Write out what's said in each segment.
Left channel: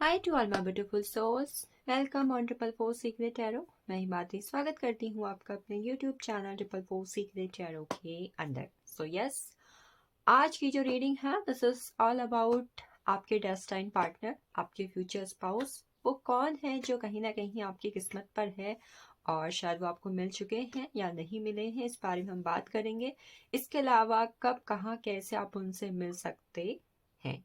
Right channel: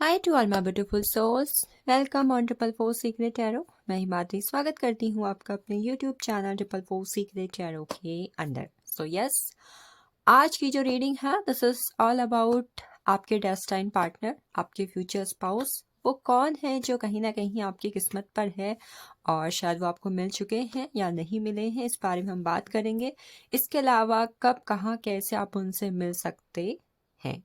Hi to all my beautiful souls, welcome on triple four secret tarot. मैं हिमाद्री स्वागत करती हूँ आपका अपने YouTube channel triple four secret tarot के अंदर। सो यस, आज की जो रीडिंग है दिस इज ऑल अबाउट आपके डेस्टाइन पार्टनर, आपके फ्यूचर स्पाउस। वो कौन है जो कहीं ना कहीं आपकी किस्मत पर है और शायद वो आपको मिल चुके हैं या नहीं मिले हैं, इस बारे में हम बात करेंगे। इसके अलावा कब, कहाँ, कैसे आप उनसे मिल सकते हैं।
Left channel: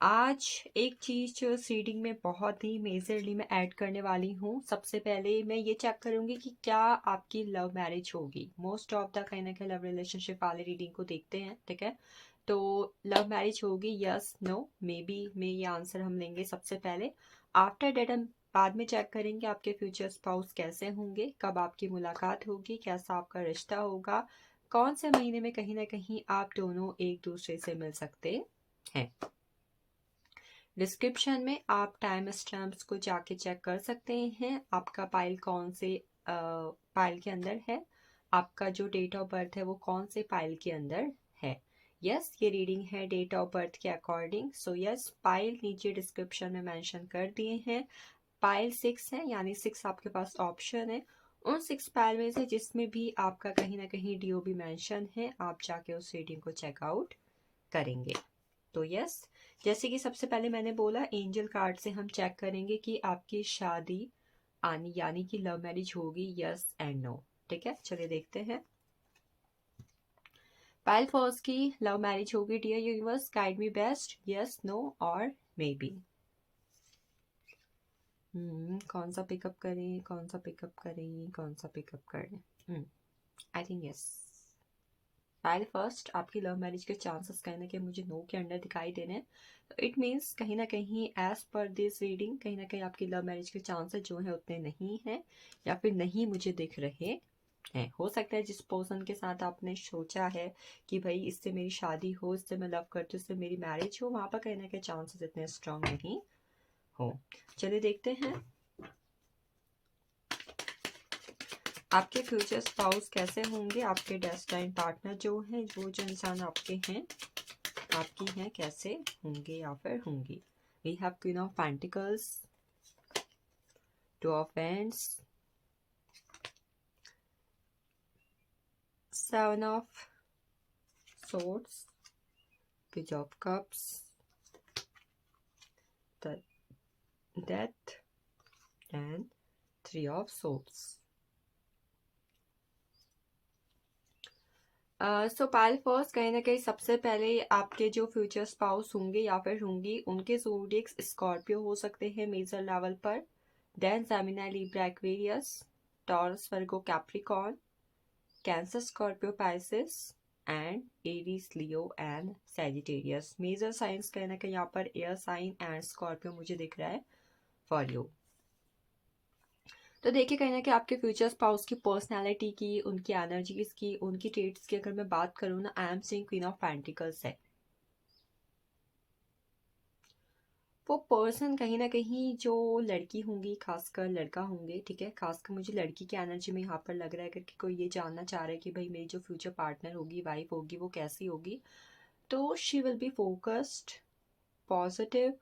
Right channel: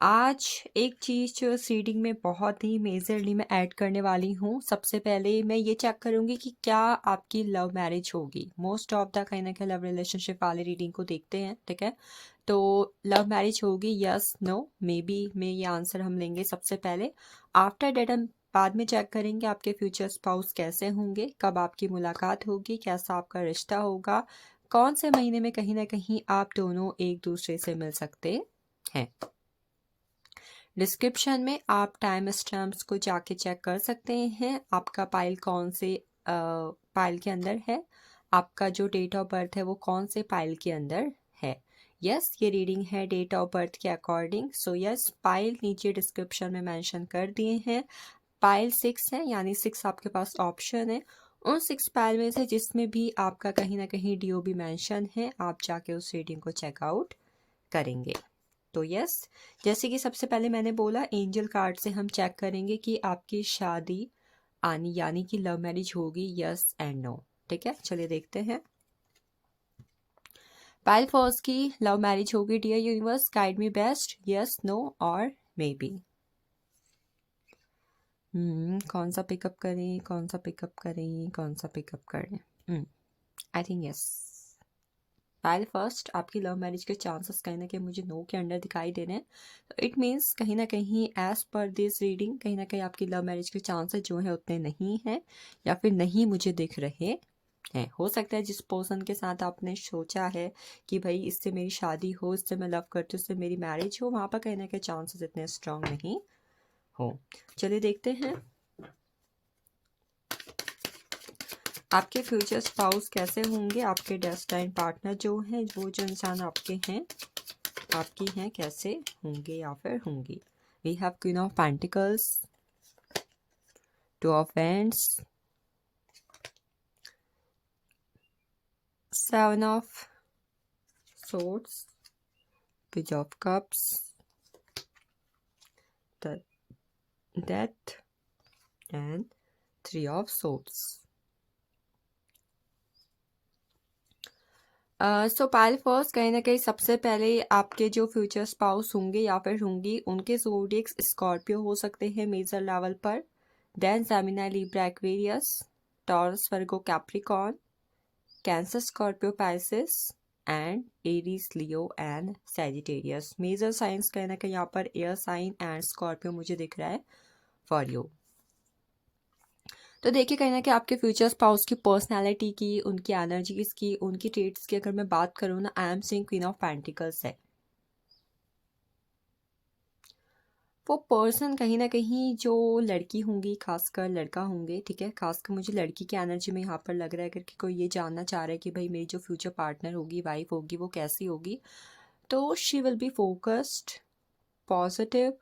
आज एक चीज़ जो इस रीडिंग में बहुत ही मेजरली मैं ऐड करने वाली हूँ। सबसे पहले मैं ये चेक करूँगी कि क्या आपकी लव मैरिज होगी। मोस्ट ऑफ द कहीं ना कहीं लव रिलेशनशिप वाली रीडिंग को देखते हैं, ठीक है। तो लव मैरिज होगी, यस नो मे बी में ये आंसर हम लेंगे सबसे पहले। आफ्टर डेट हम बाद में चेक करेंगे आपके फ्यूचर स्पाउस कैसे होंगे, कब आपकी मुलाकात होगी, कैसा आपका रिश्ता होगा, कौन से महीने में कहीं ना कहीं आप दोनों एक दूसरे से मिल सकते हैं। डिस्क्रिप्शन में आप टाइम स्टैम्प्स को जाके चेक कर सकते हैं। आपका पाइल कौन से पाइल के अंदर है, आपका जो डेट ऑफ बर्थ है वो कौन से पाइल के अंदर है। यस, ये रीडिंग है डेट ऑफ बर्थ के अकॉर्डिंग। सो यस, पाइल नीचे डिस्क्रिप्शन में मेंशन कर दिए हैं। पाइल 6 है, यानी 6 आपके पास ऑप्शन है। उन 6 पाइल में से जिसमें भी आपका कहीं ना कहीं डीओबी मेंशन है, आप जाके उस रीडिंग को चेकआउट करेंगे। तो यस, जैसे कि सबसे पहले मैंने बोला, एंजल कार्ड से हम चेक करेंगे कि आपकी शादी आनी यानी कि लव मैरिज होगी, यस एंड नो। ठीक है, चलिए देखते हैं। पाइल फर्स्ट की लव मैरिज होगी। Dear universe, guide me best, yes no और मे बी। कौन सा पिकअप करें, कौन सा पिकअप करें, कौन सा पिकअप करें। I think yes, Payal first, आपकी लव मैरिज के चांसेस कहीं ना कहीं मुझे नो के अंडर दिखाई दे रहे हैं। तो इट मीन्स कहीं ना कहीं एज पर दिस रीडिंग कहीं ना कहीं आपकी लव मैरिज के चांसेस जो है उतने नहीं हैं, या फिर नहीं मुझे दिख रहे हैं। हो सकता है जिस पर्सन के साथ आपने सोचा है कि भाई इससे मेरी शादी हो, इससे मैं लव करती हूँ, इससे मेरी मैरिज हो, वहाँ पर कहीं ना कहीं चांसेस इतने स्ट्रांग नहीं हो। चलिए देखते हैं आपके फ्यूचर स्पाउस कैसे होंगे। आपके डेस्टाइन पार्टनर जो है, वो जो इंसान आपके हैं, आपकी हैं, कैसे होंगे या फिर होंगी। We have queen of pentacles, two of wands, seven of swords, page of cups, the death and three of swords. So pile first, कहीं ना कहीं सबसे पहले आपके जो फ्यूचर स्पाउस होंगे या फिर होंगी, उनके ज़ोडिएक्स स्कॉर्पियो हो सकते हैं मेजर लेवल पर। Then Gemini, Libra, Aquarius, Taurus, Virgo, Capricorn, Cancer, Scorpio, Pisces and Aries, Leo and Sagittarius. Major signs कहीं ना कहीं यहाँ पर एयर साइन एंड स्कॉर्पियो मुझे दिख रहा है फॉर यू। तो देखिए कहीं ना कहीं आपके फ्यूचर स्पाउस की पर्सनालिटी की, उनकी एनर्जीज की, उनकी ट्रेट्स की अगर मैं बात करूँ ना, I am saying queen of pentacles है। वो पर्सन कहीं ना कहीं जो लड़की होंगी, खासकर लड़का होंगे, ठीक है, खासकर मुझे लड़की की एनर्जी में यहाँ पर लग रहा है कि कोई ये जानना चाह रहा है कि भाई मेरी जो फ्यूचर पार्टनर होगी, वाइफ होगी, वो कैसी होगी। तो she will be focused, positive,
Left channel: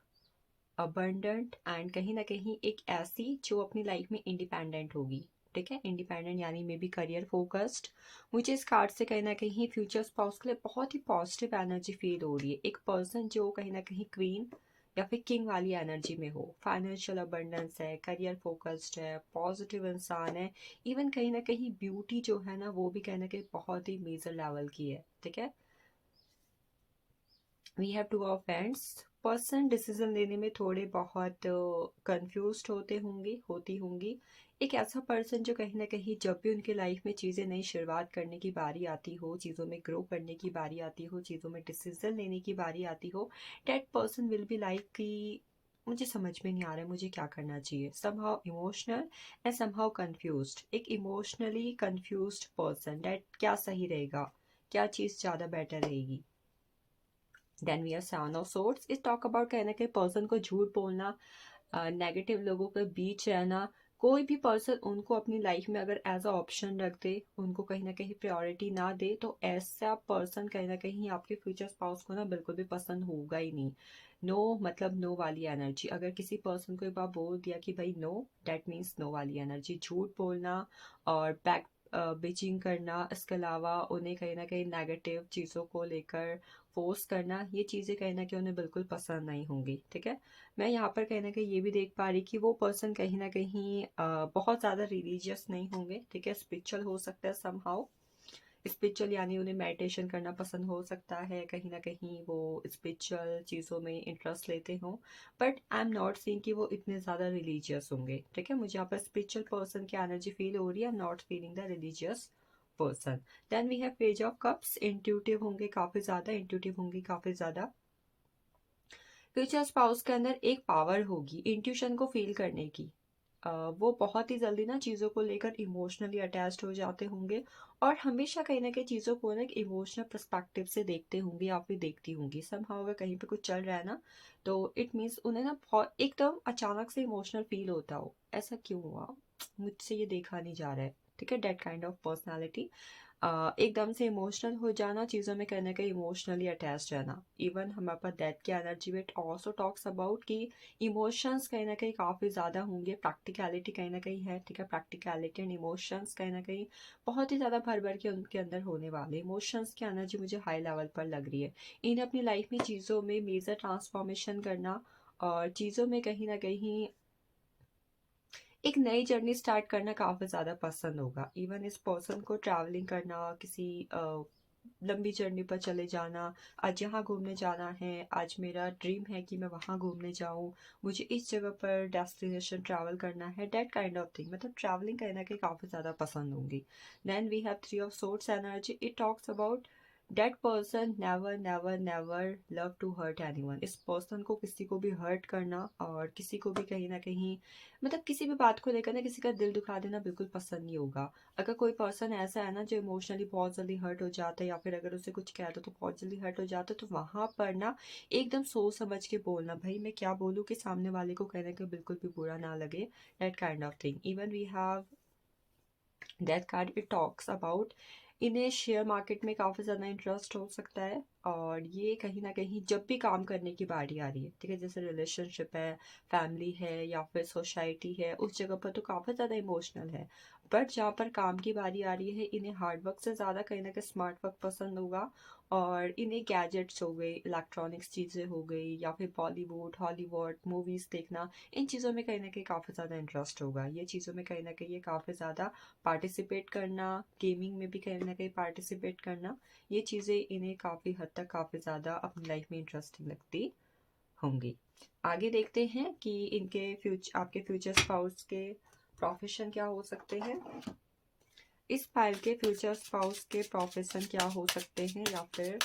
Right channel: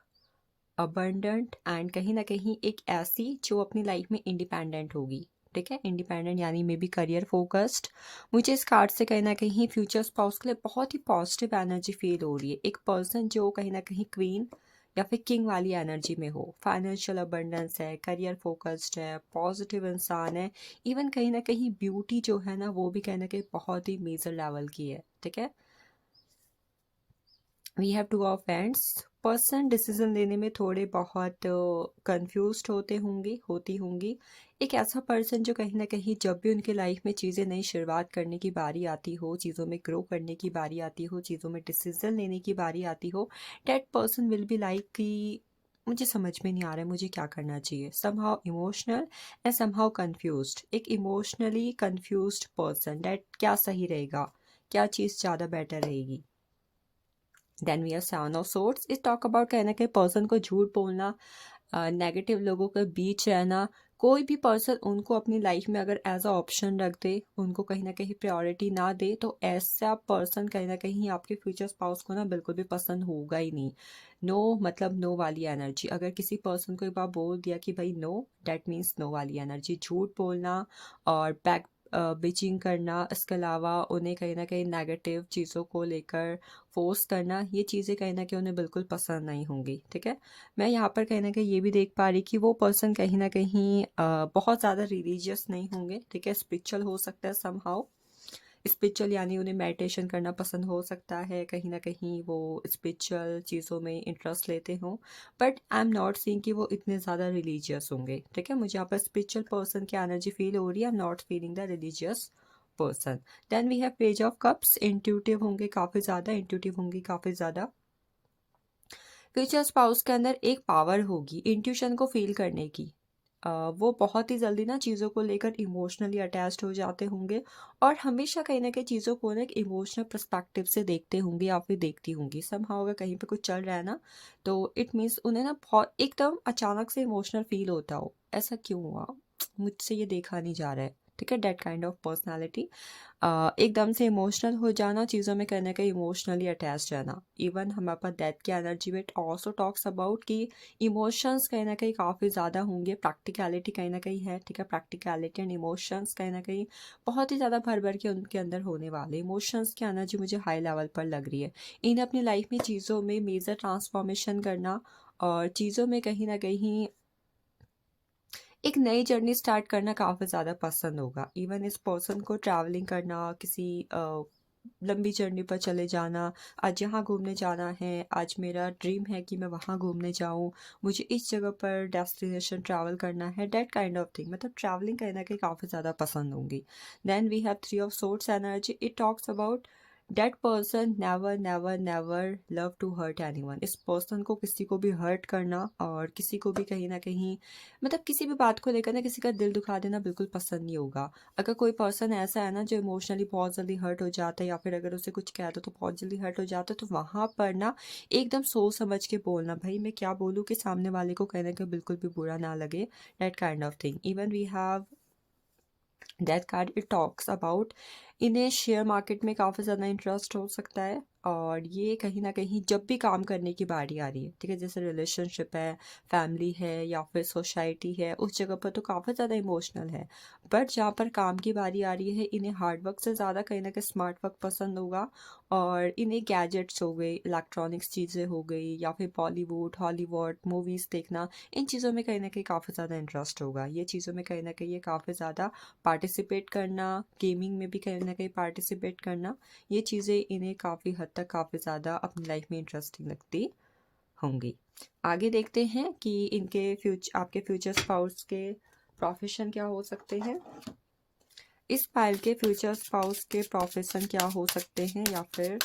abundant and कहीं ना कहीं एक ऐसी जो अपनी लाइफ में इंडिपेंडेंट होगी। ठीक है, इंडिपेंडेंट यानी मे बी करियर फोकस्ड। मुझे इस कार्ड से कहीं ना कहीं फ्यूचर स्पाउस के लिए बहुत ही पॉजिटिव एनर्जी फील हो रही है। एक पर्सन जो कहीं ना कहीं क्वीन या फिर किंग वाली एनर्जी में हो, फाइनेंशियल अबंडेंस है, करियर फोकस्ड है, पॉजिटिव इंसान है। इवन कहीं ना कहीं ब्यूटी जो है ना, वो भी कहीं ना कहीं बहुत ही मेजर लेवल की है। ठीक है, we have two of wands. Person decision लेने में थोड़े बहुत कंफ्यूज होते होंगे, होती होंगी। एक ऐसा पर्सन जो कहीं ना कहीं जब भी उनके लाइफ में चीज़ें नई शुरुआत करने की बारी आती हो, चीज़ों में ग्रो करने की बारी आती हो, चीज़ों में डिसीजन लेने की बारी आती हो, that person will be like कि मुझे समझ में नहीं आ रहा है मुझे क्या करना चाहिए। Somehow emotional and somehow confused. एक इमोशनली कंफ्यूज्ड पर्सन, दैट क्या सही रहेगा, क्या चीज़ ज़्यादा बेटर रहेगी। Then we are seven of swords. Is talk about कहना कि पर्सन को झूठ बोलना, नेगेटिव लोगों के बीच रहना, कोई भी पर्सन उनको अपनी लाइफ में अगर एज अ ऑप्शन रख दे, उनको कहीं ना कहीं प्रायोरिटी ना दे, तो ऐसा पर्सन कहीं ना कहीं आपके फ्यूचर स्पाउस को ना बिल्कुल भी पसंद होगा ही नहीं। नो मतलब नो वाली एनर्जी। अगर किसी पर्सन को एक बार बोल दिया कि भाई नो, डेट मीन्स नो वाली एनर्जी। झूठ बोलना और बैक बिचिंग करना, इसके अलावा उन्हें कहीं ना कहीं नेगेटिव चीज़ों को लेकर फोर्स करना, ये चीज़ें कहीं ना कहीं उन्हें बिल्कुल पसंद नहीं होंगी। ठीक है, मैं यहाँ पर कहीं ना कहीं ये भी देख पा रही कि वो पर्सन कहीं ना कहीं बहुत ज़्यादा रिलीजियस नहीं होंगे। ठीक है, स्पिरिचुअल हो सकता है समहाउ। स्पिरिचुअल यानी उन्हें मेडिटेशन करना पसंद हो सकता है, कहीं ना कहीं वो स्पिरिचुअल चीज़ों में इंटरेस्ट लेते हों, but I am not seeing कि वो इतने ज़्यादा रिलीजियस होंगे। ठीक है, मुझे यहाँ पर स्पिरिचुअल पर्सन की एनर्जी फील हो रही है, I am not feeling the religious person. Then we have page of cups. Intuitive होंगे काफ़ी ज़्यादा, इंट्यूटिव होंगी काफ़ी ज़्यादा। फ्यूचर स्पाउस के अंदर एक पावर होगी इंट्यूशन को फील करने की। वो बहुत ही जल्दी ना चीज़ों को लेकर इमोशनली अटैच्ड हो जाते होंगे, और हमेशा कहीं ना कहीं चीज़ों को ना एक इमोशनल पर्सपेक्टिव से देखते होंगे या फिर देखती होंगी। समहाउ अगर कहीं पे कुछ चल रहा है ना, तो इट मीन्स उन्हें ना बहुत एकदम अचानक से इमोशनल फील होता हो, ऐसा क्यों हुआ, मुझसे ये देखा नहीं जा रहा है। ठीक है, डेट काइंड ऑफ पर्सनैलिटी। एकदम से इमोशनल हो जाना, चीज़ों में कहीं ना कहीं इमोशनली अटैच रहना। इवन हमारे पास डेथ की एनर्जी में ऑल्सो टॉक्स अबाउट कि इमोशंस कहीं ना कहीं काफ़ी ज़्यादा होंगे, प्रैक्टिकलिटी कहीं ना कहीं है। ठीक है, प्रैक्टिकलिटी एंड इमोशंस कहीं ना कहीं बहुत ही ज़्यादा भर भर के उनके अंदर होने वाले। इमोशंस की एनर्जी मुझे हाई लेवल पर लग रही है। इन्हें अपनी लाइफ में चीज़ों में मेजर ट्रांसफॉर्मेशन करना, और चीज़ों में कहीं ना कहीं एक नई जर्नी स्टार्ट करना काफ़ी ज़्यादा पसंद होगा। इवन इस पर्सन को ट्रैवलिंग करना, किसी लंबी जर्नी पर चले जाना, आज यहाँ घूमने जाना है, आज मेरा ड्रीम है कि मैं वहाँ घूमने जाऊँ, मुझे इस जगह पर डेस्टिनेशन ट्रैवल करना है, डेट काइंड ऑफ थिंग। मतलब ट्रैवलिंग कहीं ना कहीं काफ़ी ज़्यादा पसंद होंगी। Then we have three of swords energy. It talks about that person never never never love to hurt anyone. इस पर्सन को किसी को भी हर्ट करना, और किसी को भी कहीं ना कहीं मतलब किसी भी बात को लेकर ना किसी का दिल दुखा देना बिल्कुल पसंद नहीं होगा। अगर कोई पर्सन ऐसा है ना जो इमोशनली बहुत जल्दी हर्ट हो जाता है, या फिर अगर उसे कुछ कह दो तो बहुत जल्दी हर्ट हो जाता है, तो वहाँ पर ना एकदम सोच समझ के बोलना, भाई मैं क्या बोलूँ कि सामने वाले को कहीं ना कहीं बिल्कुल भी बुरा ना लगे, that kind of thing. Even we have that card. It talks about इन्हें शेयर मार्केट में काफ़ी ज़्यादा इंटरेस्ट हो सकता है, और ये कहीं ना कहीं जब भी काम करने की बारी आ रही है, ठीक है, जैसे रिलेशनशिप है, फैमिली है, या फिर सोसाइटी है, उस जगह पर तो काफ़ी ज़्यादा इमोशनल है। बट जहाँ पर काम की बारी आ रही है, इन्हें हार्ड वर्क से ज़्यादा कहीं ना कहीं स्मार्ट वर्क पसंद होगा। और इन्हें गैजेट्स हो गए, इलेक्ट्रॉनिक्स चीज़ें हो गई, या फिर बॉलीवुड हॉलीवुड मूवीज़ देखना, इन चीज़ों में कहीं ना कहीं काफ़ी ज़्यादा इंटरेस्ट होगा। ये चीज़ों में कहीं ना कहीं ये काफ़ी ज़्यादा पार्टिसिपेट करना, गेमिंग में भी कहीं ना कहीं पार्टिसिपेट करना, ये चीज़ें इन्हें काफ़ी हद तक काफ़ी ज़्यादा अपनी लाइफ में इंटरेस्टिंग लगती होंगी। आगे देखते हैं कि इनके आपके फ्यूचर स्पाउस के प्रोफेशन क्या हो सकते हैं। इस फाइल के फ्यूचर स्पाउस के प्रोफेशन क्या हो सकते हैं, या फिर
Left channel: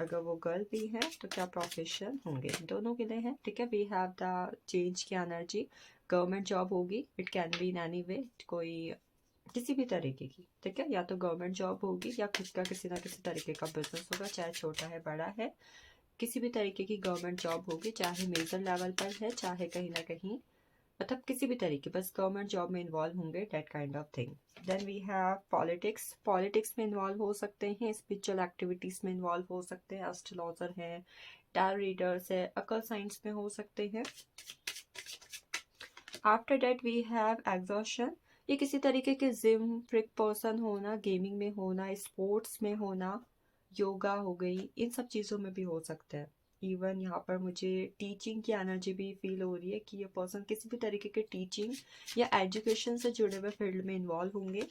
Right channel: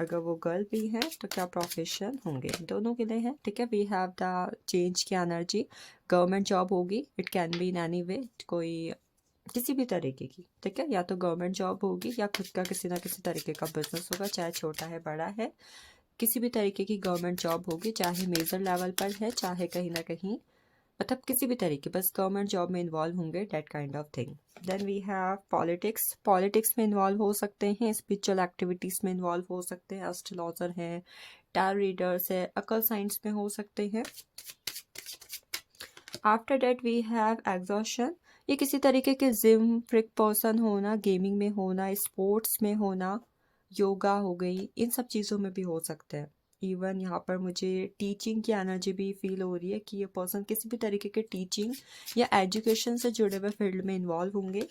अगर वो गर्ल भी है तो क्या प्रोफेशन होंगे, दोनों के लिए है। ठीक है, वी हैव द चेंज की एनर्जी। गवर्नमेंट जॉब होगी, it can be in any way, कोई किसी भी तरीके की। ठीक है, या तो गवर्नमेंट जॉब होगी, या खुद का किसी ना किसी तरीके का बिजनेस होगा, चाहे छोटा है बड़ा है, किसी भी तरीके की गवर्नमेंट जॉब होगी, चाहे मेजर लेवल पर है, चाहे कहीं ना कहीं मतलब किसी भी तरीके, बस गवर्नमेंट जॉब में इन्वॉल्व होंगे, that kind of thing. Then we have politics. Politics में इन्वॉल्व हो सकते हैं, स्पिरिचुअल एक्टिविटीज़ में इन्वॉल्व हो सकते हैं, एस्ट्रोलॉजर हैं, टैरो रीडर्स है, अकल साइंस में हो सकते हैं। After that we have exhaustion. ये किसी तरीके के जिम फ्रिक पर्सन होना, गेमिंग में होना, स्पोर्ट्स में होना, योगा हो गई, इन सब चीज़ों में भी हो सकते हैं। इवन यहाँ पर मुझे टीचिंग की एनर्जी भी फील हो रही है कि ये पर्सन किसी भी तरीके के टीचिंग या एजुकेशन से जुड़े हुए फील्ड में इन्वॉल्व होंगे।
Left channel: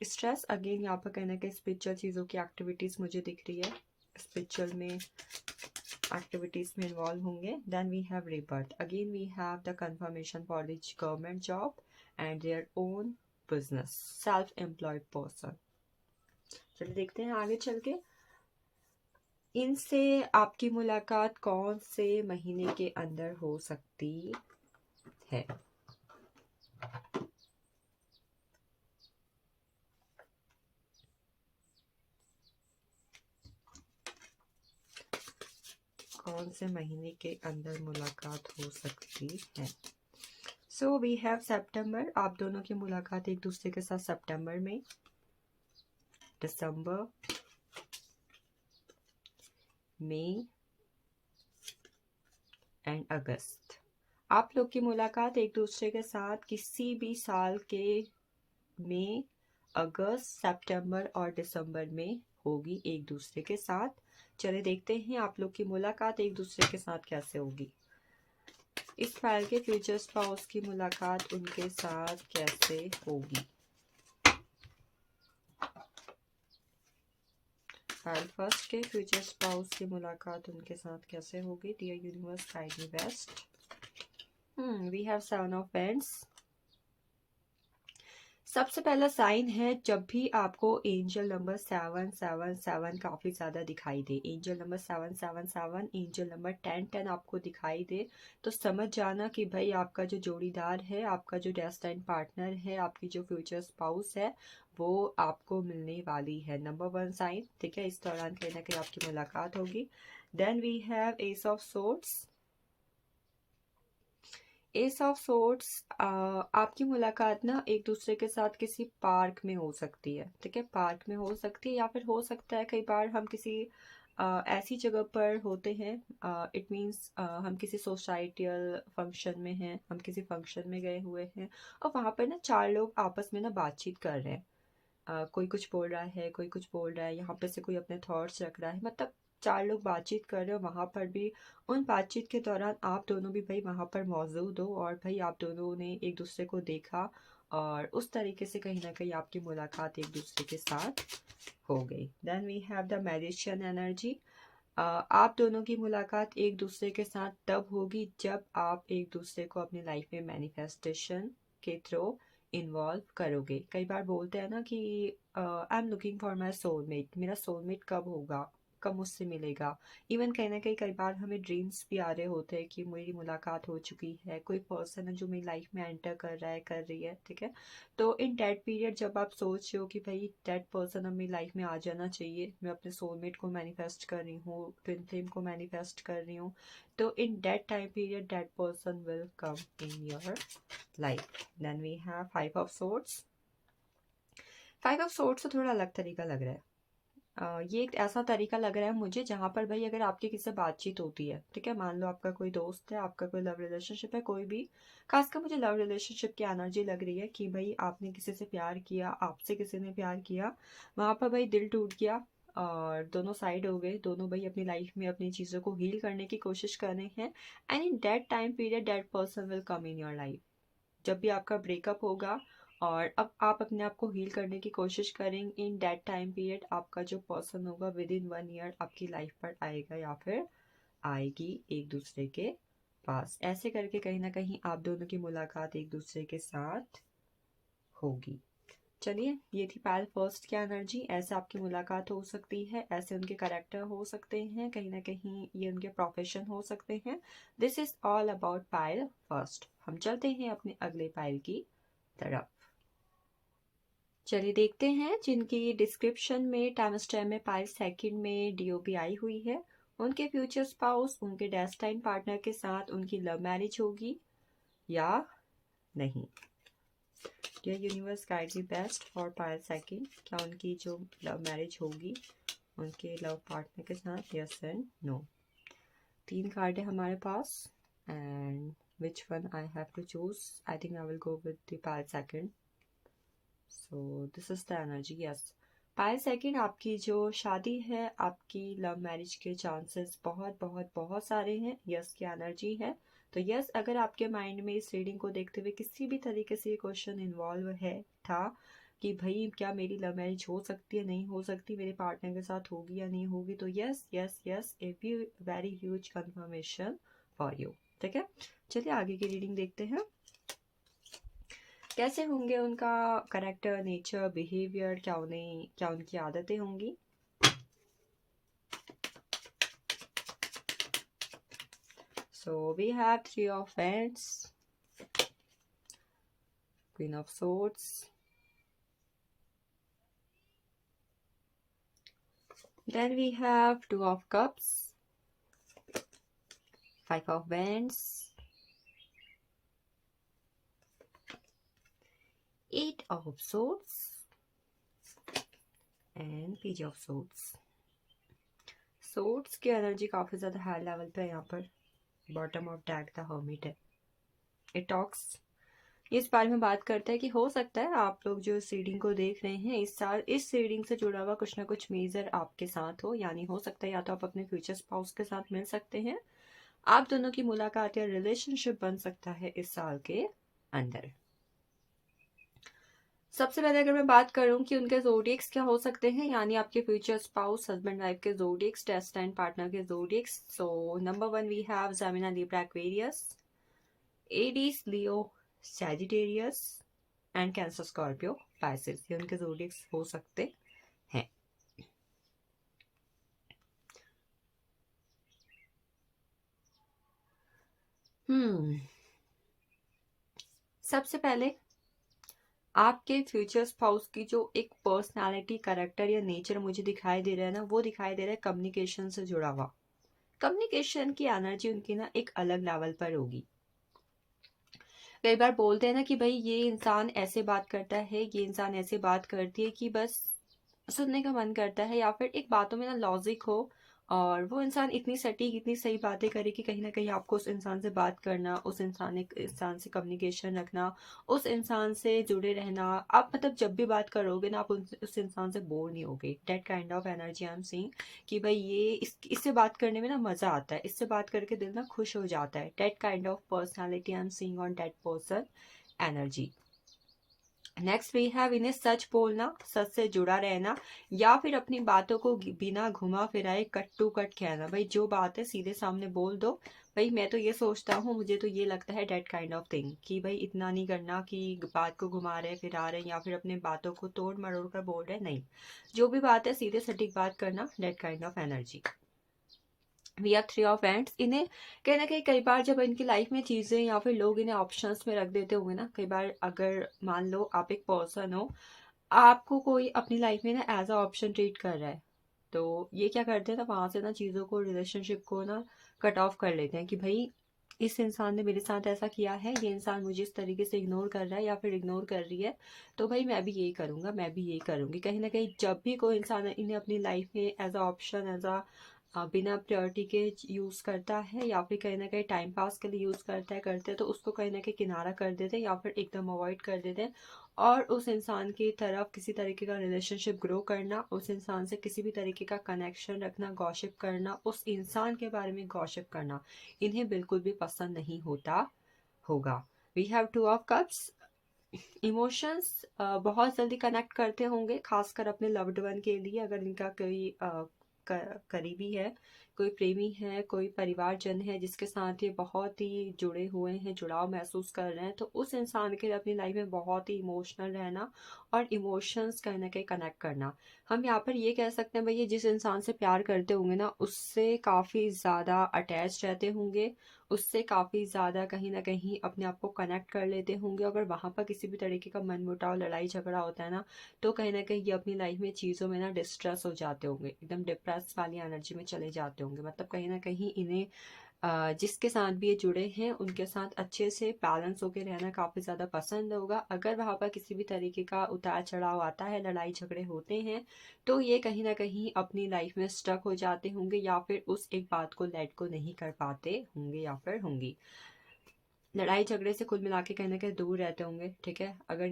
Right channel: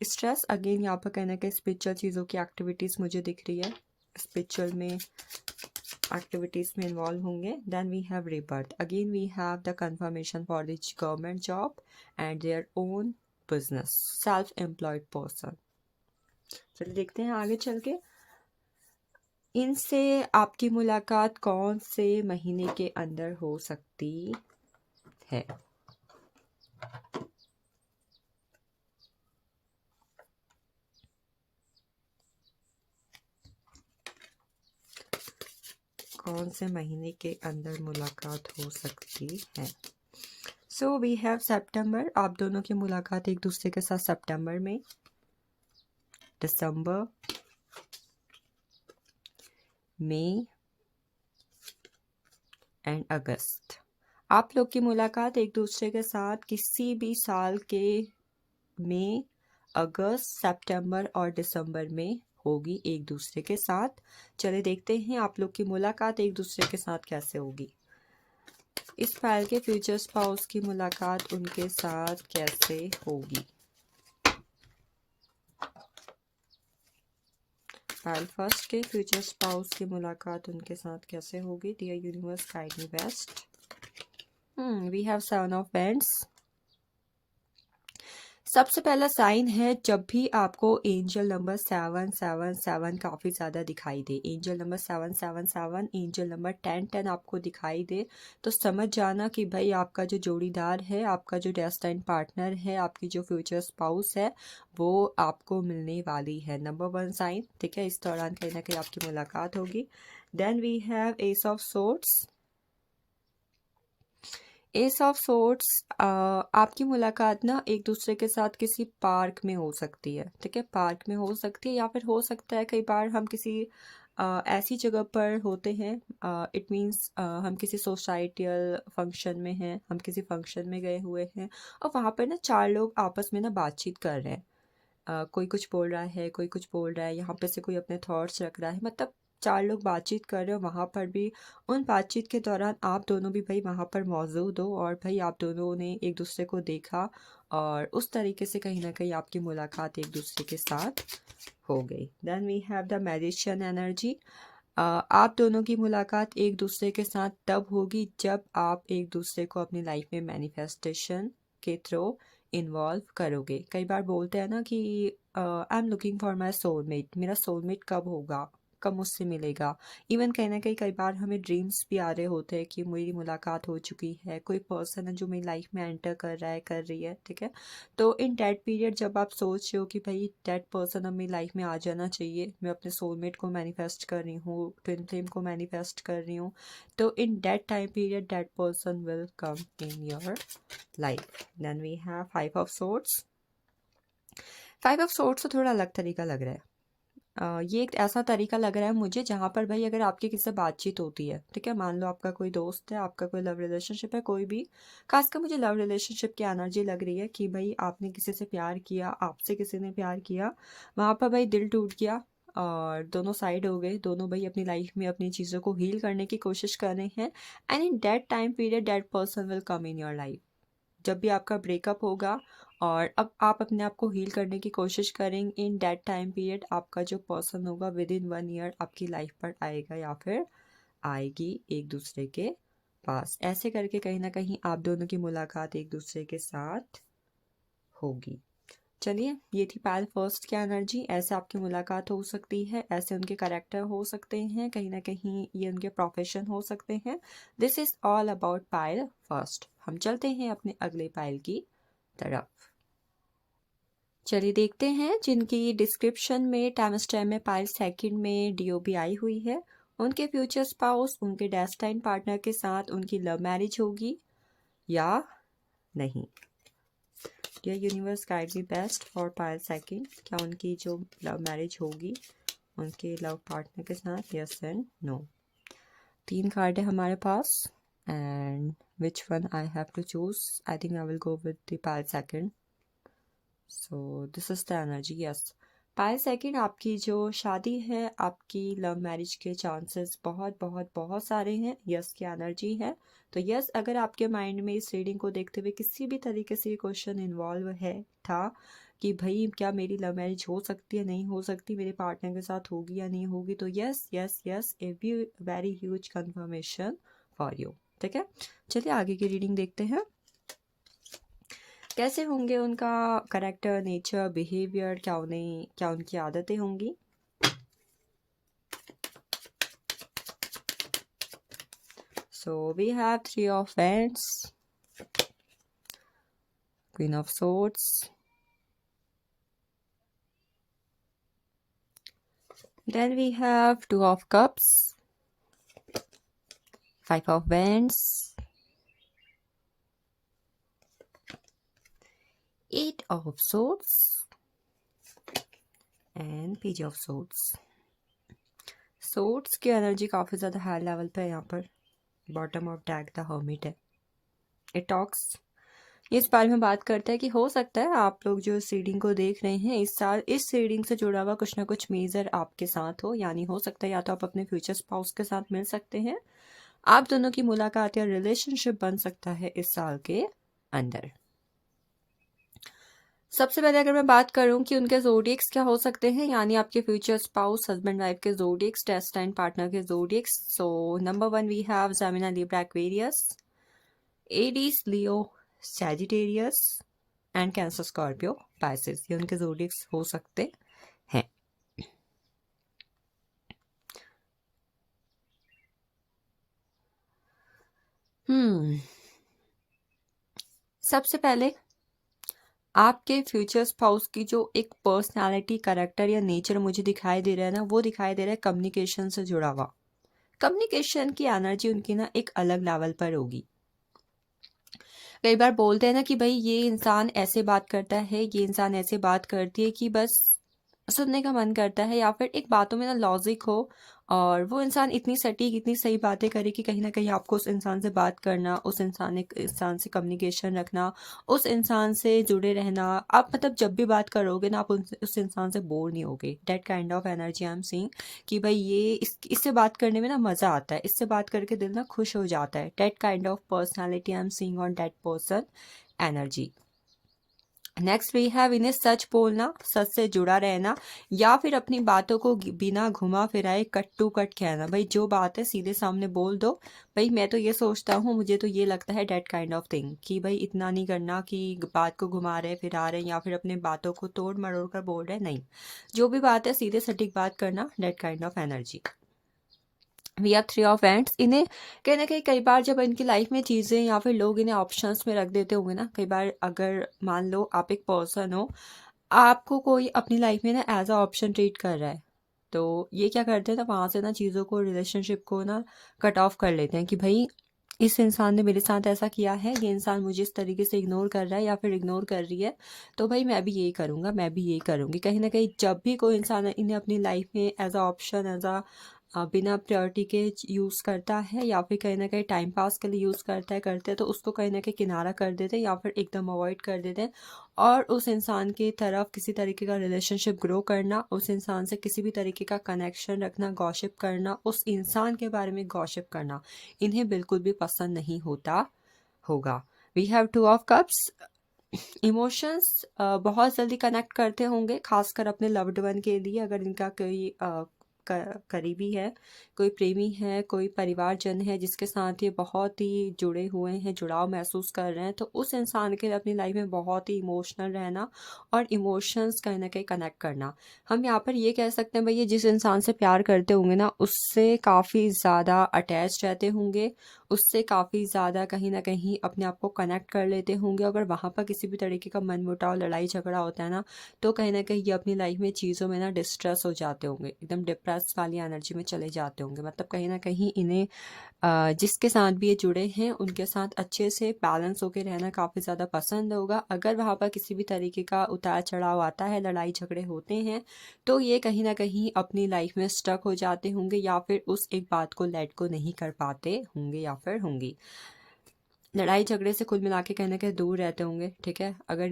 स्ट्रेस अगेन यहाँ पर कहना कि स्पिरिचुअल चीज़ों की एक्टिविटीज़ मुझे दिख रही है, स्पिरिचुअल में एक्टिविटीज़ में इन्वॉल्व होंगे। Then we have rebirth। Again we have the confirmation for the government job and their own business, self employed person. चलिए देखते हैं आगे चल के इनसे आपकी मुलाकात कौन से महीने के अंदर हो सकती है। कौन से महीने के अंदर मुलाकात हो सकती है। सो वी हैव सितंबर, आप दोनों की मुलाकात एक दूसरे के साथ सितंबर में, दिसंबर, मई एंड अगस्त। आप लोग की मुलाकात एक दूसरे के साथ किसी भी साल के मई, अगस्त, सितंबर और दिसंबर में होगी एक दूसरे के साथ। चले देखते हैं आप लोग की मुलाकात एक दूसरे के साथ कैसे होगी। इस फाइल के फ्यूचर स्पाउस की मुलाकात उनके साथ कैसे होगी। फाइल फर्स्ट के फ्यूचर स्पाउस की मुलाकात उनके साथ कैसे होगी। Dear universe guide me best. We have 7 of paints. सबसे पहला साइन है, जब भी आपको एंजल नंबर 777 काफ़ी ज़्यादा दिखाई दे, एंजल नंबर 777, एंजल नंबर 1010 आपको दिखाई दे, तो समझ जाना कि भाई आपका जो जोड़ीदार है, आपका जो डेस्टाइन पार्टनर है, आपकी जो फ्यूचर स्पाउस है, वो आपको मिलने वाली है। नंबर 1 साइन, ठीक है। इस दौरान कहीं ना कहीं आपकी मुलाकात होगी। Then we have ace of swords. Ace of swords, आपकी मुलाकात ना एक दूसरे के साथ किसी पार्क में हो सकती है, ठीक है। पार्क में हो सकती है, या फिर हो सकता है कई बार हम किसी ऐसी जगह पर होते हैं, इट मीन्स हम किसी सोसाइटियल फंक्शन में हैं, हम किसी फंक्शन में गए हुए हैं और वहाँ पर ना 4 लोग आपस में ना बातचीत कर रहे हैं। कोई कुछ बोल रहा है, कोई कुछ बोल रहा है, यहाँ पे से कोई अपने थॉट्स रख रहा है, मतलब 4 लोग बातचीत कर रहे हो। वहाँ पर भी उन बातचीत के दौरान आप दोनों भी भाई वहाँ पर मौजूद हो और भाई आप दोनों ने एक दूसरे को देखा और उस तरीके से कहीं ना कहीं आपकी मुलाकात एक दूसरे के साथ हो गई। Then we have the magician energy. आप दोनों की मुलाकात एक दूसरे के साथ तब होगी जब आप एक दूसरे को अपनी लाइफ में मैनिफेस्टेशन के थ्रू इन्वॉल्व करोगे। कई बार बोलते हैं ना कि I am looking for my soulmate, मेरा सोलमेट कब होगा, कब मुझसे मिलेगा। इवन कहीं ना कहीं कई बार हमें ड्रीम्स भी आ रहे होते हैं कि मेरी मुलाकात हो चुकी है, कोई पर्सन है जो मेरी लाइफ में एंटर कर रहा है, कर रही है, ठीक है। तो इन डेट पीरियड जब आप सोच रहे हो कि भाई डेट पर्सन अब मेरी लाइफ में आ जाना चाहिए, मैं अपने सोलमेट को मैनिफेस्ट कर रही हूँ, ट्विन फ्लेम को मैनिफेस्ट कर रही हूँ, तो in that time period that person will come in your life. Then we have 5 of swords. 5 of swords तो थोड़ा अलग तरीका लग रहा है। ये एक ऐसा तरीका लग रहा है मुझे जहाँ पर भाई अगर आपकी किसी से बातचीत होती है, ठीक है, मान लो आपका कोई दोस्त है, आपका कोई लव रिलेशनशिप है, कोई भी, खासकर मुझे लव रिलेशनशिप की एनर्जी लग रही है कि भाई आपने किसी से प्यार किया, आपसे किसी ने प्यार किया, वहाँ पर भाई दिल टूट गया और दोनों साइड हो गए, दोनों भाई अपनी लाइफ में अपनी चीज़ों को हील करने की कोशिश कर रहे हैं। And in that time period that person will come in your life. जब भी आपका ब्रेकअप होगा और अब आप अपने आप को हील करने की कोशिश करेंगे, इन दैट टाइम पीरियड आपका जो पर्सन होगा विद इन 1 ईयर आपकी लाइफ पर आएगा या फिर आएगी एक दूसरे के पास। ऐसे करके कहीं ना कहीं आप दोनों की मुलाकात एक दूसरे के साथ होगी। चलिए, ये थी पायल फर्स्ट की एनर्जी। ऐसे आपकी मुलाकात हो सकती है, ऐसे उनके कैरेक्टर हो सकते हैं, कहीं ना कहीं ये उनके प्रोफेशन हो सकते हैं। This is all about Payal first. हम चलते हैं अपने अगले पायल की तरफ। चलिए देखते हैं जिनकी डिस्क्रिप्शन में टाइम स्टैम्प में पायल सेकंड में डीओबी आई हुई है, उनके फ्यूचर स्पाउस उनके डेस्टाइन पार्टनर के साथ उनकी लव मैरिज होगी या नहीं। Dear universe guide me best for pile second. क्या उनकी जो लव मैरिज होगी उनके लव पार्टनर के साथ, यस एंड नो। 3 कार्ड है हमारे पास and which one I have to choose. I think I will go with the pile second. So this is the energy, yes. Pile second, आपकी जो शादी है, आपकी लव मैरिज के चांसेस बहुत बहुत बहुत सारे हैं, यस की एनर्जी है। तो यस, अगर आपके माइंड में इस रीडिंग को देखते हुए किसी भी तरीके से ये क्वेश्चन इन्वॉल्व है था कि भाई क्या मेरी लव मैरिज हो सकती है, नहीं हो सकती, मेरे पार्टनर के साथ होगी या नहीं होगी, तो yes yes yes, a very huge confirmation for you, ठीक है। चलिए आगे की रीडिंग देखते हैं। कैसे होंगे उनका करेक्टर, नेचर, बिहेवियर, क्या उनकी आदतें होंगी। So we have 3 of Wands, Queen of Swords, then we have 2 of Cups, 5 of Wands, of swords and page of swords. Swords की एनर्जी काफ़ी ज़्यादा हाई लेवल पे है यहाँ पर। Bottom of deck the hermit है। इट टॉक्स, ये इस बारे में बात करता है कि हो सकता है आप लोग जो इस रीडिंग को देख रहे हैं इस साल इस रीडिंग से जुड़ा हुआ कुछ ना कुछ मेजर आपके साथ हो, यानी हो सकता है या तो आप अपने फ्यूचर स्पाउस के साथ मिल सकते हैं, आप दोनों की मुलाकात या रिलेशनशिप बन सकता है इस साल के अंदर। सबसे पहले अगर मैं बात करूं कि उनके जोडिएक्स क्या हो सकते हैं, यानी आपके फ्यूचर स्पाउस हस्बैंड वाइफ के जोडिएक्स, डेस्टाइन पार्टनर के zodiacs. So number 1 we have Gemini, Libra, Aquarius, Aries, Leo, Sagittarius and Cancer, Scorpio, Pisces. ये उनके जोडिएक्स हो सकते हैं। सबसे पहले आपके फ्यूचर स्पाउस की जो एक पर्सनालिटी, करेक्टर या नेचर मुझे दिखाई दे रहा है ना, वो दिखाई दे रहा है कम्युनिकेशन से जुड़ा हुआ। कम्युनिकेशन की एनर्जी उनकी ना एक अलग लेवल पर होगी। कई बार बोलते हैं ना कि भाई ये इंसान ऐसे बात करता है, ये इंसान ऐसे बात करती है कि बस सुनने का मन करता है, या फिर एक बातों में ना लॉजिक हो और वो इंसान इतनी सटीक, इतनी सही बातें करे कि कहीं ना कहीं आपको उस इंसान से बात करना, उस इंसान से कम्युनिकेशन रखना, उस इंसान से जुड़े रहना, आप मतलब जब भी बात करोगे ना आप उस इंसान से बोर नहीं होगे। That kind of energy I am seeing कि भाई ये इससे बात करने में ना मज़ा आता है, इससे बात करके दिल ना खुश हो जाता है। That kind of personality I am seeing on that person energy. Next we have इन्हें सच बोलना, सच से जुड़ा रहना, या फिर अपनी बातों को बिना घुमा फिराए कट टू कट कहना। भाई जो बात है सीधे सामने बोल दो, भाई मैं तो ये सोचता हूँ, मुझे तो ये लगता है, डेट काइंड ऑफ थिंग कि भाई इतना नहीं करना कि बात को घुमा रहे फिरा रहे या फिर अपने बातों को तोड़ मरोड़ कर बोल रहे, नहीं, जो भी बात है सीधे सटीक बात करना, that kind of energy. We have three of wands. इन्हें कहीं ना कहीं कई बार जब इनकी लाइफ में चीज़ें या फिर लोग इन्हें ऑप्शंस में रख देते होंगे ना, कई बार अगर मान लो आप एक पर्सन हो, आपको कोई अपनी लाइफ में ना एज अ ऑप्शन ट्रीट कर रहा है, तो ये क्या करते हैं ना, वहाँ से ना चीज़ों को, रिलेशनशिप को ना कट ऑफ कर लेते हैं कि भाई इस इंसान ने मेरे साथ ऐसा किया है, ये इंसान मुझे इस तरीके से इग्नोर कर रहा है या फिर इग्नोर कर रही है, तो भाई मैं भी यही करूँगा, मैं भी यही करूँगी। कहीं ना कहीं जब भी कोई इंसान इन्हें अपनी लाइफ में as a option, as a बिना प्रायोरिटी के यूज़ करता है या फिर कहीं ना कहीं टाइम पास के लिए यूज़ करते हैं, तो उसको कहीं ना कहीं किनारा कर देते हैं या फिर एकदम अवॉइड कर देते हैं, और उस इंसान की तरफ किसी तरीके का रिलेशनशिप ग्रो करना, उस इंसान से किसी भी तरीके का कनेक्शन रखना, गॉसिप करना, उस इंसान के बारे में गॉसिप करना, इन्हें बिल्कुल भी पसंद नहीं होता होगा। We have two of cups. Emotions बहुत जल्दी कनेक्ट करते होंगे, खासकर अपने लव्ड वन के लिए। अगर इनका कोई करीबी है, कोई प्रेमी है, कोई परिवारजन है जिसके साथ ये बहुत ही जुड़े हुए हैं, जुड़ाव महसूस कर रहे हैं, तो उस इंसान के लिए अपनी लाइफ में बहुत ही इमोशनल रहना और इमोशंस कहीं ना कहीं कनेक्ट करना। हम यहाँ पर ये कह सकते हैं भाई ये जिस इंसान से प्यार करते होंगे ना, उससे काफ़ी ज़्यादा अटैच रहते होंगे, उससे काफ़ी ज़्यादा कहीं न कहीं अपने आप को कनेक्ट कर लेते होंगे। अगर वहाँ पर किसी भी तरीके का मनमुटाव, लड़ाई झगड़ा होता है ना, तो कहीं न कहीं ये अपनी लाइफ में चीज़ों में ना डिस्ट्रेस हो जाते होंगे, एकदम डिप्रेस वाली एनर्जी में चले जाते होंगे। मतलब कहीं न कहीं इन्हें जिसके साथ भी ये जुड़े हैं उनके साथ अच्छे से बैलेंस होकर रहना काफ़ी ज़्यादा पसंद होगा। अगर वहाँ पर किसी भी तरीके का उतार चढ़ाव आता है, लड़ाई झगड़े होते हैं, तो ये कहीं ना कहीं अपनी लाइफ में स्टक हो जाते होंगे या फिर उस एक बात को लेट को नहीं कर पाते होंगे या फिर होंगी। लड़ाई झगड़े से कुल मिला के कहीं ना कहीं दूर रहते होंगे, ठीक है। अगर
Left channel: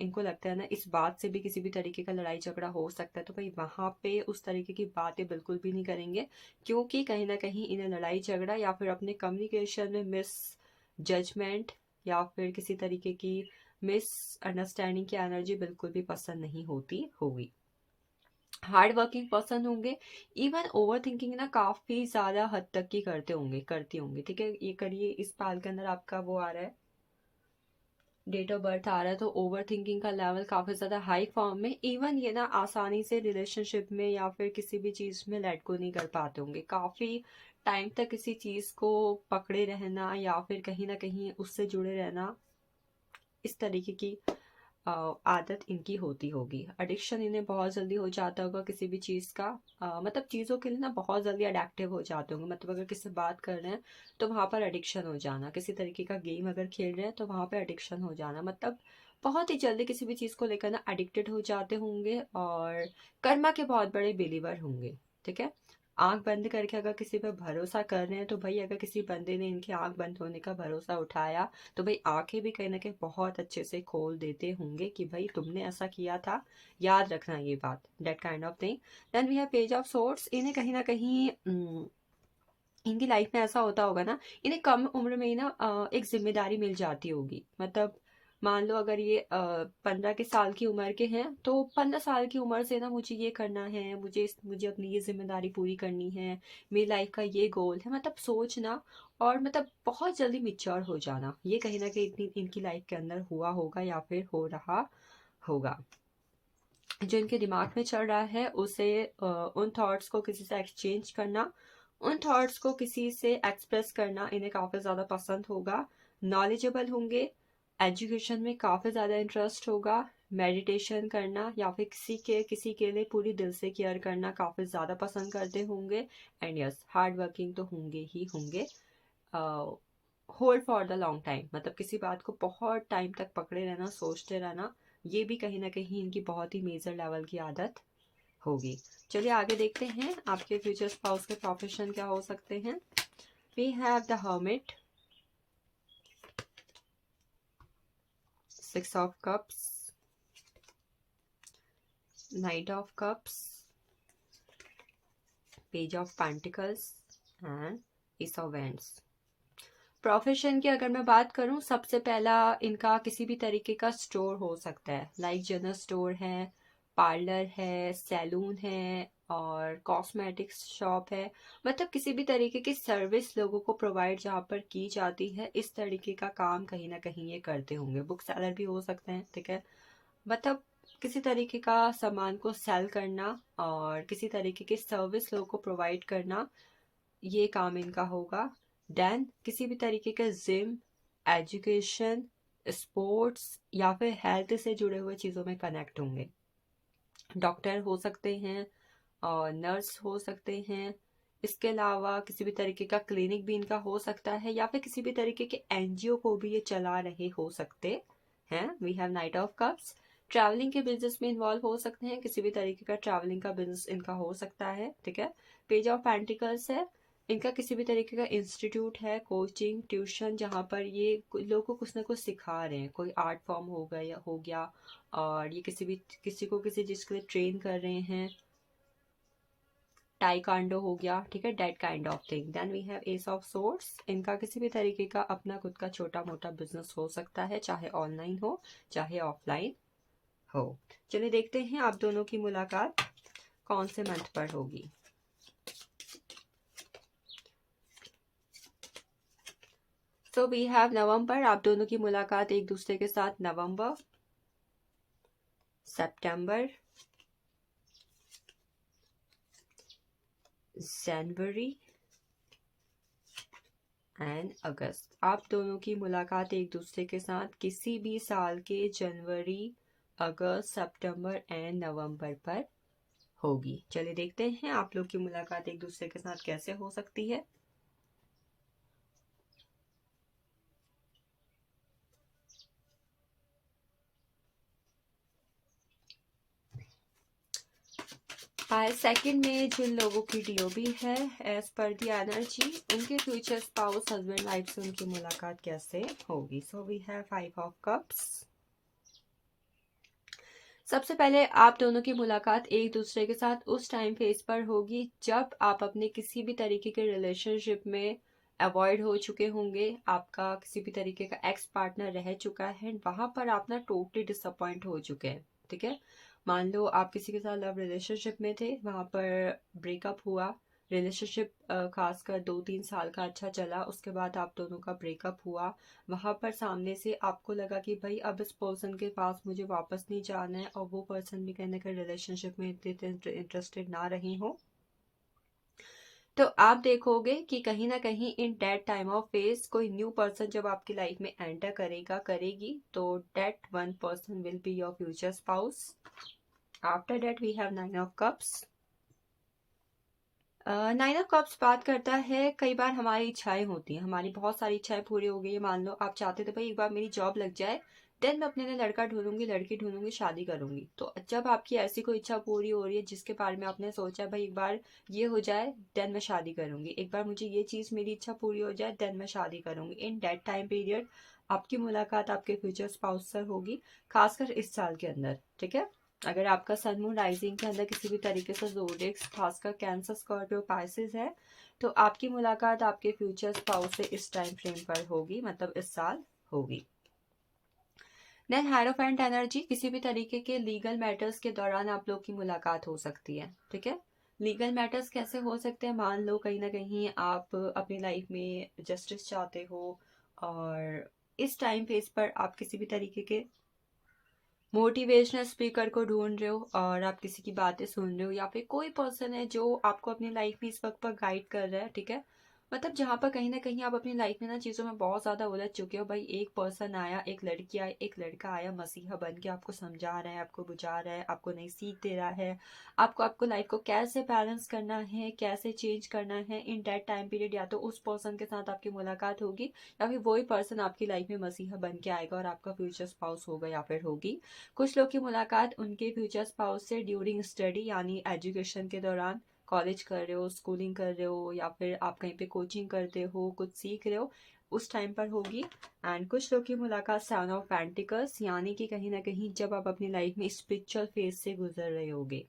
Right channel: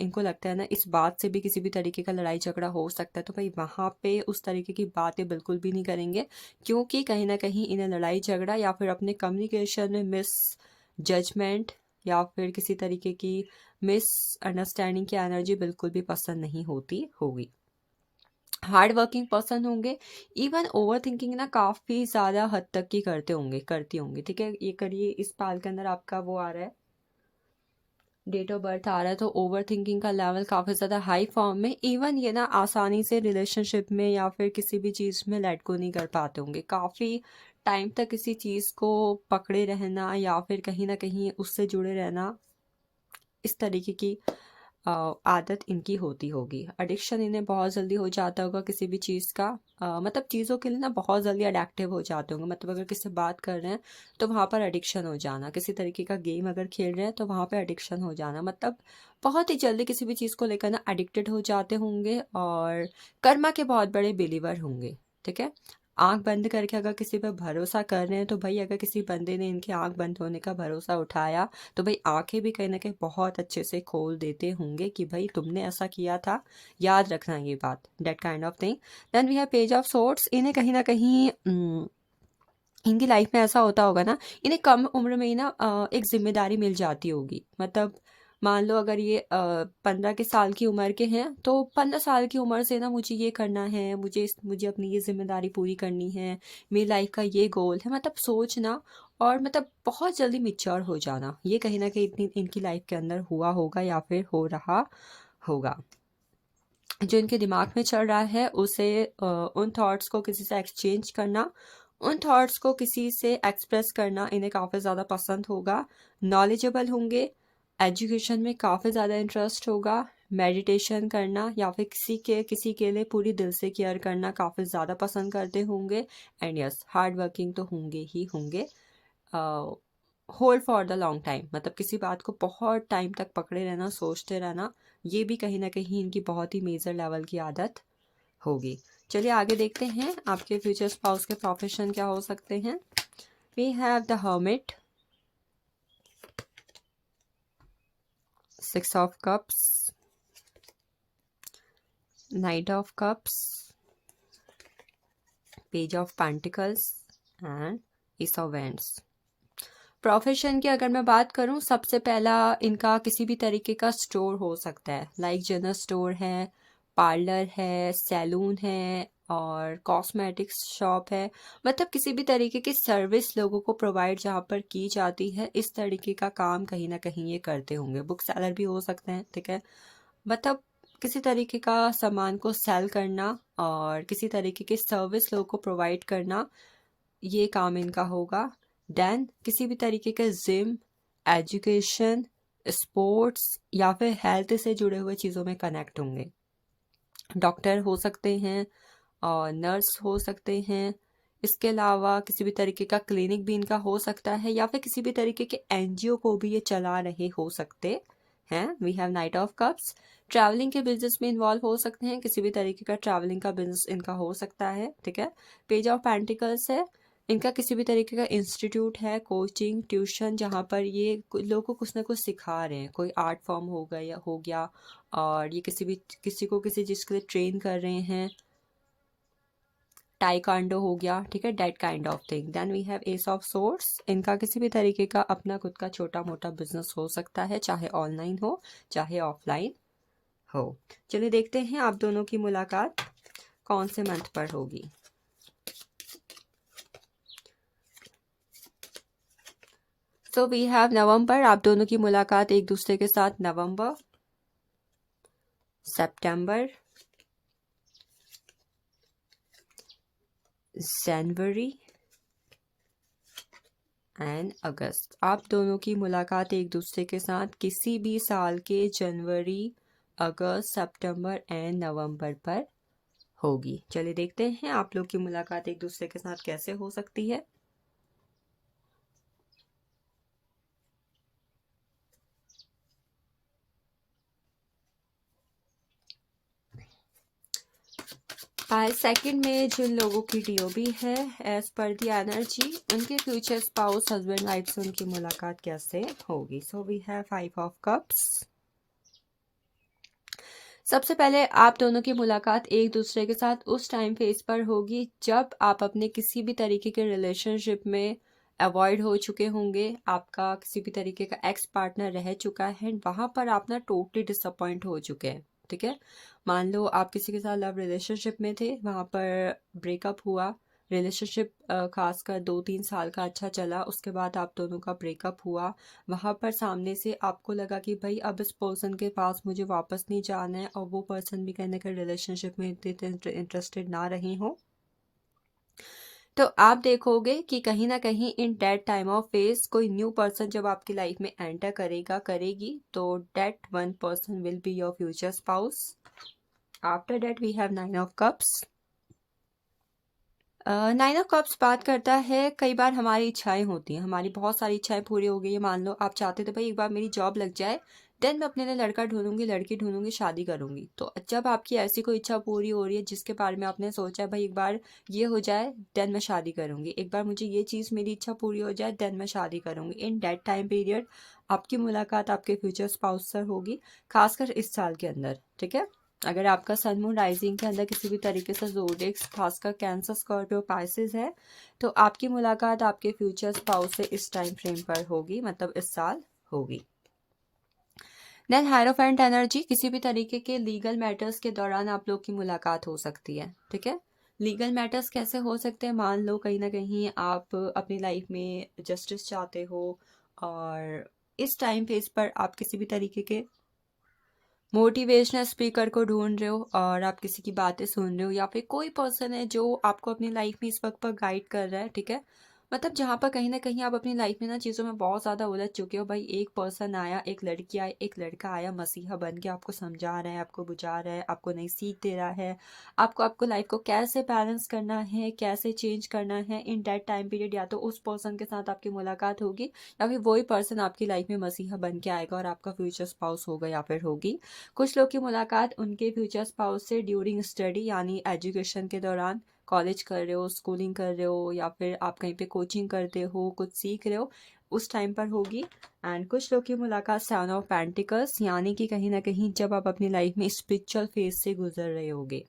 इनको लगता है ना इस बात से भी किसी भी तरीके का लड़ाई झगड़ा हो सकता है, तो भाई वहाँ पे उस तरीके की बातें बिल्कुल भी नहीं करेंगे, क्योंकि कहीं ना कहीं इन्हें लड़ाई झगड़ा या फिर अपने कम्युनिकेशन में मिस जजमेंट या फिर किसी तरीके की मिस अंडरस्टैंडिंग की एनर्जी बिल्कुल भी पसंद नहीं होती होगी। हार्ड वर्किंग पर्सन होंगे, इवन ओवर थिंकिंग ना काफ़ी ज़्यादा हद तक की करती होंगी, ठीक है। ये करिए इस पाल के अंदर आपका वो आ रहा है, डेट ऑफ बर्थ आ रहा है, तो ओवर थिंकिंग का लेवल काफ़ी ज़्यादा हाई फॉर्म में। इवन ये ना आसानी से रिलेशनशिप में या फिर किसी भी चीज़ में लेट गो नहीं कर पाते होंगे, काफ़ी टाइम तक किसी चीज़ को पकड़े रहना या फिर कहीं ना कहीं उससे जुड़े रहना, इस तरीके की आदत इनकी होती होगी। एडिक्शन इन्हें बहुत जल्दी हो जाता होगा किसी भी चीज़ का, मतलब चीज़ों के लिए ना बहुत जल्दी अडेक्टिव हो जाते होंगे। मतलब अगर किसी से बात कर रहे हैं तो वहाँ पर एडिक्शन हो जाना, किसी तरीके का गेम अगर खेल रहे हैं तो वहाँ पर एडिक्शन हो जाना, मतलब बहुत ही जल्दी किसी भी चीज़ को लेकर ना एडिक्टेड हो जाते होंगे और कर्मा के बहुत बड़े बिलीवर होंगे। ठीक है, आंख बंद करके अगर किसी पर भरोसा कर रहे हैं तो भाई अगर किसी बंदे ने इनकी आंख बंद होने का भरोसा उठाया तो भाई आंखें भी कहीं ना कहीं बहुत अच्छे से खोल देते होंगे कि भाई तुमने ऐसा किया था, याद रखना ये बात, that kind of thing. Then we have page of swords. इन्हें कहीं ना कहीं इनकी लाइफ में ऐसा होता होगा ना, इन्हें कम उम्र में ही ना एक जिम्मेदारी मिल जाती होगी। मतलब मान लो अगर ये 15 के साल की उम्र के हैं तो 15 साल की उम्र से ना मुझे ये करना है, मुझे अपनी ये जिम्मेदारी पूरी करनी है, मेरी लाइफ का ये गोल है, मतलब सोचना और मतलब बहुत जल्दी मिच्योर हो जाना, ये कहीं ना कहीं इतनी इनकी लाइफ के अंदर हुआ होगा या फिर हो रहा होगा। जो इनके दिमाग में चल रहा है उसे उन थॉट्स को किसी से एक्सचेंज करना, उन थॉट्स को किसी से एक्सप्रेस करना इन्हें काफ़ी ज़्यादा पसंद होगा। नॉलेजेबल होंगे, एजुकेशन में काफ़ी ज़्यादा इंटरेस्ट होगा, मेडिटेशन करना या फिर किसी के लिए पूरी दिल से केयर करना काफ़ी ज़्यादा पसंद करते होंगे। एंड यस, हार्ड वर्किंग तो होंगे ही होंगे। Hold for the long time, मतलब किसी बात को बहुत टाइम तक पकड़े रहना, सोचते रहना, ये भी कहीं ना कहीं इनकी बहुत ही मेजर लेवल की आदत होगी। चलिए आगे देखते हैं आपके फ्यूचर स्पाउस के प्रोफेशन क्या हो सकते हैं। We have the hermit, 6 of cups, knight of cups, page of pentacles and ace of wands. Profession की अगर मैं बात करूं, सबसे पहला इनका किसी भी तरीके का स्टोर हो सकता है, लाइक जनरल स्टोर है, पार्लर है, सैलून है और कॉस्मेटिक्स शॉप है। मतलब किसी भी तरीके की सर्विस लोगों को प्रोवाइड जहाँ पर की जाती है, इस तरीके का काम कहीं ना कहीं ये करते होंगे। बुक सेलर भी हो सकते हैं, ठीक है, मतलब किसी तरीके का सामान को सेल करना और किसी तरीके की सर्विस लोगों को प्रोवाइड करना, ये काम इनका होगा। देन किसी भी तरीके के जिम, एजुकेशन, स्पोर्ट्स या फिर हेल्थ से जुड़े हुए चीज़ों में कनेक्ट होंगे। डॉक्टर हो सकते हैं और नर्स हो सकते हैं। इसके अलावा किसी भी तरीके का क्लिनिक भी इनका हो सकता है या फिर किसी भी तरीके के एनजीओ को भी ये चला रहे हो सकते हैं। We have knight of cups. Travelling के बिजनेस में इन्वॉल्व हो सकते हैं, किसी भी तरीके का ट्रैवलिंग का बिजनेस इनका हो सकता है, ठीक है। पेज ऑफ पेंटिकल्स है, इनका किसी भी तरीके का इंस्टीट्यूट है, कोचिंग, ट्यूशन, जहाँ पर ये लोगों को कुछ ना कुछ सिखा रहे हैं, कोई आर्ट फॉर्म हो गया और ये किसी को किसी चीज़ के लिए ट्रेन कर रहे हैं, टाइकांडो हो गया, ठीक है, that kind of thing. Then we have ace of swords, इनका किसी भी तरीके का अपना खुद का छोटा मोटा बिजनेस हो सकता है, चाहे ऑनलाइन हो चाहे ऑफलाइन हो। चलिए देखते हैं आप दोनों की मुलाकात कौन से मंथ पर होगी। सो वी हैव नवंबर, आप दोनों की मुलाकात एक दूसरे के साथ नवंबर, सितंबर, जनवरी एंड अगस्त। आप दोनों की मुलाकात एक दूसरे के साथ किसी भी साल के जनवरी, अगस्त, सितंबर एंड नवंबर पर होगी। चलिए देखते हैं आप लोग की मुलाकात एक दूसरे के साथ कैसे हो सकती है। सेकंड में जिन लोगों की डीओबी है, एज पर दी एनर्जी, उनके फ्यूचर स्पाउस, हस्बैंड वाइफ से उनकी मुलाकात कैसे होगी। So we have 5 of cups. सबसे पहले आप दोनों की मुलाकात एक दूसरे के साथ उस टाइम फेज पर होगी जब आप अपने किसी भी तरीके के रिलेशनशिप में अवॉइड हो चुके होंगे, आपका किसी भी तरीके का एक्स पार्टनर रह चुका है, वहां पर आप ना टोटली डिसअपॉइंट हो चुके हैं, ठीक है। मान लो आप किसी के साथ लव रिलेशनशिप में थे, वहां पर ब्रेकअप हुआ, रिलेशनशिप खासकर 2-3 साल का अच्छा चला, उसके बाद आप दोनों का ब्रेकअप हुआ, वहाँ पर सामने से आपको लगा कि भाई अब इस पर्सन के पास मुझे वापस नहीं जाना है और वो पर्सन भी कहीं ना कहीं रिलेशनशिप में इतने इंटरेस्टेड ना रही हो, तो आप देखोगे कि कहीं ना कहीं in that time of phase कोई न्यू पर्सन जब आपकी लाइफ में एंटर करेगा करेगी, तो that one person will be your future spouse. After that we have nine of cups. Nine of cups बात करता है कई बार हमारी इच्छाएं होती हैं, हमारी बहुत सारी इच्छाएं पूरी हो गई है। मान लो आप चाहते थे भाई एक बार मेरी जॉब लग जाए, देन मैं अपने लिए लड़का ढूंढूंगी, लड़की ढूंढूंगी, शादी करूंगी। तो जब आपकी ऐसी कोई इच्छा पूरी हो रही है जिसके बारे में आपने सोचा है भाई एक बार ये हो जाए देन मैं शादी करूंगी, एक बार मुझे ये चीज़ मेरी इच्छा पूरी हो जाए देन मैं शादी करूंगी, इन दैट टाइम पीरियड आपकी मुलाकात आपके फ्यूचर स्पाउस से होगी, खासकर इस साल के अंदर। ठीक है, अगर आपका सन मून राइजिंग के अंदर किसी भी तरीके से ज़ोडिएक्स खासकर कैंसर स्कॉर्पियो पाइसेस है, तो आपकी मुलाकात आपके फ्यूचर स्पाउस से इस टाइम फ्रेम पर होगी, मतलब इस साल होगी। देन हायरोफेंट एनर्जी, किसी भी तरीके के लीगल मैटर्स के दौरान आप लोग की मुलाकात हो सकती है। ठीक है, लीगल मैटर्स कैसे हो सकते हैं, मान लो कहीं ना कहीं आप अपनी लाइफ में जस्टिस चाहते हो और इस टाइम फेज पर आप किसी भी तरीके के मोटिवेशनल स्पीकर को ढूंढ रहे हो और आप किसी की बातें सुन रहे हो, या फिर कोई पर्सन है जो आपको अपनी लाइफ में इस वक्त पर गाइड कर रहा है। ठीक है, मतलब जहाँ पर कहीं ना कहीं आप अपनी लाइफ में ना चीज़ों में बहुत ज़्यादा उलझ चुके हो, भाई एक पर्सन आया, एक लड़की आई, एक लड़का आया मसीहा बन के आपको समझा रहा है, आपको बुझा रहा है, आपको नई सीख दे रहा है, आपको लाइफ को कैसे बैलेंस करना है, कैसे चेंज करना है। इन दैट टाइम पीरियड या तो उस पर्सन के साथ आपकी मुलाकात होगी या फिर वही पर्सन आपकी लाइफ में मसीहा बन के आएगा और आपका फ्यूचर स्पाउस होगा या फिर होगी। कुछ लोग की मुलाकात उनके फ्यूचर स्पाउस से ड्यूरिंग स्टडी यानी एजुकेशन के दौरान, कॉलेज कर रहे हो, स्कूलिंग कर रहे हो, या फिर आप कहीं पे कोचिंग करते हो, कुछ सीख रहे हो, उस टाइम पर होगी। एंड कुछ लोग की मुलाकात सेवन ऑफ पेंटिकल्स यानी कि कहीं ना कहीं जब आप अपनी लाइफ में स्पिरिचुअल फेज से गुजर रहे होगे।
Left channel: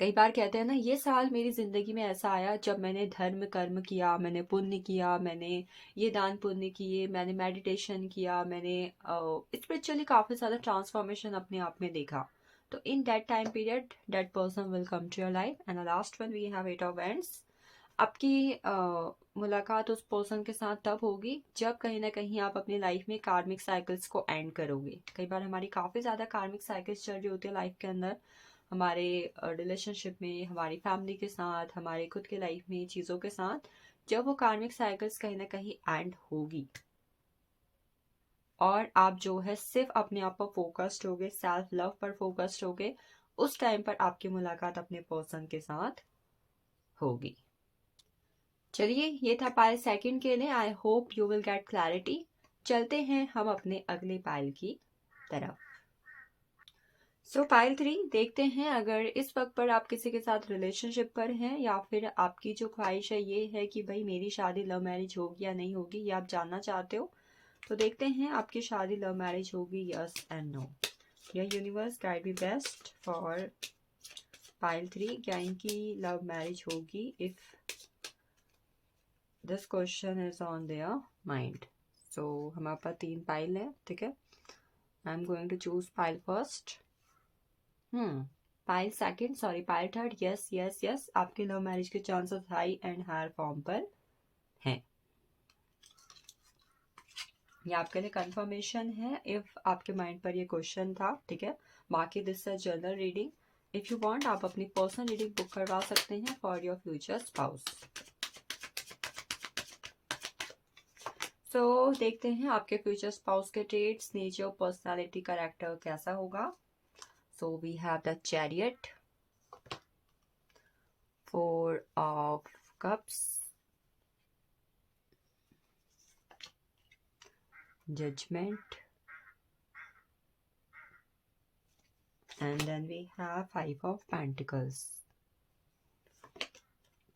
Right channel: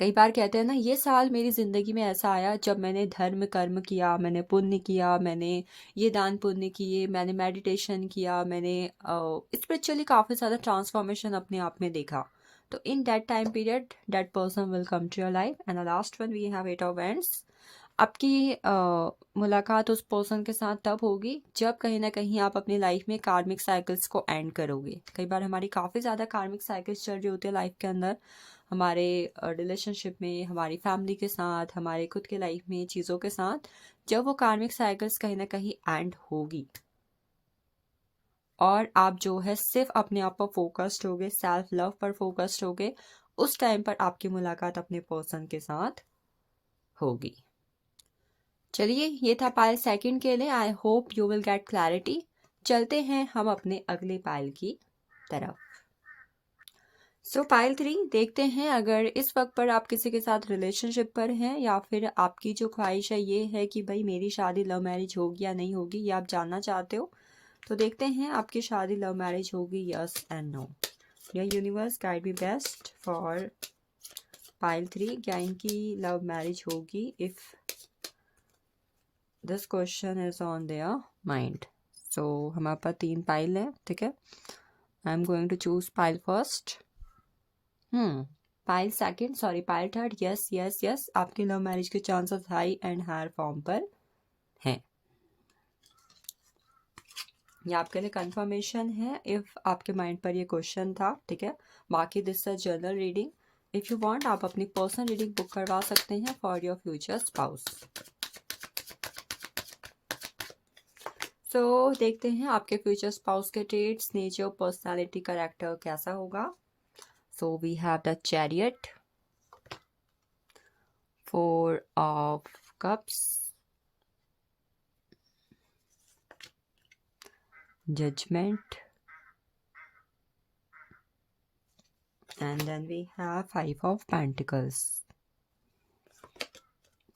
कई बार कहते हैं ना, ये साल मेरी ज़िंदगी में ऐसा आया जब मैंने धर्म कर्म किया, मैंने पुण्य किया, मैंने ये दान पुण्य किए, मैंने मेडिटेशन किया, मैंने स्पिरिचुअली काफ़ी ज़्यादा ट्रांसफॉर्मेशन अपने आप में देखा। तो in that time period that person will come to your life. And the last one we have eight of wands. आपकी मुलाकात उस पर्सन के साथ तब होगी जब कहीं ना कहीं आप अपनी लाइफ में कार्मिक साइकिल्स को एंड करोगे। कई बार हमारी काफ़ी ज़्यादा कार्मिक साइकिल्स चल रही होती है लाइफ के अंदर, हमारे रिलेशनशिप में, हमारी फैमिली के साथ, हमारे खुद के लाइफ में चीज़ों के साथ, जब वो कार्मिक साइकिल्स कहीं ना कहीं एंड होगी और आप जो है सिर्फ अपने आप पर फोकस्ड होगे, सेल्फ लव पर फोकस्ड होगे, उस टाइम पर आपकी मुलाकात अपने पर्सन के साथ होगी। चलिए, ये था पाइल सेकंड के लिए। आई hope you will get clarity. चलते हैं हम अपने अगले पाइल की तरफ। सो पाइल 3 देखते हैं, अगर इस वक्त पर आप किसी के साथ रिलेशनशिप पर हैं या फिर आपकी जो ख्वाहिश है ये है कि भाई मेरी शादी लव मैरिज होगी या नहीं होगी, ये आप जानना चाहते हो, तो देखते हैं आपकी शादी लव मैरिज होगी, yes and no. Dear universe guide me best for pile 3, क्या इनकी लव मैरिज होगी if this question is on their mind. So हमारे पास 3 पाइल है। ठीक है, I am going to choose pile first. Pile second, sorry pile third. Yes yes yes, आपकी love marriage के chances high and higher form पर हैं। ये आपके लिए कंफर्मेशन है इफ आपके माइंड पर ये क्वेश्चन था। ठीक है, बाकी this is general reading. If you want आप अपनी पर्सनल रीडिंग बुक करवा सकते हैं फॉर योर फ्यूचर स्पाउस। सो देखते हैं आपके फ्यूचर स्पाउस के ट्रेड्स, नेचर, पर्सनालिटी, कैरेक्टर कैसा होगा। So we have the Chariot, 4 of Cups, Judgment, and then we have 5 of Pentacles,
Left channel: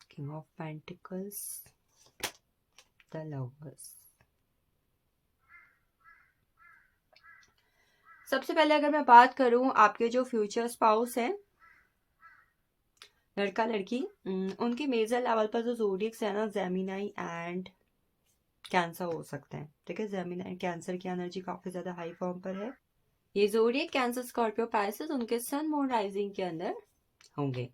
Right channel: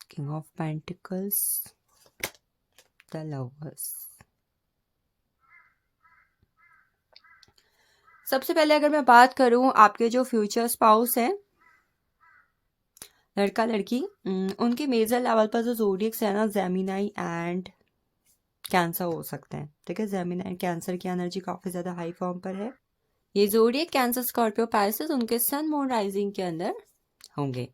King of Pentacles, the Lovers. सबसे पहले अगर मैं बात करूं आपके जो फ्यूचर स्पाउस हैं, लड़का लड़की, उनके मेजर लेवल पर जो ज़ोडिएक्स है ना, जेमिनी एंड कैंसर हो सकते हैं। ठीक है, जेमिनी एंड कैंसर की एनर्जी काफ़ी ज़्यादा हाई फॉर्म पर है। ये ज़ोडिएक कैंसर स्कॉर्पियो पाइसेस उनके सन मून राइजिंग के अंदर होंगे।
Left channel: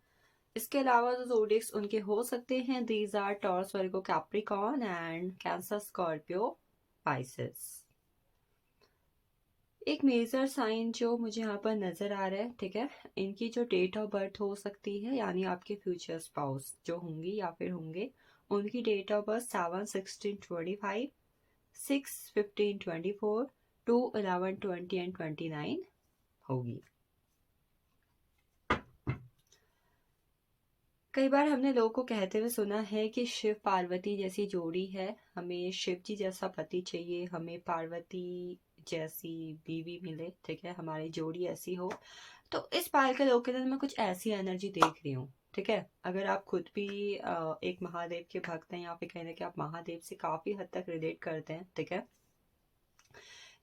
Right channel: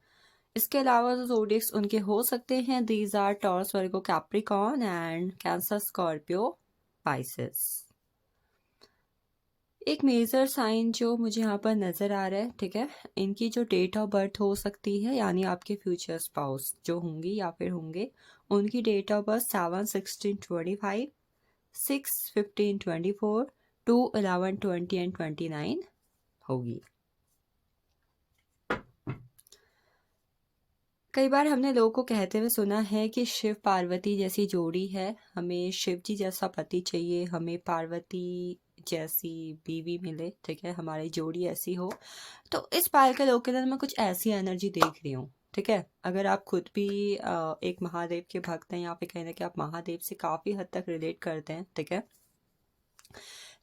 इसके अलावा जो ज़ोडिएक्स उनके हो सकते हैं, these are Taurus, Virgo, Capricorn and Cancer Scorpio Pisces. एक मेजर साइन जो मुझे यहाँ पर नज़र आ रहा है, ठीक है, इनकी जो डेट ऑफ बर्थ हो सकती है, यानी आपके फ्यूचर स्पाउस जो होंगी या फिर होंगे, उनकी डेट ऑफ बर्थ 7/16/25, 6/15/24, 2/11/20 एंड 29 होगी। कई बार हमने लोगों को कहते हुए सुना है कि शिव पार्वती जैसी जोड़ी है, हमें शिव जी जैसा पति चाहिए, हमें पार्वती जैसी बीवी मिले, ठीक है, हमारी जोड़ी ऐसी हो। तो इस पाल के लोग के अंदर मैं कुछ ऐसी एनर्जी देख रही हूँ, ठीक है। अगर आप खुद भी एक महादेव के भक्त हैं या फिर कहीं ना कहीं आप महादेव से काफ़ी हद तक रिलेट करते हैं, ठीक है,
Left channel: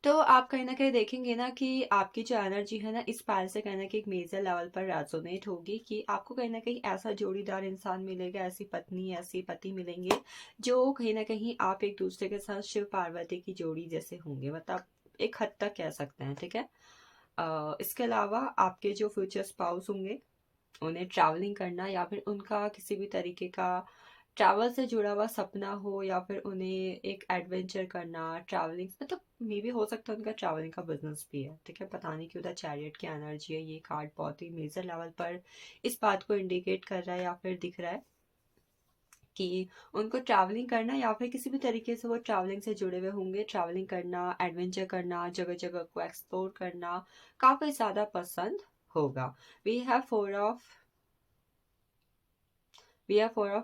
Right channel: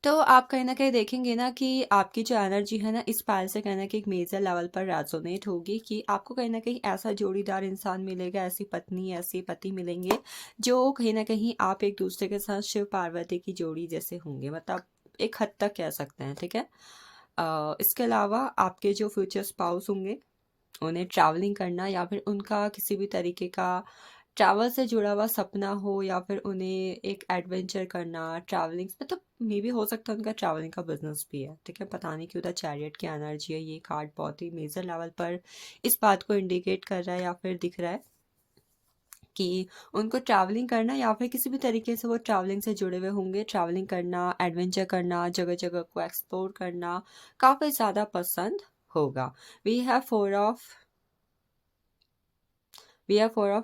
तो आप कहीं न कहीं देखेंगे ना कि आपकी जो एनर्जी है ना, इस पायल से कहीं न कहीं एक मेजर लेवल पर रेजोनेट होगी कि आपको कहीं न कहीं ऐसा जोड़ीदार इंसान मिलेगा, ऐसी पत्नी, ऐसे पति मिलेंगे, जो कहीं न कहीं आप एक दूसरे के साथ शिव पार्वती की जोड़ी जैसे होंगे, मतलब एक हद तक कह सकते हैं, ठीक है। इसके अलावा आपके जो फ्यूचर स्पाउस होंगे, उन्हें ट्रैवलिंग करना या फिर उनका किसी भी तरीके का ट्रैवल से जुड़ा हुआ सपना हो, या फिर उन्हें एक एडवेंचर करना, ट्रैवलिंग, मतलब मे भी हो सकता है उनका ट्रैवलिंग का बिजनेस भी है, ठीक है। पता नहीं क्यों द चैरियट की एनर्जी है, ये कार्ड बहुत ही मेजर लेवल पर इस बात को इंडिकेट कर रहा है या फिर दिख रहा है कि उनको ट्रैवलिंग करना या फिर किसी भी तरीके से वो ट्रैवलिंग से जुड़े हुए होंगे, ट्रैवलिंग करना, एडवेंचर करना, जगह जगह को एक्सप्लोर करना काफ़ी ज़्यादा पसंद होगा। We have four of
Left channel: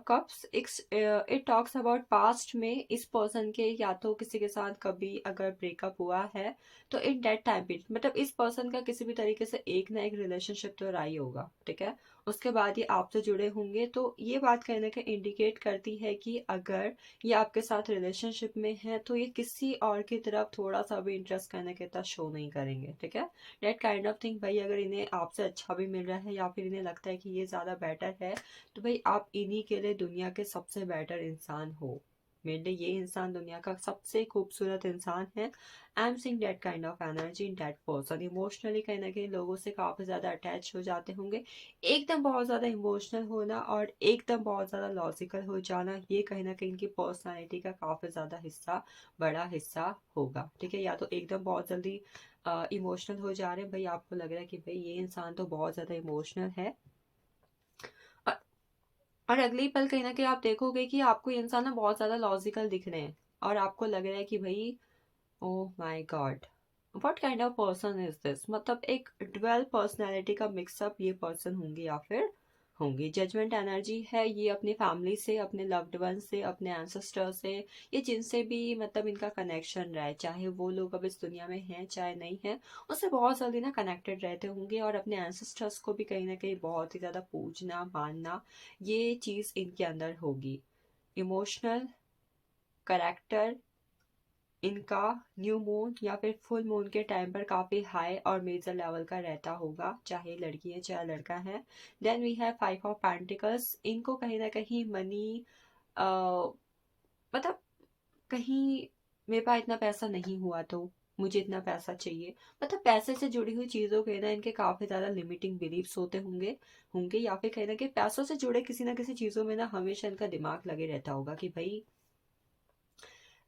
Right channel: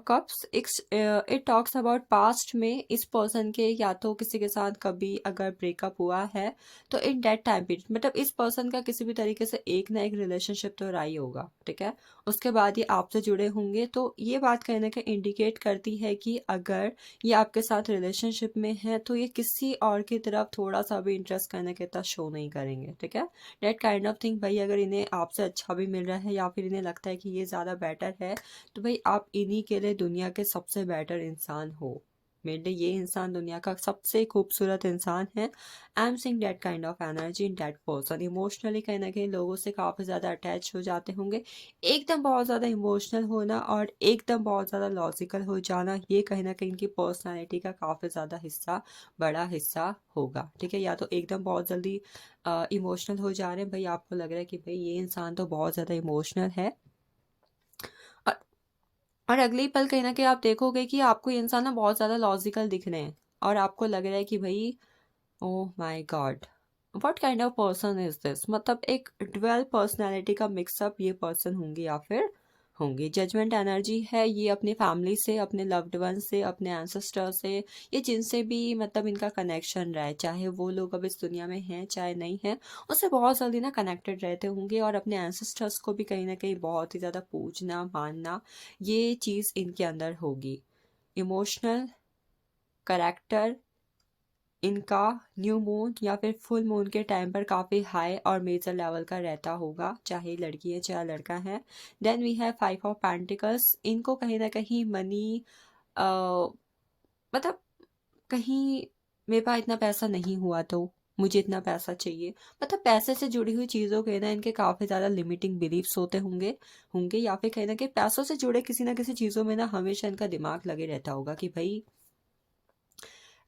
cups. It talks about past में इस पर्सन के या तो किसी के साथ कभी अगर ब्रेकअप हुआ है, तो इन दैट टाइम पीरियड, मतलब इस पर्सन का किसी भी तरीके से एक ना एक रिलेशनशिप तो रहा ही होगा, ठीक है। उसके बाद ये आपसे जुड़े होंगे, तो ये बात कहीं ना कहीं इंडिकेट करती है कि अगर ये आपके साथ रिलेशनशिप में है, तो ये किसी और की तरफ थोड़ा सा भी इंटरेस्ट करने के तक शो नहीं करेंगे, ठीक है। डेट काइंड ऑफ थिंग, भाई अगर इन्हें आपसे अच्छा भी मिल रहा है या फिर इन्हें लगता है कि ये ज़्यादा बेटर है, तो भाई आप इन्हीं के लिए दुनिया के सबसे बेटर इंसान हो। मेरे लिए ये इंसान दुनिया का सबसे खूबसूरत इंसान है। I am seeing that kind of energy in that person. Emotionally कहीं ना कहीं लोगों से काफ़ी ज़्यादा अटैच हो जाते होंगे। एकदम बहुत ज़्यादा इमोशनल होना और एकदम बहुत ज़्यादा लॉजिकल हो जाना, ये कहीं ना कहीं इनकी पर्सनैलिटी का काफ़ी ज़्यादा हिस्सा, बड़ा हिस्सा होगा, ठीक है। या तो एकदम बहुत जल्दी इमोशनल हो जा रहे हैं, भाई आपको लग रहा है कि भाई ये इंसान तो बहुत ज़्यादा इमोशनल है, और और अगले ही पल कहीं न कहीं आप देखोगे कि आपको ये इंसान ना बहुत ज़्यादा लॉजिकल दिख रहे हैं, और आपको लग रहा है कि भई oh my God! What kind of person is this? मतलब एक ड्यूअल पर्सनैलिटी का मिक्सअप ये पर्सन होंगे या फिर होंगी। जजमेंट एनर्जी है, ये अपनी फैमिली से, अपने लव्ड वन से, अपने एंसेस्टर से, ये जिनसे भी मतलब इनका कनेक्शन रहा है, चाहे वो लोग अब इस दुनिया में हैं, चाहे नहीं हैं, उससे बहुत जल्दी ना कनेक्टेड रहते होंगे, और अपने एंसेस्टर्स को भी कहीं न कहीं बहुत ही ज़्यादा पूजना, मानना, ये चीज़ इनके अंदर होगी। इमोशनल करैक्टर इनका न्यू मून या फिर फुल मून के टाइम पर काफ़ी हाई और मेजर लेवल का रहता होगा, चाहे लड़की है चाहे लड़का है। Then we have 5 of pentacles. इनको कहीं ना कहीं मनी, मतलब कहीं मेरे पास इतना पैसा नहीं हुआ तो मुझे इतना पैसा चाहिए, मतलब पैसे से जुड़ी हुई चीज़ों के ना इनके काफ़ी ज़्यादा लिमिटिंग बिलीव्स होते होंगे होंगे या फिर कहीं ना कहीं पैसों से जुड़े किसी ना किसी चीज़ों में ना हमेशा इनका दिमाग लगे रहता होगा कि भाई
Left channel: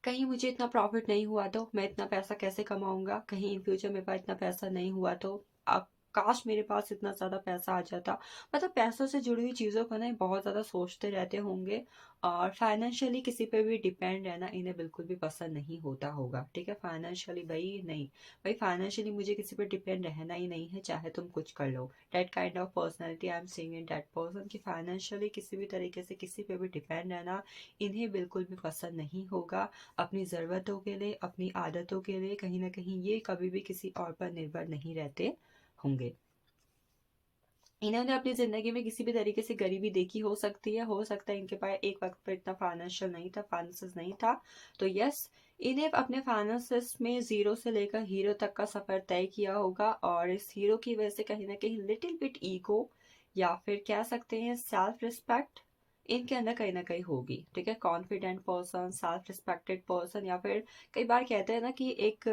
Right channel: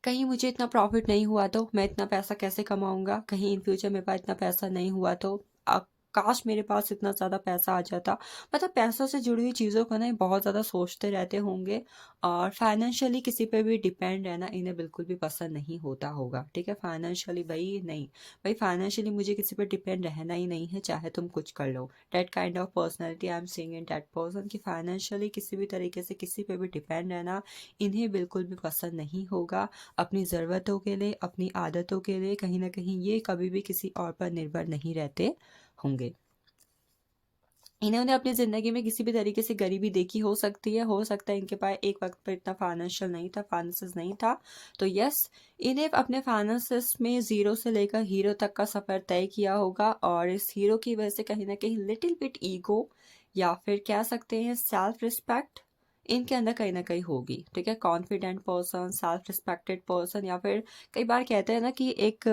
कहीं मुझे इतना प्रॉफिट नहीं हुआ तो मैं इतना पैसा कैसे कमाऊँगा? कहीं इन फ्यूचर मेरे पास इतना पैसा नहीं हुआ तो काश मेरे पास इतना ज़्यादा पैसा आ जाता। मतलब पैसों से जुड़ी हुई चीज़ों को ना ये बहुत ज़्यादा सोचते रहते होंगे, और फाइनेंशियली किसी पे भी डिपेंड रहना इन्हें बिल्कुल भी पसंद नहीं होता होगा, ठीक है? फाइनेंशियली भई नहीं, भई फाइनेंशियली मुझे किसी पे डिपेंड रहना ही नहीं है, चाहे तुम कुछ कर लो। That kind of personality I am seeing in that person कि फाइनेंशियली किसी भी तरीके से किसी पे भी डिपेंड रहना इन्हें बिल्कुल भी पसंद नहीं होगा। अपनी ज़रूरतों के लिए, अपनी आदतों के लिए कहीं न कहीं ये कभी भी किसी और पर निर्भर नहीं रहते होंगे। इन्होंने अपनी ज़िंदगी में किसी भी तरीके से गरीबी देखी हो सकती है, हो सकता है इनके पास एक वक़्त पर इतना फाइनेंशियल नहीं था, फाइनेंसेस नहीं था। तो यस, इन्हें अपने फाइनेंसेस में ज़ीरो से लेकर हीरो तक का सफ़र तय किया होगा, और इस हीरो की वजह से कहीं न कहीं लिटिल बिट ईगो या फिर कह सकते हैं सेल्फ रिस्पेक्ट इनके अंदर कहीं न कहीं होगी, ठीक है? Confident person, self respected person, या फिर कई बार कहते हैं ना कि एक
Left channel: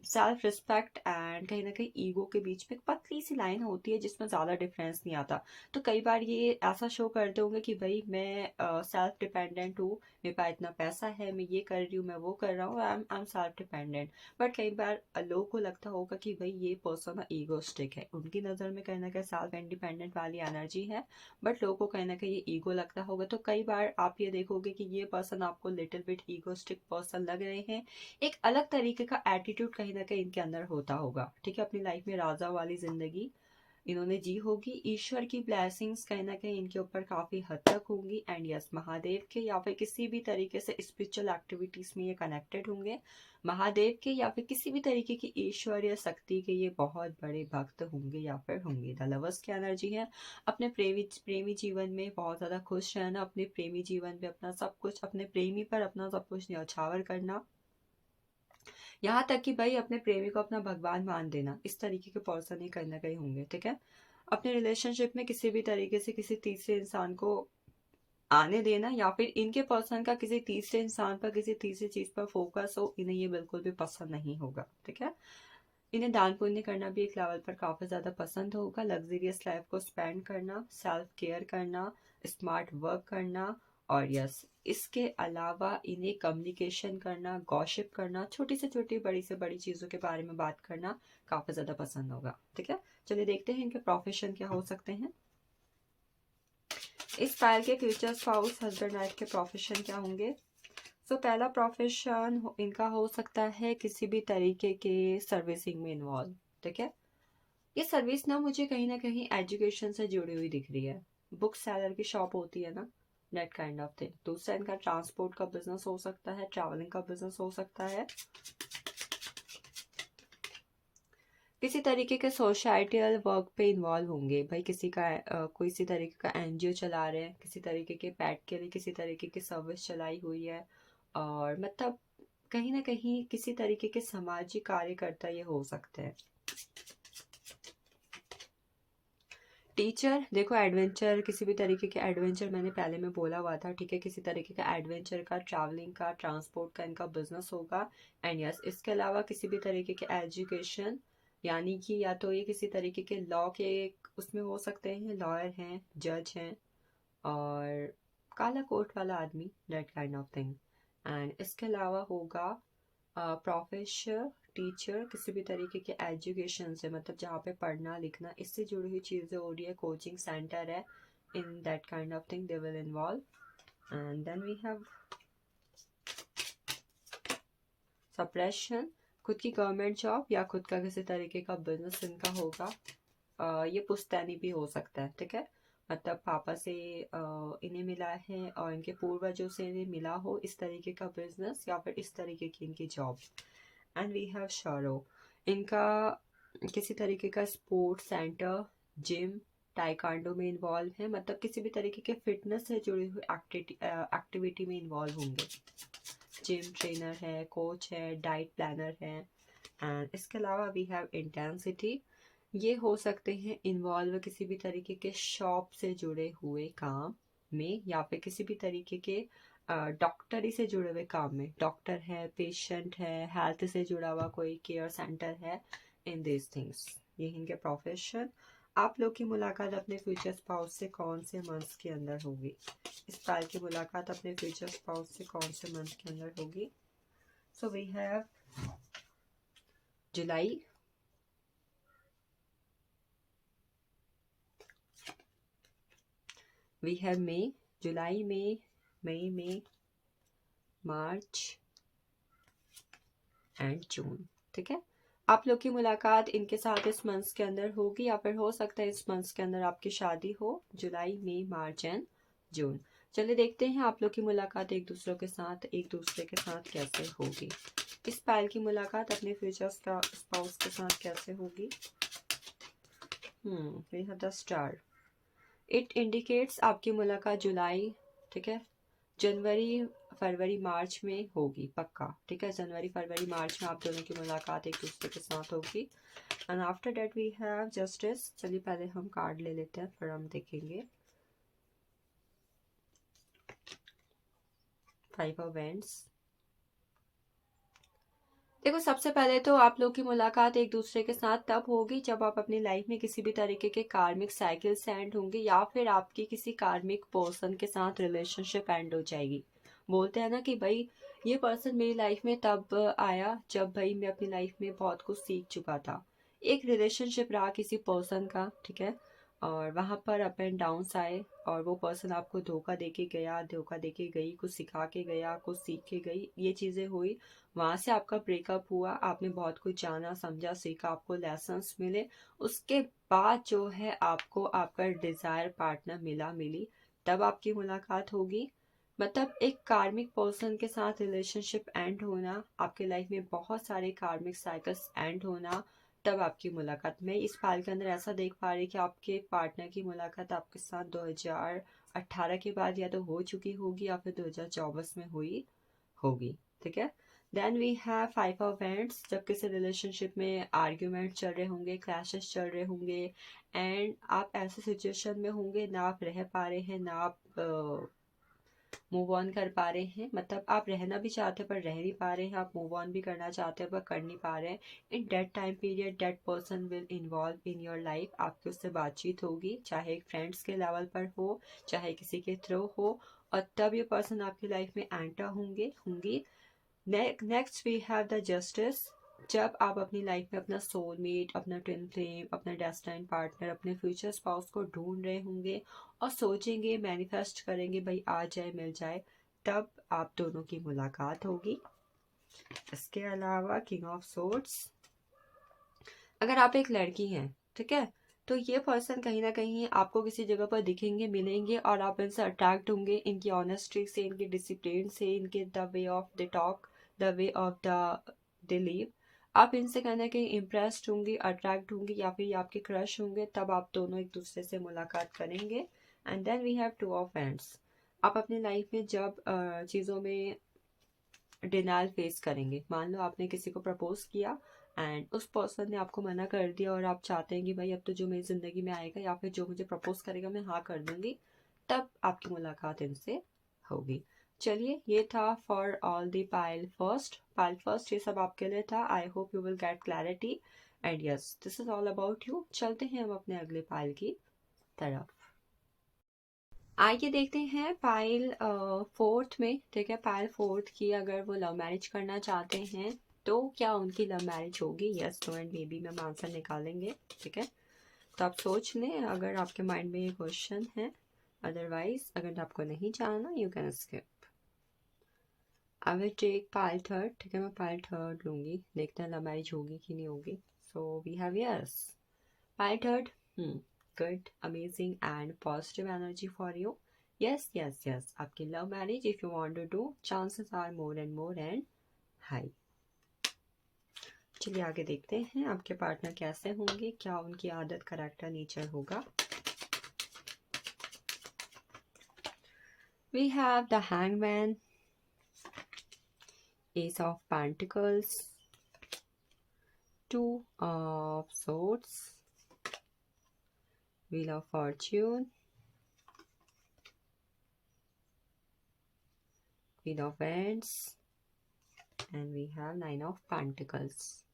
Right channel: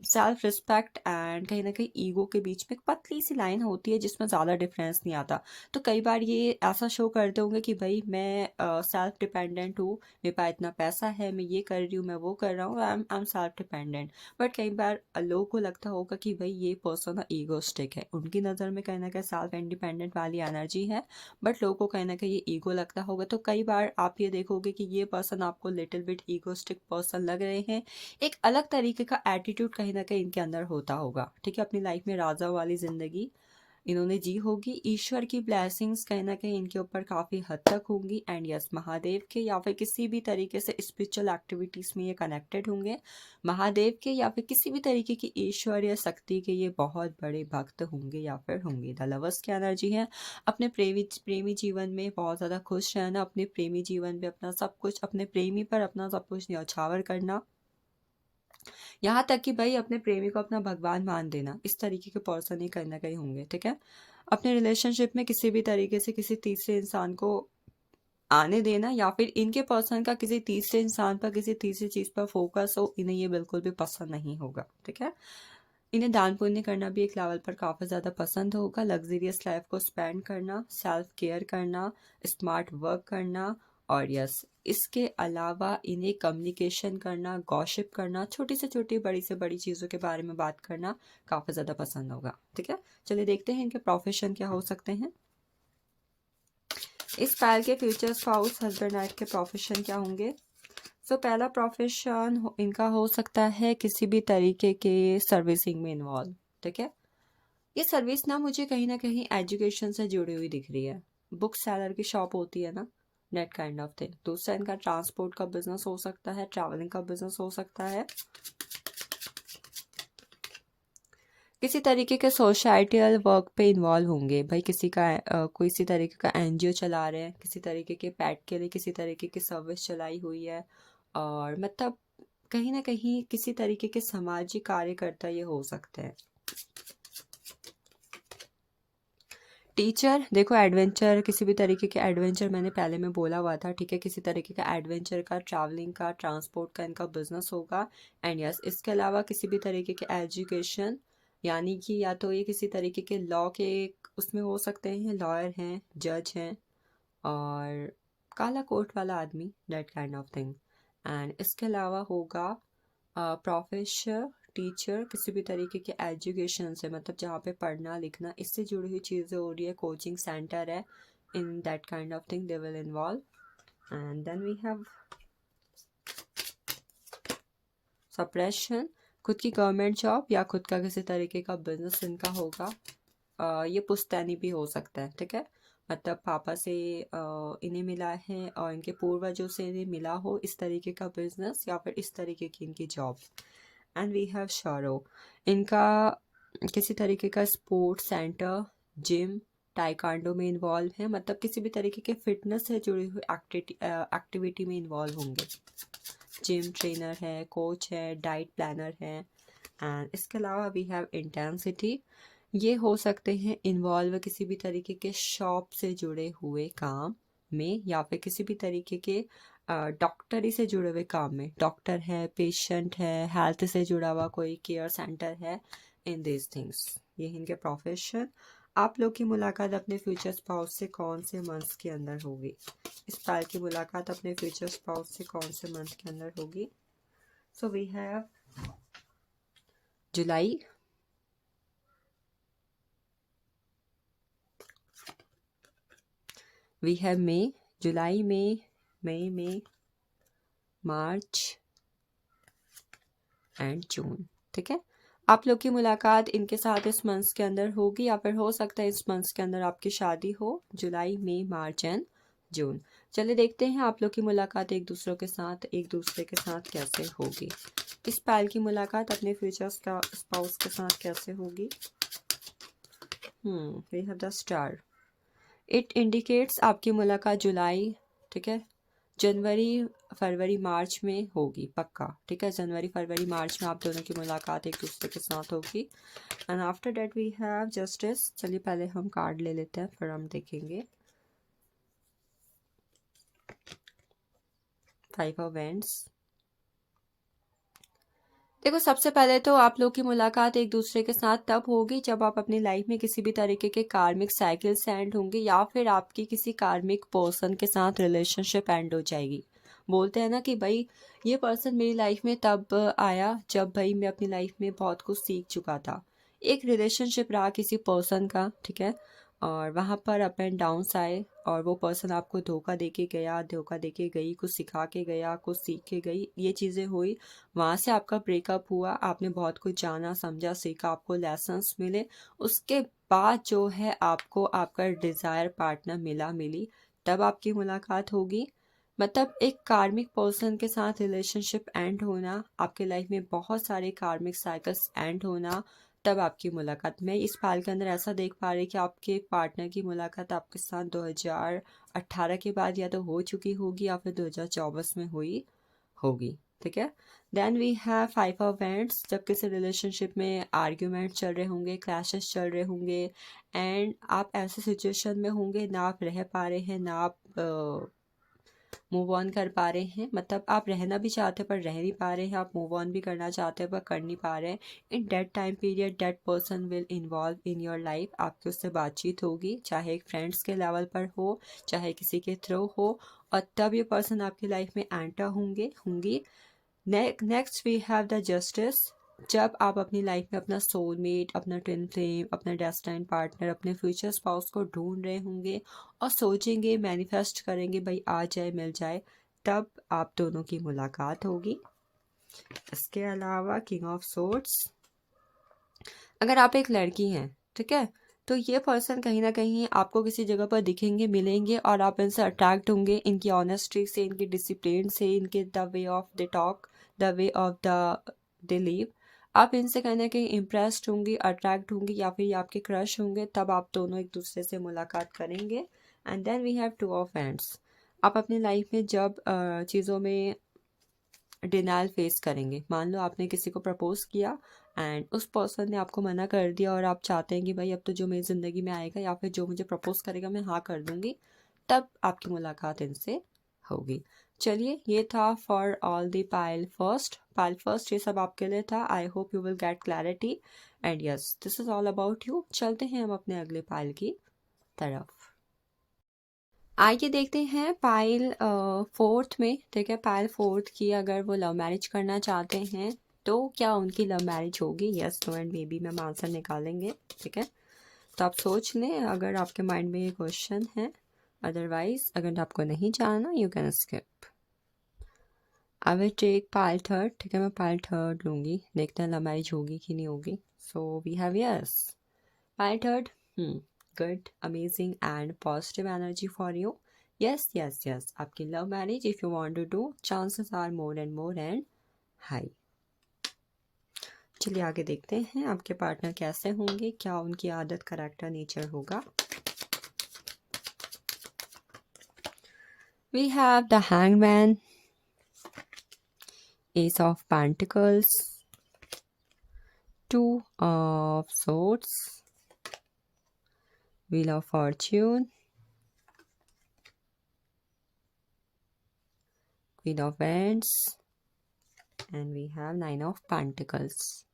सेल्फ रिस्पेक्ट एंड कहीं ना कहीं ईगो के बीच में एक पतली सी लाइन होती है जिसमें ज़्यादा डिफरेंस नहीं आता। तो कई बार ये ऐसा शो करते होंगे कि भाई मैं सेल्फ डिपेंडेंट हूँ, मेरे पास इतना पैसा है, मैं ये कर रही हूँ, मैं वो कर रहा हूँ, I am self dependent. But कई बार लोगों को लगता होगा कि भाई ये पर्सन ईगोस्टिक है, उनकी नज़र में कहीं ना कहीं सेल्फ इंडिपेंडेंट वाली एनर्जी है, बट लोगों को कहीं ना कहीं ये ईगो लगता होगा। तो कई बार आप ये देखोगे कि ये पर्सन आपको लिटिल बिट ईगोस्टिक पर्सन लग रहे हैं, एक अलग तरीके का एटीट्यूड कहीं ना कहीं इनके अंदर होता होगा। ठीक है, अपनी लाइफ में राजा वाली जिंदगी इन्होंने जी होगी, ईश्वर की ब्लेसिंग्स कहीं ना कहीं इनके ऊपर काफ़ी हद तक होंगी। एंड यस, महादेव के या फिर किसी भी तरीके से स्पिरिचुअल एक्टिविटीज़ में ये कनेक्टेड होंगे। महादेव के या फिर किसी भी तरीके की ईश्वर या शक्ति के ये बहुत बड़े भक्त होंगे या फिर होंगे। द लवर्स की एनर्जी है, अपने प्रेमी जीवन में बहुत ज़्यादा खुश रहना, अपने प्रेमी जीवन में अपना सब कुछ, अपने प्रेमी पर अपना सब कुछ न्यौछावर करना, यहाँ तक कि भाई अपने प्रेमी को अपना भगवान मान देना। इस तरीके के पर्सन ही कहीं ना कहीं होंगे। ठीक है, अपने रिलेशनशिप में किसी भी तरीके से किसी तीसरे इंसान को आने देना या फिर इनके पर्सन का किसी तीसरे इंसान पर किसी तीसरी चीज पर फोकस हो, इन्हें ये बिल्कुल भी पसंद नहीं होगा। ठीक है, इन्हें दान पुण्य करना भी एक लेवल पर काफ़ी ज़्यादा पसंद होगा, लग्जरियस लाइफ को स्पेंड करना, सेल्फ केयर करना, स्मार्ट वर्क करना, और यस, इसके अलावा इन्हें कम्युनिकेशन करना, गॉसिप करना, छोटी से छोटी बड़ी से बड़ी चीज़ों के बारे में बात करना काफ़ी ज़्यादा पसंद होगा। ठीक है, चलिए देखते हैं इनके प्रोफेशन क्या हो सकते हैं। इस पैर के फ्यूचर स्पाउस हस्बैंड वाइफ के प्रोफेशन क्या होंगे। सो पहला प्रोफेशन इनका हो सकता है किसी भी तरीके के सर्विसिंग में इन्वॉल्व। ठीक है, ये सर्विस ना कहीं एजुकेशन से जुड़ी हुई दिख रही है। बुक सेलर की शॉप होती है ना, नेट काइंड ऑफ थिंग। दूसरा इनका ट्रांसपोर्ट का बिजनेस हो सकता है, ट्रैवलिंग का बिजनेस हो सकता है, किसी तरीके के सोसाइटियल वर्क पे इन्वॉल्व होंगे। भाई किसी का कोई इसी तरीके का एनजीओ चला रहे हैं, किसी तरीके के पैट के लिए किसी तरीके की सर्विस चलाई हुई है, और मतलब कहीं ना कहीं किसी तरीके के सामाजिक कार्यकर्ता ये हो सकते हैं। टीचर, देखो एडवेंचर, किसी भी तरीके के एडवेंचर मैंने पहले में बोला हुआ था। ठीक है, किसी तरीके का एडवेंचर का, ट्रैवलिंग का, ट्रांसपोर्ट का इनका बिजनेस होगा। एंड यस, इसके अलावा किसी भी तरीके के एजुकेशन, यानी कि या तो ये किसी तरीके के लॉ के उसमें हो सकते हैं, लॉयर हैं, जज हैं, और काला कोट वाला आदमी, that kind of thing. And इसके अलावा होगा प्रोफेसर, टीचर, किसी भी तरीके के एजुकेशन से, मतलब जहाँ पे पढ़ना लिखना इससे जुड़ी हुई चीज़ें हो रही है, कोचिंग सेंटर है, in that kind of thing they will involve. And then we have suppression, खुद की गवर्नमेंट जॉब या खुद का किसी तरीके का बिजनेस इनका होगा। ये पुश्तैनी भी हो सकता है। ठीक है, मतलब पापा से इन्हें मिला है और इनके पूर्वजों से इन्हें मिला हो इस तरीके का बिजनेस या फिर इस तरीके की इनकी job. And we have sorrow, इनका किसी तरीके का स्पोर्ट्स सेंटर, जिम, टाइकांडो में इन्वॉल्व है, मतलब किसी भी तरीके के फिटनेस से जुड़ी हुई एक्टिविटी में इन्वॉल्व होंगे। जिम ट्रेनर है, कोच है, डाइट प्लानर है। एंड इसके अलावा वी हैव इंटेंसिटी, ये हो सकते हैं इन्वॉल्व किसी भी तरीके के शॉप से जुड़े हुए काम में या फिर किसी भी तरीके के डॉक्टरी से जुड़े हुए काम में। डॉक्टर है, पेशेंट है, हेल्थ से जुड़ा हुआ कोई केयर सेंटर है, इन दिस थिंग्स, ये इनके प्रोफेशन। आप लोग की मुलाकात अपने फ्यूचर स्पाउस से कौन से मंथ के अंदर होगी। इस पाल की मुलाकात अपने फ्यूचर स्पाउस से कौन से मंथ के अंदर होगी। So we have July, we have May, जुलाई में, मई में, मार्च एंड जून। ठीक है, आप लोग की मुलाकात इनके साथ इस मंथ के अंदर होगी या फिर हो सकता है इस मंथ के अंदर आपकी शादी हो, जुलाई, मई, मार्च एंड जून। चलिए देखते हैं आप लोग की मुलाकात एक दूसरे के साथ कैसे होगी। इस पायल की मुलाकात अपने फ्यूचर का स्पाउस के साथ कैसे होगी। We have the star, it indicates आपकी मुलाकात जुलाई, ठीक है, जनवरी, फरवरी, मार्च में होगी पक्का। ठीक है, जनवरी, फरवरी, मार्च में आप दोनों की मुलाकात एक दूसरे के साथ होगी। And after that we have justice. चलिए पहले हम कार्ड ले लेते हैं, फिर हम देखेंगे। 5 ऑफ वेंड्स, देखो, सबसे पहले तो आप लोग की मुलाकात एक दूसरे के साथ तब होगी जब आप अपनी लाइफ में किसी भी तरीके के कार्मिक साइकिल से एंड होंगे, या फिर आपकी किसी कार्मिक पर्सन के साथ रिलेशनशिप एंड हो जाएगी। बोलते हैं ना कि भाई ये पर्सन मेरी लाइफ में तब आया जब भाई मैं अपनी लाइफ में बहुत कुछ सीख चुका था। एक रिलेशनशिप रहा किसी पर्सन का, ठीक है, और वहाँ पर अप एंड डाउन्स आए, और वो पर्सन आपको धोखा दे के गया, धोखा दे के गई, कुछ सिखा के गया, कुछ सीख के गई, ये चीज़ें हुई। वहाँ से आपका ब्रेकअप हुआ, आपने बहुत कुछ जाना समझा सीखा, आपको लेसन्स मिले। उसके बाद जो है आपको आपका डिज़ायर पार्टनर मिली, तब आपकी मुलाकात होगी। मतलब एक कार्मिक पर्सन के साथ रिलेशनशिप एंड होना, आपके लाइफ में बहुत सारे कार्मिक साइकिल्स एंड होना, तब आपकी मुलाकात। मैं इस पाल के अंदर ऐसा देख पा रही कि आपके पार्टनर की मुलाकात आपके साथ 2018 के बाद या तो हो चुकी होगी या फिर 2024 में हुई होगी, ठीक है। Then we have 5 of wands, जब किसी रिलेशनशिप में आर्ग्यूमेंट चल रहे होंगे, क्लैशेस चल रहे होंगे, एंड आप ऐसे सिचुएशन में होंगे ना आप रह पा रहे हैं, ना आप मूव ऑन कर पा रहे हैं। मतलब आप रहना भी चाहते हैं पर रह नहीं पा रहे हैं, आप मूव ऑन भी करना चाहते हैं पर कर नहीं पा रहे हैं। In that time period that person will involve in your life, आपकी उससे बातचीत होगी, चाहे एक फ्रेंड्स के लेवल पर हो, चाहे किसी के थ्रू हो, और तब ये पर्सन आपकी लाइफ में एंटर होंगी। Next we have the justice, जब आप अपनी लाइफ में अपना सोलमेट, अपना ट्विन फ्लेम, अपना डेस्टिन्ड पार्टनर, अपने फ्यूचर स्पाउस को ढूंढ रहे होंगे और सोचेंगे, मैनिफेस्ट करेंगे भाई आ जाए मिल जाए, तब आप दोनों की मुलाकात होगी। इसके अलावा किंग ऑफ सोर्ड्स, अगर आप एक लड़की हैं, ठीक है, तो ये पर्सन कहीं ना कहीं आपको किसी जगह पर दिखेंगे, मिलेंगे, और आप इनसे अट्रैक्ट होंगे, इनकी ऑनेस्टी से, इनके डिसिप्लिन से, इनके the way of the talk, the way of the live, आप इनसे कहीं ना कहीं इम्प्रेस्ड होंगी, अट्रैक्ट होंगी, या फिर ये आपके क्रश होंगे, तब आप दोनों एक दूसरे से मुलाकात करेंगे। And then we have 2 of wands, आप अपनी लाइफ में जब चीज़ों में डिनाइल फेस करेंगे। मान लो आपने किसी को प्रपोज किया एंड उस पर्सन ने आपको मना कर दिया, और आप चाहते हैं कि भाई अब तो जो मेरी ज़िंदगी में आएगा या फिर जो मुझे प्रपोज करेगा मैं हाँ कर दूंगी, तब आपकी मुलाकात इनसे होगी। चलिए, ये था for all the pile first ये सब आपके लिए था। I hope you will get clarity, and yes this is all about you. चलते हैं हम अपने अगले पाइल की तरफ। आइए देखते हैं पाइल फोर्थ में, ठीक है, पाइल फोर्थ की अगर वो लव मैरिज करना चाहते हैं तो क्या उनकी लव मैरिज होगी? Yes, no and maybe में हम आंसर निकालेंगे, ठीक है। तो आप सोच लें अगर आपके माइंड में ये क्वेश्चन है, अदरवाइज अगर आपको नहीं जानना you can skip. I will take pile third, ठीक है, मैं पाइल थर्ड लूँगी, देखते हैं लव मैरिज होगी कि नहीं होगी। So we have yes pile third, good, amazing and positive energy for you. Yes, आपकी love marriage if you want to do, chances are more and more and high. चलिए आगे देखते हैं आपके पार्टनर कैसे होंगे, क्या उनकी आदत, करैक्टर, नेचर होगा। We have the Hangman, Ace of Pentacles, Two of Swords, Wheel of Fortune, Queen of Wands, and we have Nine of Pentacles.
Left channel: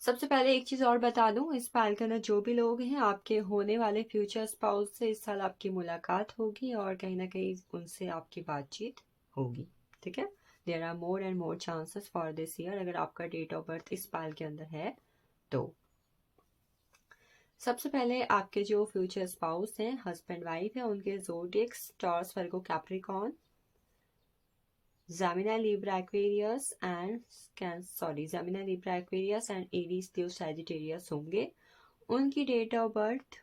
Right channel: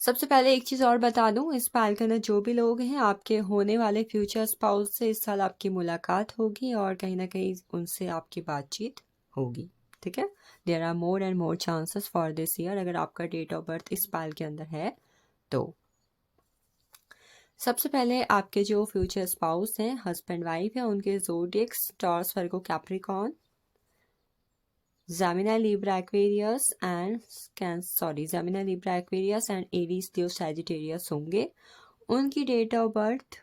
सबसे पहले एक चीज़ और बता दूं, इस पाइल के अंदर जो भी लोग हैं आपके होने वाले फ्यूचर स्पाउस से इस साल आपकी मुलाकात होगी और कहीं ना कहीं उनसे आपकी बातचीत होगी, ठीक है। There are more and more chances for this year, अगर आपका डेट ऑफ बर्थ इस पाइल के अंदर है तो। सबसे पहले आपके जो फ्यूचर स्पाउस हैं, हस्बैंड वाइफ है, उनके zodiacs Taurus, Virgo, Capricorn, Gemini, Libra, Aquarius and Aries, Leo, Sagittarius होंगे। उनकी डेट ऑफ बर्थ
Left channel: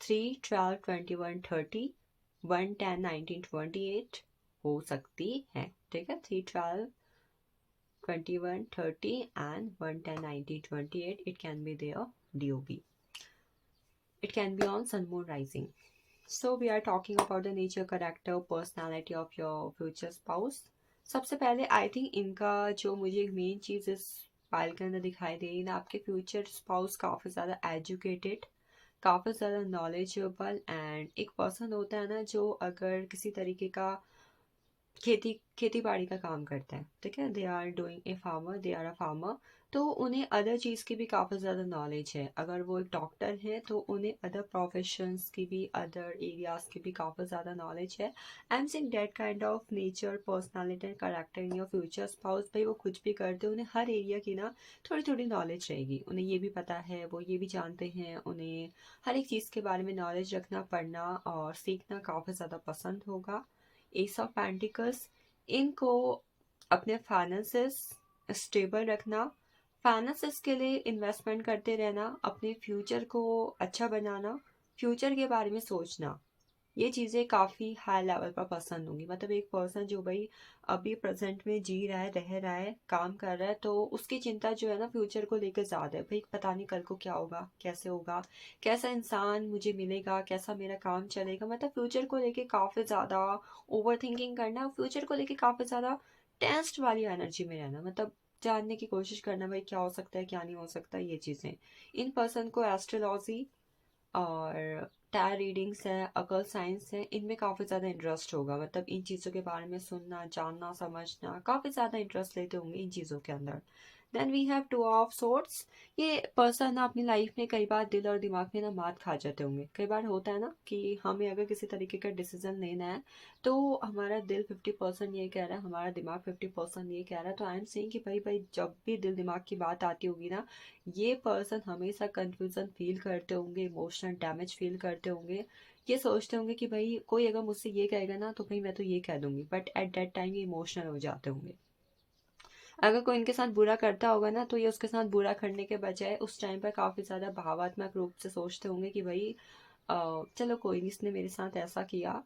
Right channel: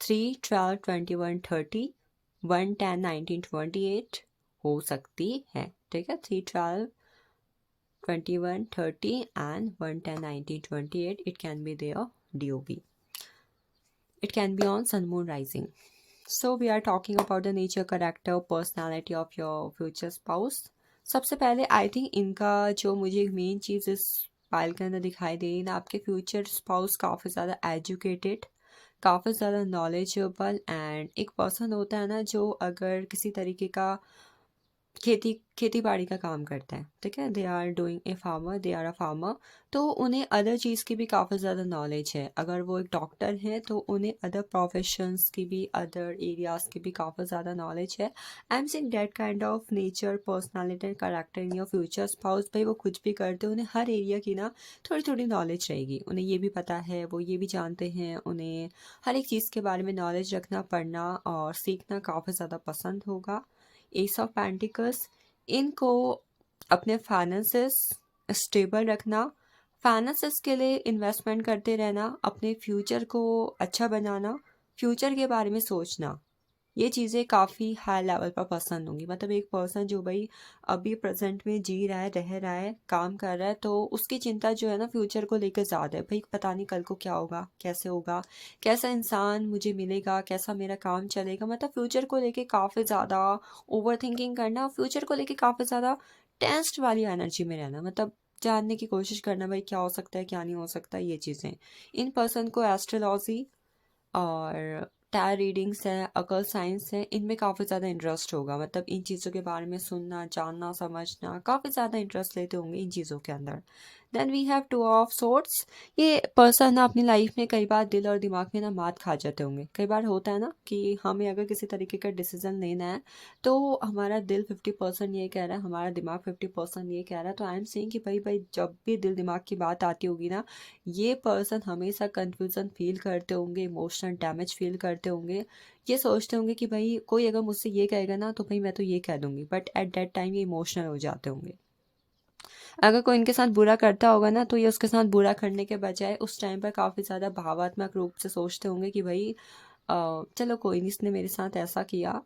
3/12/21/30, 1/10/1928 हो सकती है, ठीक है। 3/12/21/30 and 1/10/1928, it can be their DOB, it can be on sun moon rising. So we are talking about the nature, character, personality of your future spouse. सबसे पहले I think इनका जो मुझे मेन चीज़ इस पाइल के अंदर दिखाई दे रही ना, आपके फ्यूचर स्पाउस काफ़ी ज़्यादा एजुकेटेड, काफ़ी ज़्यादा नॉलेजेबल, एंड एक पर्सन होता है ना जो अगर किसी तरीके का खेती बाड़ी का काम करता है, ठीक है, they are doing a farmer, they are a farmer. तो उन्हें अदर चीज़ की भी काफ़ी ज़्यादा नॉलेज है। अगर वो एक डॉक्टर है तो उन्हें अदर प्रोफेशंस की भी, अदर एरियाज़ की भी काफ़ी ज़्यादा नॉलेज है। I am saying that kind of nature, personality and character in your future spouse. भाई वो कुछ भी करते हैं, उन्हें हर एरिया की ना थोड़ी थोड़ी नॉलेज रहेगी। उन्हें ये भी पता है, वो ये भी जानते हैं, उन्हें हर एक चीज़ के बारे में नॉलेज रखना, पढ़ना और सीखना काफ़ी ज़्यादा पसंद होगा। एस ऑफ पेंटिकल्स, इनको अपने फाइनेंसेस स्टेबल रखना, फाइनेंसेस के लिए इन्वेस्टमेंट करते रहना, अपने फ्यूचर को अच्छा बनाना, फ्यूचर के बारे में सोचना, ये चीज़ें काफ़ी हाई लेवल पर पसंद होंगी। मतलब एक पर्सन जो भाई अभी प्रेजेंट में जी रहा है, रह रहा है, काम कर रहा है, तो उसकी चिंता जो है ना फ्यूचर को लेकर ज़्यादा है। भाई पता नहीं कल को क्या होगा, कैसे होगा, कैसा इंसान मुझे मिलेगा, कैसा मेरा काम चलेगा। मतलब फ्यूचर को लेके काफ़ी ज़्यादा ओवर थिंकिंग करना, फ्यूचर को लेके काफ़ी ज़्यादा टेंस्ड वाली एनर्जी में रहना, मतलब जानने की कोशिश करना भाई क्या हो सकता है, क्या नहीं हो सकता, ये चीज़ें। इन पर्सन को एस्ट्रोलॉजी और टैरो रीडिंग्स हैं, अकल साइंस है, इनमें काफ़ी ज़्यादा इंटरेस्ट होगा। मतलब इन चीज़ों के बारे में सुनना, जानना, समझना, काफ़ी ज़्यादा इंटरेस्ट लेते होंगे इन चीज़ों के अंदर। Then we have two of swords. ये पर्सन ना अपनी लाइफ में कई बार दिल और दिमाग में ना मात खा जाते होंगे। कई बार होता है ना कि हमें अगर किसी तरीके का डिसीजन लेना है तो हमारा दिल 50% ये कह रहा है, हमारा दिमाग 50% ये कह रहा है। तो आई एम सेइंग कि भाई भाई जब भी दिल दिमाग की बात आती होगी ना, ये पर्सन हमेशा कंफ्यूजन फील करते होंगे, इमोशनल डैमेज फील करते होंगे। ये सोचते होंगे कि भाई कोई अगर मुझसे ये कहेगा ना तो भाई मैं तो ये कह दूंगी, बट एट दैट टाइम ये इमोशनल हो जाते होंगे। अगर कोई इनके साथ बुरा करता होगा ना तो ये उसके साथ बुरा करने के बजाय उस टाइम पर काफ़ी ज़्यादा भावात्मक रूप से सोचते होंगे कि भाई चलो कोई नहीं, इसने मेरे साथ ऐसा किया,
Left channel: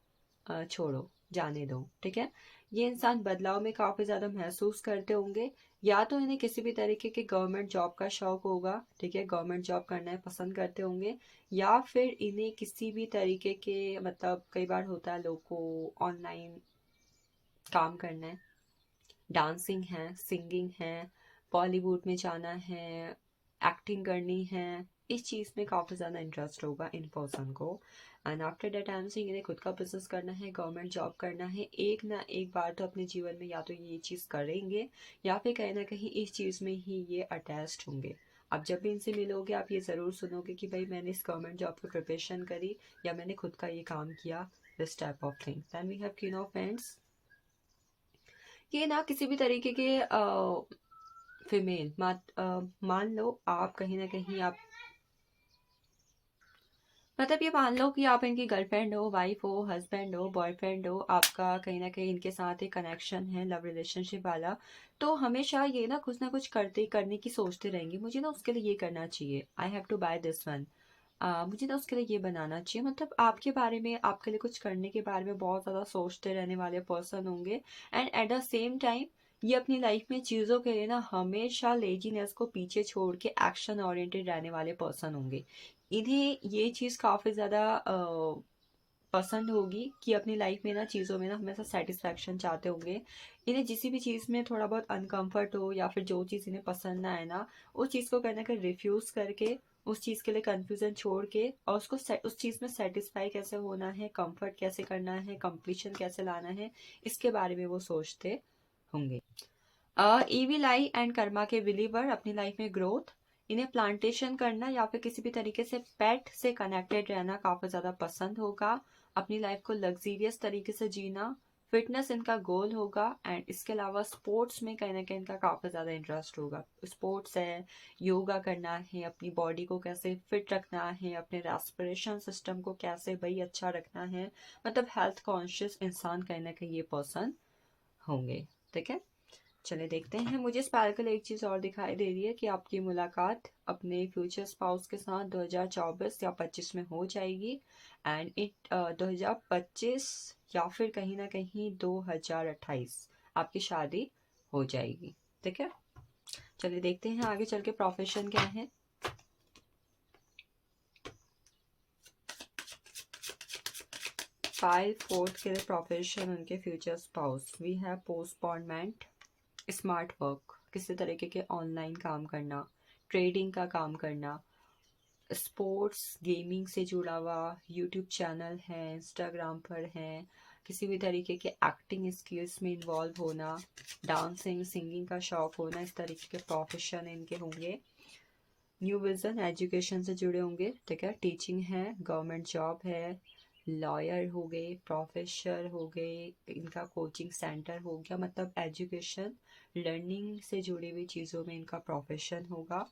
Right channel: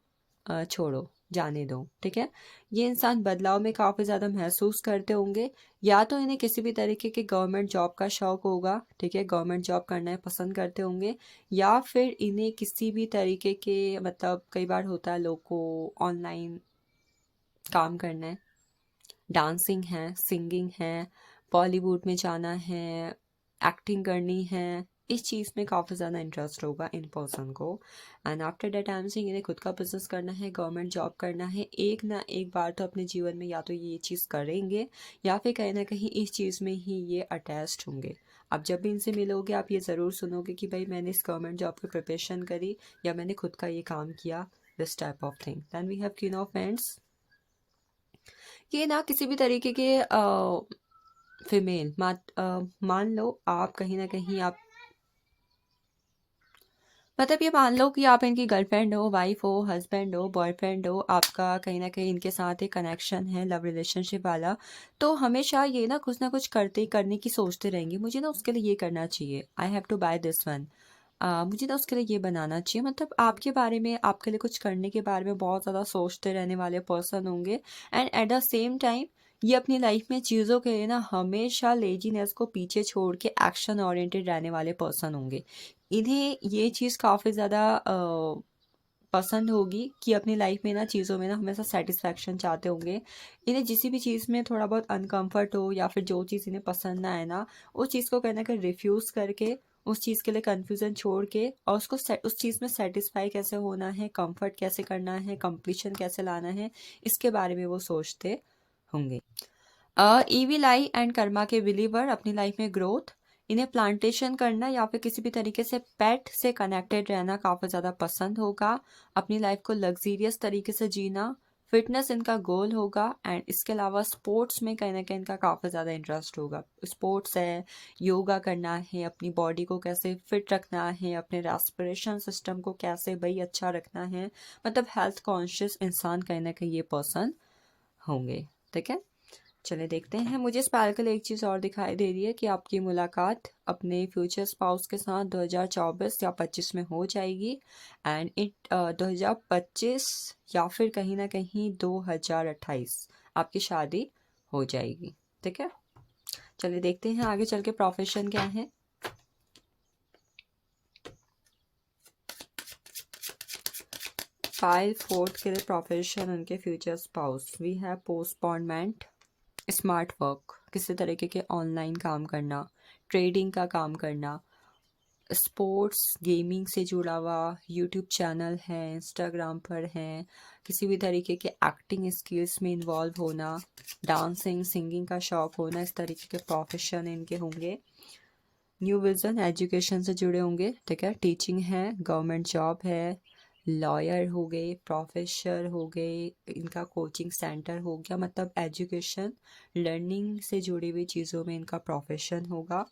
छोड़ो, जाने दो, ठीक है। ये इंसान बदलाव में काफ़ी ज़्यादा महसूस करते होंगे। या तो इन्हें किसी भी तरीके के गवर्नमेंट जॉब का शौक होगा, ठीक है, गवर्नमेंट जॉब करना है पसंद करते होंगे। या फिर इन्हें किसी भी तरीके के, मतलब कई बार होता है लोग को ऑनलाइन काम करना है, डांसिंग है, सिंगिंग है, बॉलीवुड में जाना है, एक्टिंग करनी है, इस चीज़ में काफ़ी ज़्यादा इंटरेस्ट होगा इन पर्सन को। And after that I am saying इन्हें खुद का बिजनेस करना है, गवर्नमेंट जॉब करना है। एक ना एक बार तो अपने जीवन में या तो ये चीज़ करेंगे या फिर कहीं ना कहीं इस चीज़ में ही ये अटैच्ड होंगे। आप जब भी इनसे मिलोगे आप ये ज़रूर सुनोगे कि भाई मैंने इस गवर्नमेंट जॉब की प्रिपरेशन करी या मैंने खुद का ये काम किया, this type of thing. Then we have queen of pentacles. ये ना किसी भी तरीके के फीमेल मान लो आप कहीं ना कहीं आप, मतलब ये मान लो कि आप इनकी गर्लफ्रेंड हो, वाइफ हो, हस्बैंड हो, बॉयफ्रेंड हो, आपका कहीं ना कहीं इनके साथ एक कनेक्शन है, लव रिलेशनशिप वाला। तो हमेशा ये ना कुछ करते करने की सोचते रहेंगे, मुझे ना उसके लिए ये करना चाहिए, I have to buy this one, मुझे ना उसके लिए ये बनाना चाहिए। मतलब आपके बारे में, आपके लिए कुछ करने के बारे में बहुत ज़्यादा सोचते रहने वाले पर्सन होंगे। And at the same time ये अपनी लाइफ में चीज़ों के लिए ना हमेशा लेजीनेस को पीछे छोड़ के एक्शन ओरिएंटेड रहने वाले पर्सन होंगे। इन्हें ये चीज़ काफ़ी ज़्यादा पसंद होगी कि अपनी लाइफ में ना चीज़ों में ना हमेशा सेटिस्फैक्शन चाहते होंगे। इन्हें जिस भी चीज़ में थोड़ा बहुत अनकंफर्ट हो या फिर जो चीज़ इन्हें पसंद ना आए ना, उस चीज़ को कहीं ना कहीं रिफ्यूज़ करके, उस चीज़ के लिए कन्फ्यूज़न छोड़ के और उसको उस चीज़ में सेटिस्फाई कैसे होना है, कंफर्ट कैसे करना है, कंप्लीशन कैसे लाना है, इसके बारे में वो सोचते होंगे। ईविल आई एंड कर्मा के बिलीवर, अपनी लाइफ में ग्रोथ, इन्हें प्लांटेशन करना या फिर किसी भी तरीके से पेट से कनेक्टेड रहना काफ़ी ज़्यादा पसंद होगा। अपनी लाइफ को लग्जीरियस तरीके से जीना, फिटनेस इनका गोल होगा। एंड इसके अलावा स्पोर्ट्स में कहीं ना कहीं इनका काफ़ी ज़्यादा इंटरेस्ट होगा। स्पोर्ट्स है, योगा करना है, अपनी बॉडी को कैसे फिट रखना है, अपने रेस्पिरेशन सिस्टम को कैसे भाई अच्छा रखना है। मतलब हेल्थ कॉन्शियस इंसान कहीं ना कहीं ये पर्सन होंगे, ठीक है। चलिए देखते हैं। मुझे स्पार्कल एक चीज़ और दिखाई दे रही है कि आपकी मुलाकात अपने फ्यूचर स्पाउस के साथ 2024 या 25 में हो जाएगी। एंड 2025 या फिर कहीं ना कहीं 2028 आपकी शादी हो जाएगी, ठीक है। चलिए देखते हैं आगे चल के प्रोफेशन क्या है। फाइल फोर्थ के लिए प्रोफेशन उनके future spouse, we have postponement, smart work, किसी तरीके के ऑनलाइन काम करना, ट्रेडिंग का काम करना, स्पोर्ट्स गेमिंग से जुड़ा हुआ, यूट्यूब चैनल है, इंस्टाग्राम पर है, किसी भी तरीके के एक्टिंग स्किल्स में इन्वॉल्व होना, डांसिंग सिंगिंग का शौक होना, इस तरीके के प्रोफेशन इनके होंगे। न्यू विजन एजुकेशन से जुड़े होंगे, ठीक है, टीचिंग है, गवर्नमेंट जॉब है, लॉयर हो गए, प्रोफेसर हो गए, इनका कोचिंग सेंटर हो गया, मतलब एजुकेशन लर्निंग से जुड़ी हुई चीज़ों में इनका प्रोफेशन होगा।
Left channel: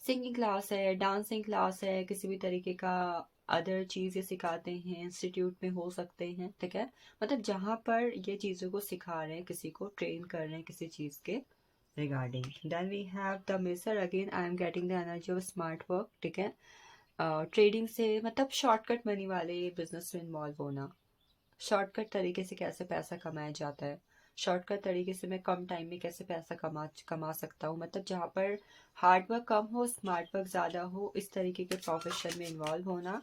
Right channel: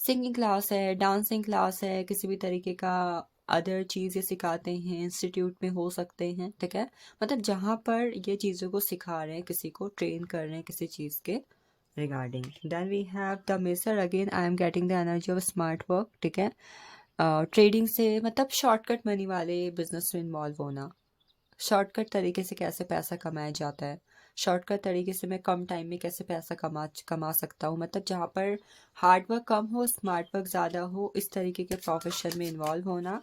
सिंगिंग क्लास है, डांसिंग क्लास है, किसी भी तरीके का अदर चीज़ें सिखाते हैं, इंस्टीट्यूट में हो सकते हैं, ठीक है, मतलब जहाँ पर ये चीज़ों को सिखा रहे हैं, किसी को ट्रेन कर रहे हैं किसी चीज़ के regarding. Then we have the measure, again I am getting the energy of smart work, ठीक है, ट्रेडिंग से मतलब शॉर्टकट मनी वाले बिजनेस में इन्वॉल्व होना, शॉर्टकट तरीके से कैसे पैसा कमाया जाता है, शॉर्टकट तरीके से मैं कम टाइम में कैसे पैसा कमा सकता हूँ, मतलब जहाँ पर हार्ड वर्क कम हो स्मार्ट वर्क ज़्यादा हो, इस तरीके के प्रोफेशन में इन्वॉल्व होना।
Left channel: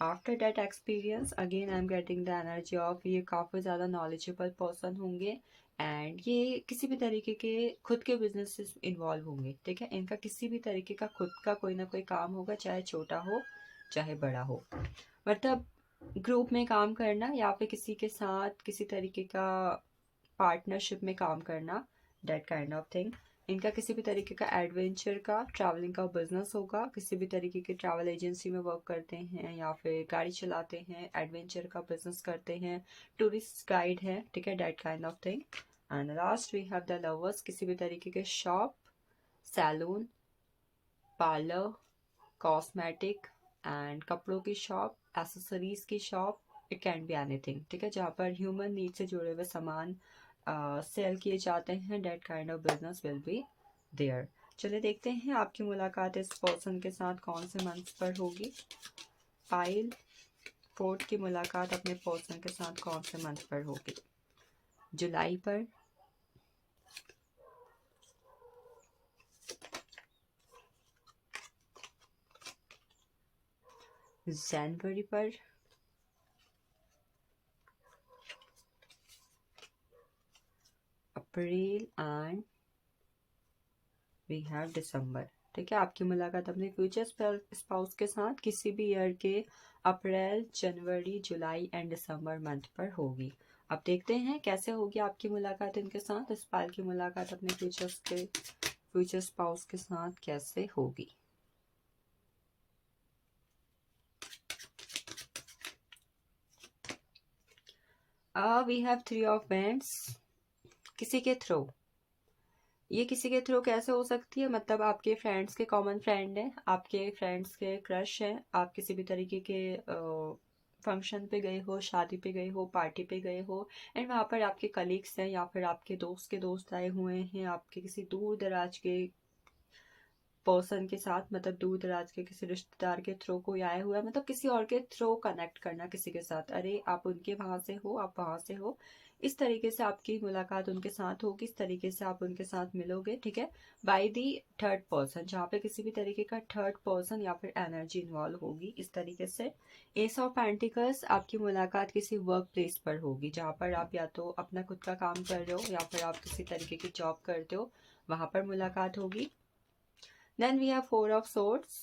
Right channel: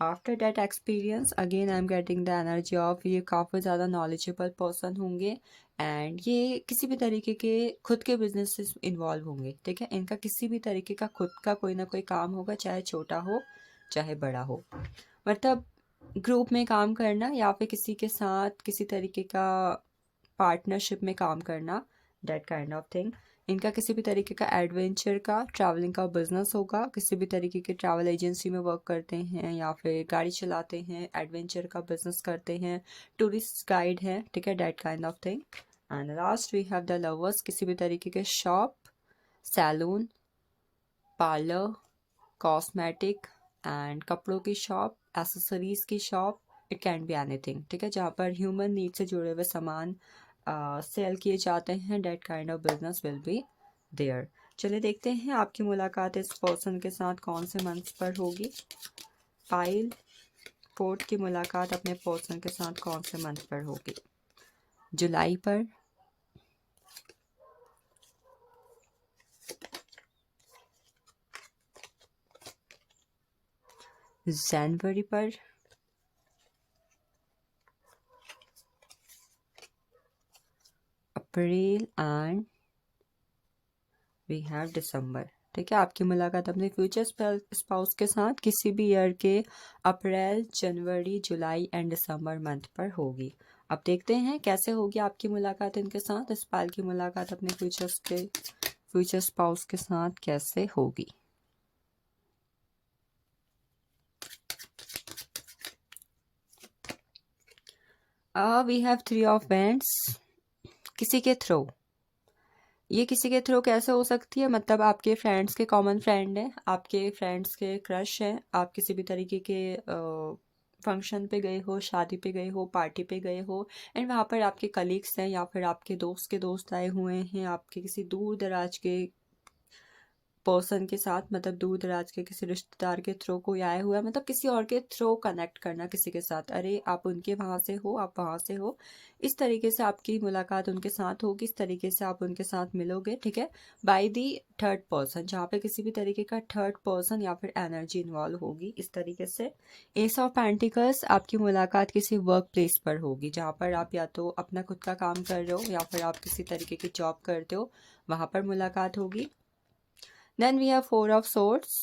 After that experience again I am getting the energy of, ये काफ़ी ज़्यादा नॉलेजेबल पर्सन होंगे एंड ये किसी भी तरीके के खुद के बिजनेस से इन्वॉल्व होंगे, ठीक है, इनका किसी भी तरीके का खुद का कोई ना कोई काम होगा, चाहे छोटा हो चाहे बड़ा हो, मतलब ग्रुप में काम करना या फिर किसी के साथ किसी तरीके का पार्टनरशिप में काम करना, दैट काइंड ऑफ थिंग। इनका किसी भी तरीके का एडवेंचर का ट्रैवलिंग का बिजनेस होगा, किसी भी तरीके के ट्रैवल एजेंसी में वर्क करते हैं या फिर गाड़ी चलाते हैं, एडवेंचर का बिजनेस करते हैं, टूरिस्ट गाइड है, ठीक है, that kind of thing. And last we have the lovers, किसी भी तरीके के shop, salon, parlour, cosmetic and कपड़ों की शॉप, एसेसरीज की shop, it can be anything, ठीक है, जहाँ पर ह्यूमन नीड से जुड़े हुए सामान सेल किए जाते हैं, that kind of business will be there. चलिए देखते हैं आपकी मुलाकात इस पर्सन के साथ कौन से मंथ पर होगी। पाइल 4 की मुलाकात अपने पर्सन के साथ कौन से मंथ पर होगी? जुलाई पर, जनवरी पर, अप्रैल एंड वी हैव दिसंबर, ठीक है, आपकी मुलाकात अपने फ्यूचर स्पाउस के साथ किसी भी ईयर के अप्रैल, जनवरी, जुलाई एंड दिसंबर मंथ पर होगी। अब देखते हैं कैसे होगी आपकी मुलाकात इनके साथ, इस पाल की मुलाकात अपने फ्यूचर स्पाउस के साथ कैसे होगी। वी हैव 3 ऑफ वैंड्स, किसी के थ्रू, ये किसी के थ्रू कैसे हो सकती है, मतलब आपके फ्रेंड्स के कॉमन फ्रेंड हैं, आपके फ्रेंड्स के क्रश हैं, आप किसी भी तरीके के फंक्शन पे गए हो, शादी पे गए हो, पार्टी पे गए हो एंड वहाँ पर आपके कलीग्स हैं या फिर आपके दोस्त के दोस्त आए हुए हैं, आपके किसी दूर दराज के पर्सन के साथ, मतलब दूर दराज के किसी रिश्तेदार के थ्रू कोई आया हुआ है, मतलब किसी और के थ्रू कनेक्ट करना किसी के साथ, अरे आप उनके वहाँ से हो, आप वहाँ से हो, इस तरीके से आपकी मुलाकात उनके साथ होगी, इस तरीके से आप उनके साथ मिलोगे, ठीक है, बाय दी थर्ड पर्सन, जहाँ पे किसी भी तरीके का थर्ड पर्सन या फिर एनर्जी इन्वॉल्व होगी, इस तरीके से। एस ऑफ पेंटिकल्स, आपकी मुलाकात किसी वर्क प्लेस पर होगी, जहाँ पर आप या तो अपना खुद का काम कर रहे हो या फिर आप किसी तरीके की जॉब करते हो, वहाँ पर मुलाकात होगी। Then we have 4 of swords,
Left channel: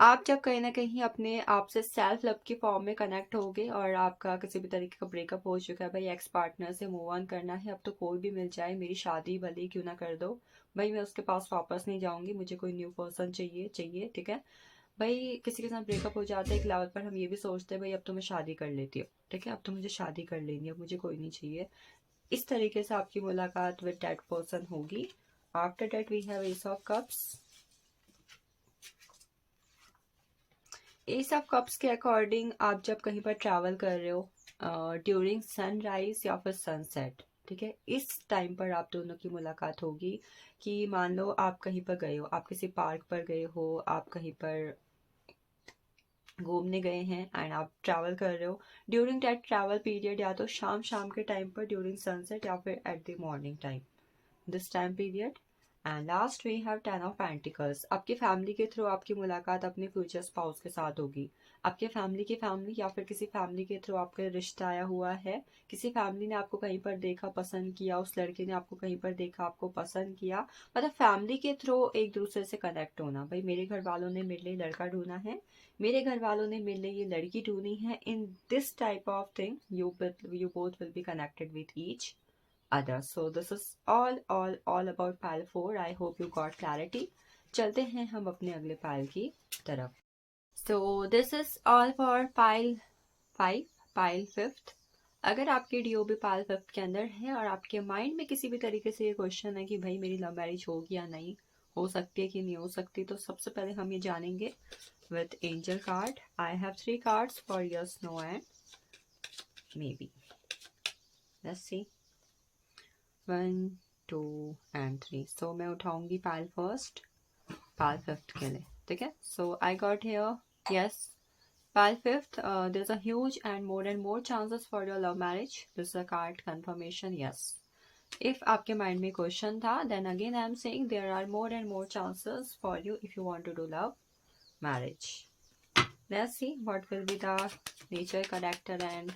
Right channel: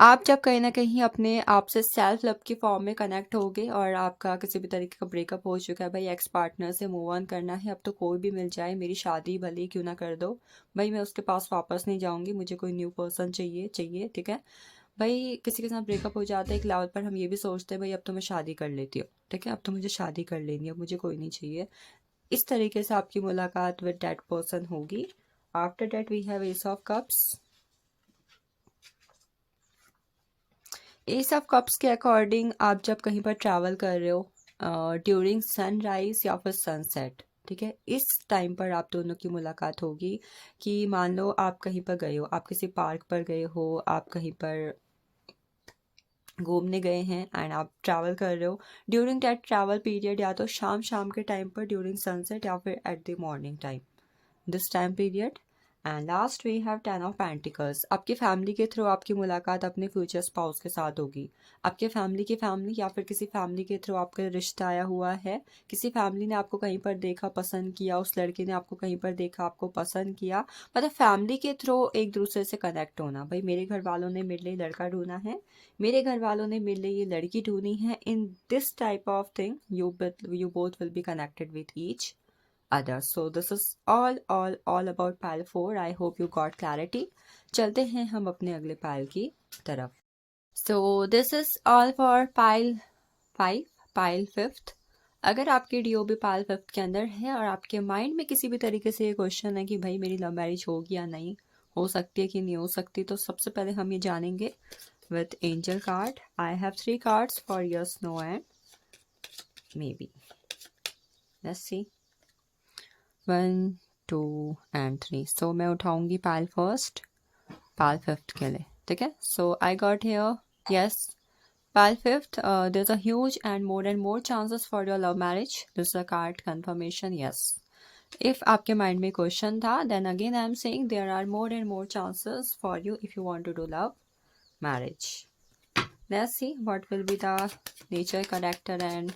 आप जब कहीं ना कहीं अपने आप से सेल्फ लव की फॉर्म में कनेक्ट होगे और आपका किसी भी तरीके का ब्रेकअप हो चुका है, भाई एक्स पार्टनर से मूव ऑन करना है, अब तो कोई भी मिल जाए, मेरी शादी भले ही क्यों ना कर दो, भाई मैं उसके पास वापस नहीं जाऊंगी, मुझे कोई न्यू पर्सन चाहिए चाहिए, ठीक है, भाई किसी के साथ ब्रेकअप हो जाता है एक लेवल पर, हम ये भी सोचते हैं भाई अब तो मैं शादी कर लेती हूँ, ठीक है, अब तो मुझे शादी कर लेनी है, अब मुझे कोई नहीं चाहिए, इस तरीके से आपकी मुलाकात विद दैट पर्सन होगी। After that we have ace of cups, ace of cups के अकॉर्डिंग आप जब कहीं पर ट्रैवल कर रहे हो ड्यूरिंग सनराइज या फिर सनसेट, ठीक है, इस टाइम पर आप दोनों की मुलाकात होगी, कि मान लो आप कहीं पर गए हो, आप किसी पार्क पर गए हो, आप कहीं पर घूमने गए हैं एंड आप ट्रैवल कर रहे हो, ड्यूरिंग दैट ट्रैवल पीरियड या तो शाम शाम के टाइम पर ड्यूरिंग सनसेट या फिर at the morning time, this time period. And last we have 10 of pentacles, आपकी फैमिली के थ्रू आपकी मुलाकात अपने फ्यूचर स्पाउस के साथ होगी, आपके फैमिली की फैमिली या फिर किसी फैमिली के थ्रू आपका रिश्ता आया हुआ है, किसी फैमिली ने आपको कहीं पर देखा पसंद किया, उस लड़के ने आपको कहीं पर देखा आपको पसंद किया, मतलब फैमिली के थ्रू एक दूसरे से कनेक्ट होना, भाई मेरे घर वालों ने मेरे लिए लड़का ढूंढा है, मेरे घर वालों ने मेरे लिए ये लड़की ढूंढी है. In this type of thing you both will be connected with each other. So this is all about pile 4. I hope you got clarity. चलते हैं हम अपने अगले पाइल की तरफ. So this is all for pile 5, pile 5th. अगर आपकी DOB pile 5th के अंदर है और आपके माइंड में किसी भी तरीके से ये क्वेश्चन है कि भाई मेरी लव मैरिज होगी या नहीं, हो सकती है कि नहीं हो सकती, तो सबसे पहले हम ये जानेंगे with angel card. I have 3 cards for yes, no and maybe. Let's see. 1, 2 and 3. So मैं उठाऊंगी पाइल फर्स्ट, पाइल 5th के लिए. ठीक है. So I got here yes. Pile 5th, there's a huge and more chances for your love marriage. This is a card confirmation, yes. If आपके mind में question था, then again I am saying there are more and more chances for you if you want to do love marriage. Let's see what will be the nature, character and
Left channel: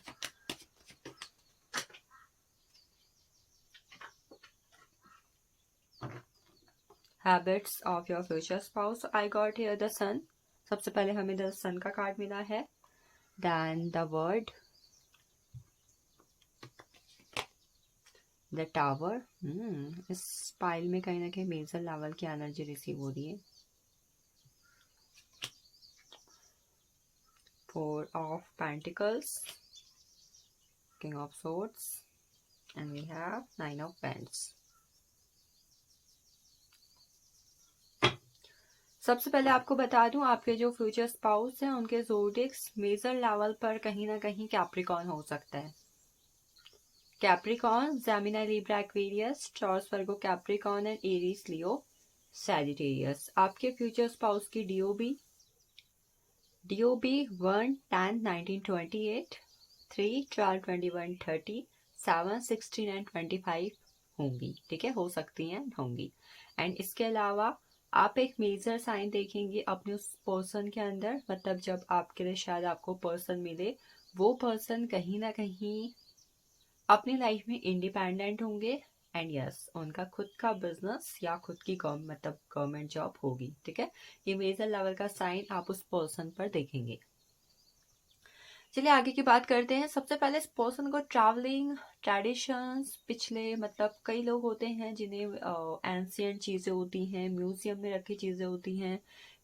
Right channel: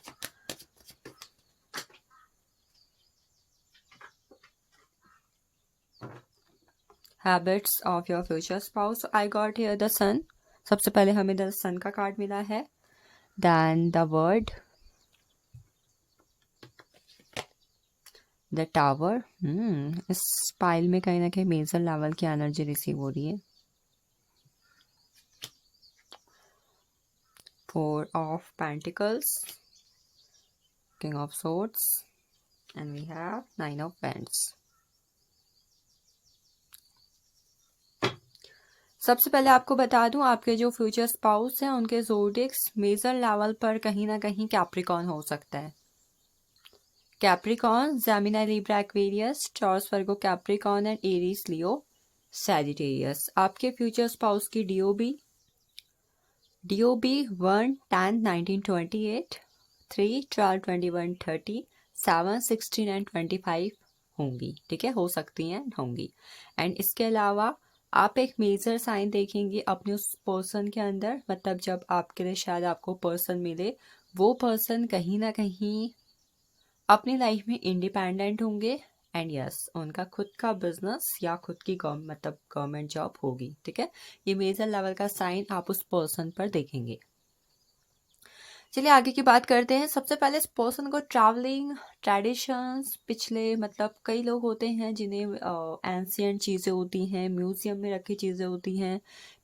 habits of your future spouse. So I got here the sun. सबसे पहले हमें the sun का card मिला है. Then the word, the tower. इस pile में कहीं ना कहीं मेजर लेवल की एनर्जी रिसीव हो रही है. 4 of pentacles, king of swords and we have 9 of paints. सबसे पहले आपको बता दूं, आपके जो फ्यूचर स्पाउस हैं उनके ज़ोडिएक्स मेजर लेवल पर कहीं ना कहीं कैप्रिकॉर्न हो सकता है. Capricorn, Gemini, Libra, Aquarius, Taurus, Virgo, Capricorn and Aries, Leo, Sagittarius. आपके फ्यूचर स्पाउस की डीओबी 1 10 1928, 3 12 21 30, 7 16 एंड 25 होंगी. ठीक है, हो सकती हैं, होंगी. एंड इसके अलावा आप एक मेजर साइन देखेंगे अपने उस पर्सन के अंदर. मतलब जब आपके लिए शायद आपको पर्सन मिले, वो पर्सन कहीं ना कहीं अपनी लाइफ में इंडिपेंडेंट होंगे. एंड यस, उनका खुद का बिजनेस या खुद की मतलब गवर्नमेंट जॉब होगी. ठीक है, ये मेजर लेवल का साइन आप उस पर्सन पर देखेंगे. चलिए आगे की बात करते हैं. सबसे पहले इस पर्सन को ट्रैवलिंग, ट्रेडिशंस, पिछले मतलब कई लोग होते हैं जिन्हें एंशियंट चीज़ें होती हैं, म्यूजियम में रखी चीज़ें होती हैं,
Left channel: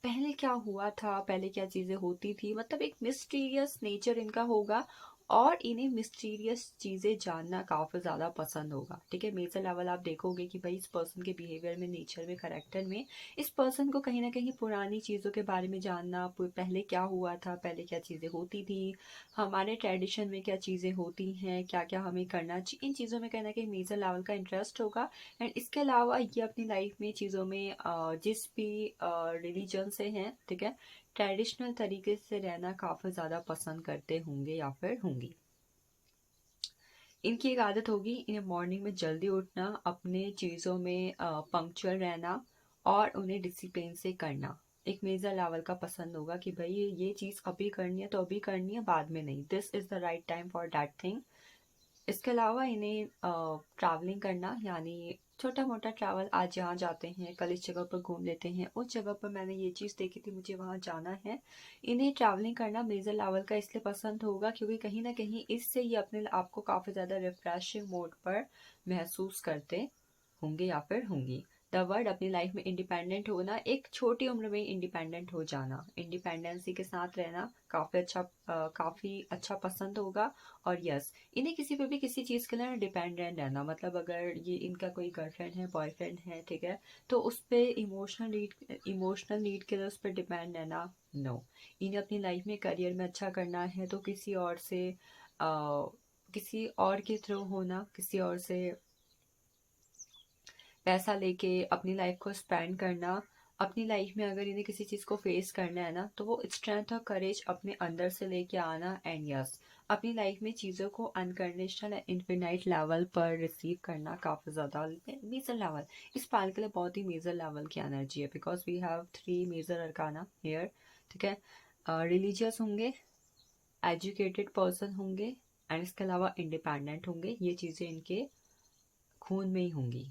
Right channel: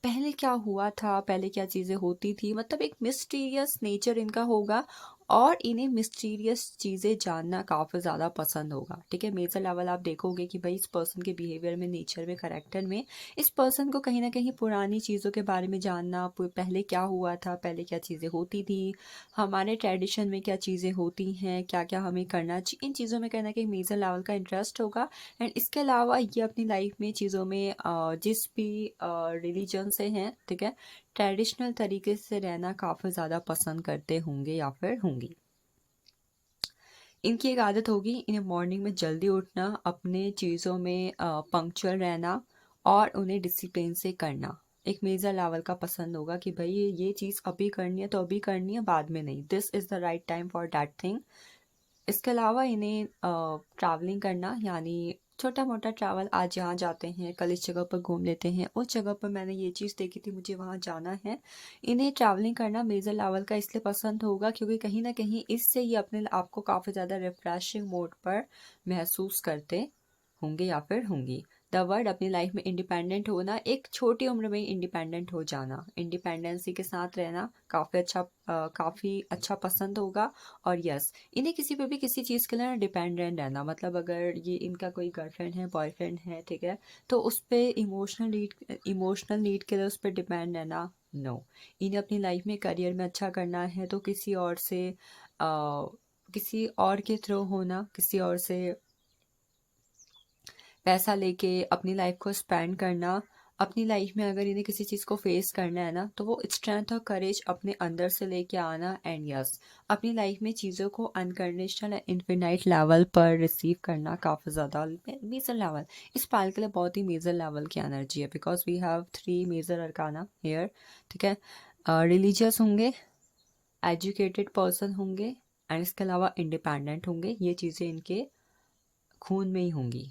पहले क्या हुआ था, पहले क्या चीज़ें होती थी, मतलब एक मिस्टीरियस नेचर इनका होगा और इन्हें मिस्टीरियस चीज़ें जानना काफ़ी ज़्यादा पसंद होगा. ठीक है, मेजर लेवल आप देखोगे कि भाई इस पर्सन के बिहेवियर में, नेचर में, करैक्टर में इस पर्सन को कहीं ना कहीं पुरानी चीज़ों के बारे में जानना, पहले क्या हुआ था, पहले क्या चीज़ें होती थी, हमारे ट्रेडिशन में क्या चीज़ें होती हैं, क्या क्या हमें करना चाहिए, इन चीज़ों में कहीं ना कहीं मेजर लेवल का इंटरेस्ट होगा. एंड इसके अलावा ये अपनी लाइफ में चीज़ों में जिस भी रिलीजन से हैं, ठीक है, ट्रेडिशनल तरीके से रहना काफ़ी ज़्यादा पसंद करते होंगे या फिर होंगी. इनकी एक आदत होगी इन्हें मॉर्निंग में जल्दी उठना, अपने चीज़ों में पंक्चुअल रहना और उन्हें डिसिप्लिन से करना. एक मेजर लेवल का पसंद होगा कि भाई ये चीज़ अभी करनी है तो अभी करनी है, बाद में नहीं. This is the right time for that thing. इसके अलावा इन्हें ट्रैवलिंग करना, यानी छोटा मोटा ट्रैवल, आज यहाँ जाते हैं, कल इस जगह पर घूम लेते हैं, उस जगह पर मैंने ये चीज़ देखी थी, मुझे वहाँ जाना है. इन्हें ट्रैवलिंग करना मेजर लेवल का इसलिए पसंद होगा क्योंकि कहीं ना कहीं इससे ये अपने आप को काफ़ी ज़्यादा रिफ्रेशिंग मोड पर महसूस करते होंगे या फिर होंगी. द वर्ड, अपनी लाइफ में इंडिपेंडेंट होना, एक छोटी उम्र में इंडिपेंडेंट हो जाना, इंडिपेंडेंसी के साथ रहना काफ़ी अच्छा पसंद होगा. और यस, इन्हें किसी पे भी किसी चीज़ के लिए डिपेंडेंट रहना, मतलब अगर ये इनका कोई गर्लफ्रेंड है, बॉयफ्रेंड है, ठीक है, तो उस पर इमोशनल नीड के लिए उस पर डिपेंड रहना, नो. इन्हें अपनी लाइफ में करियर में अच्छा करना है तो किसी और से किसी और के थ्रू होना, किसी और से पैसा लेके अपनी लाइफ को स्पेंड करना. अपनी लाइफ में अगर इन्हें किसी चीज़ को फेस करना है ना, तो वो स्ट्रेंथ और करेज अपने अंदर से लेके आना. एंड यस, अपनी लाइफ में चीज़ों को अनकंडीशनल एंड इन्फिनाइट लेवल पर रिसीव करना, काफ़ी ज़्यादा मेजर लेवल. इस पाल के लिए बहुत ही मेजर लेवल की एनर्जी है, because we have 3 major arcana here. ठीक है, रिलीजियस होंगे, एजुकेटेड पर्सन होंगे एंड इसके अलावा इंडिपेंडेंट होंगे. ये चीज़ें इनके खून में ही होंगी.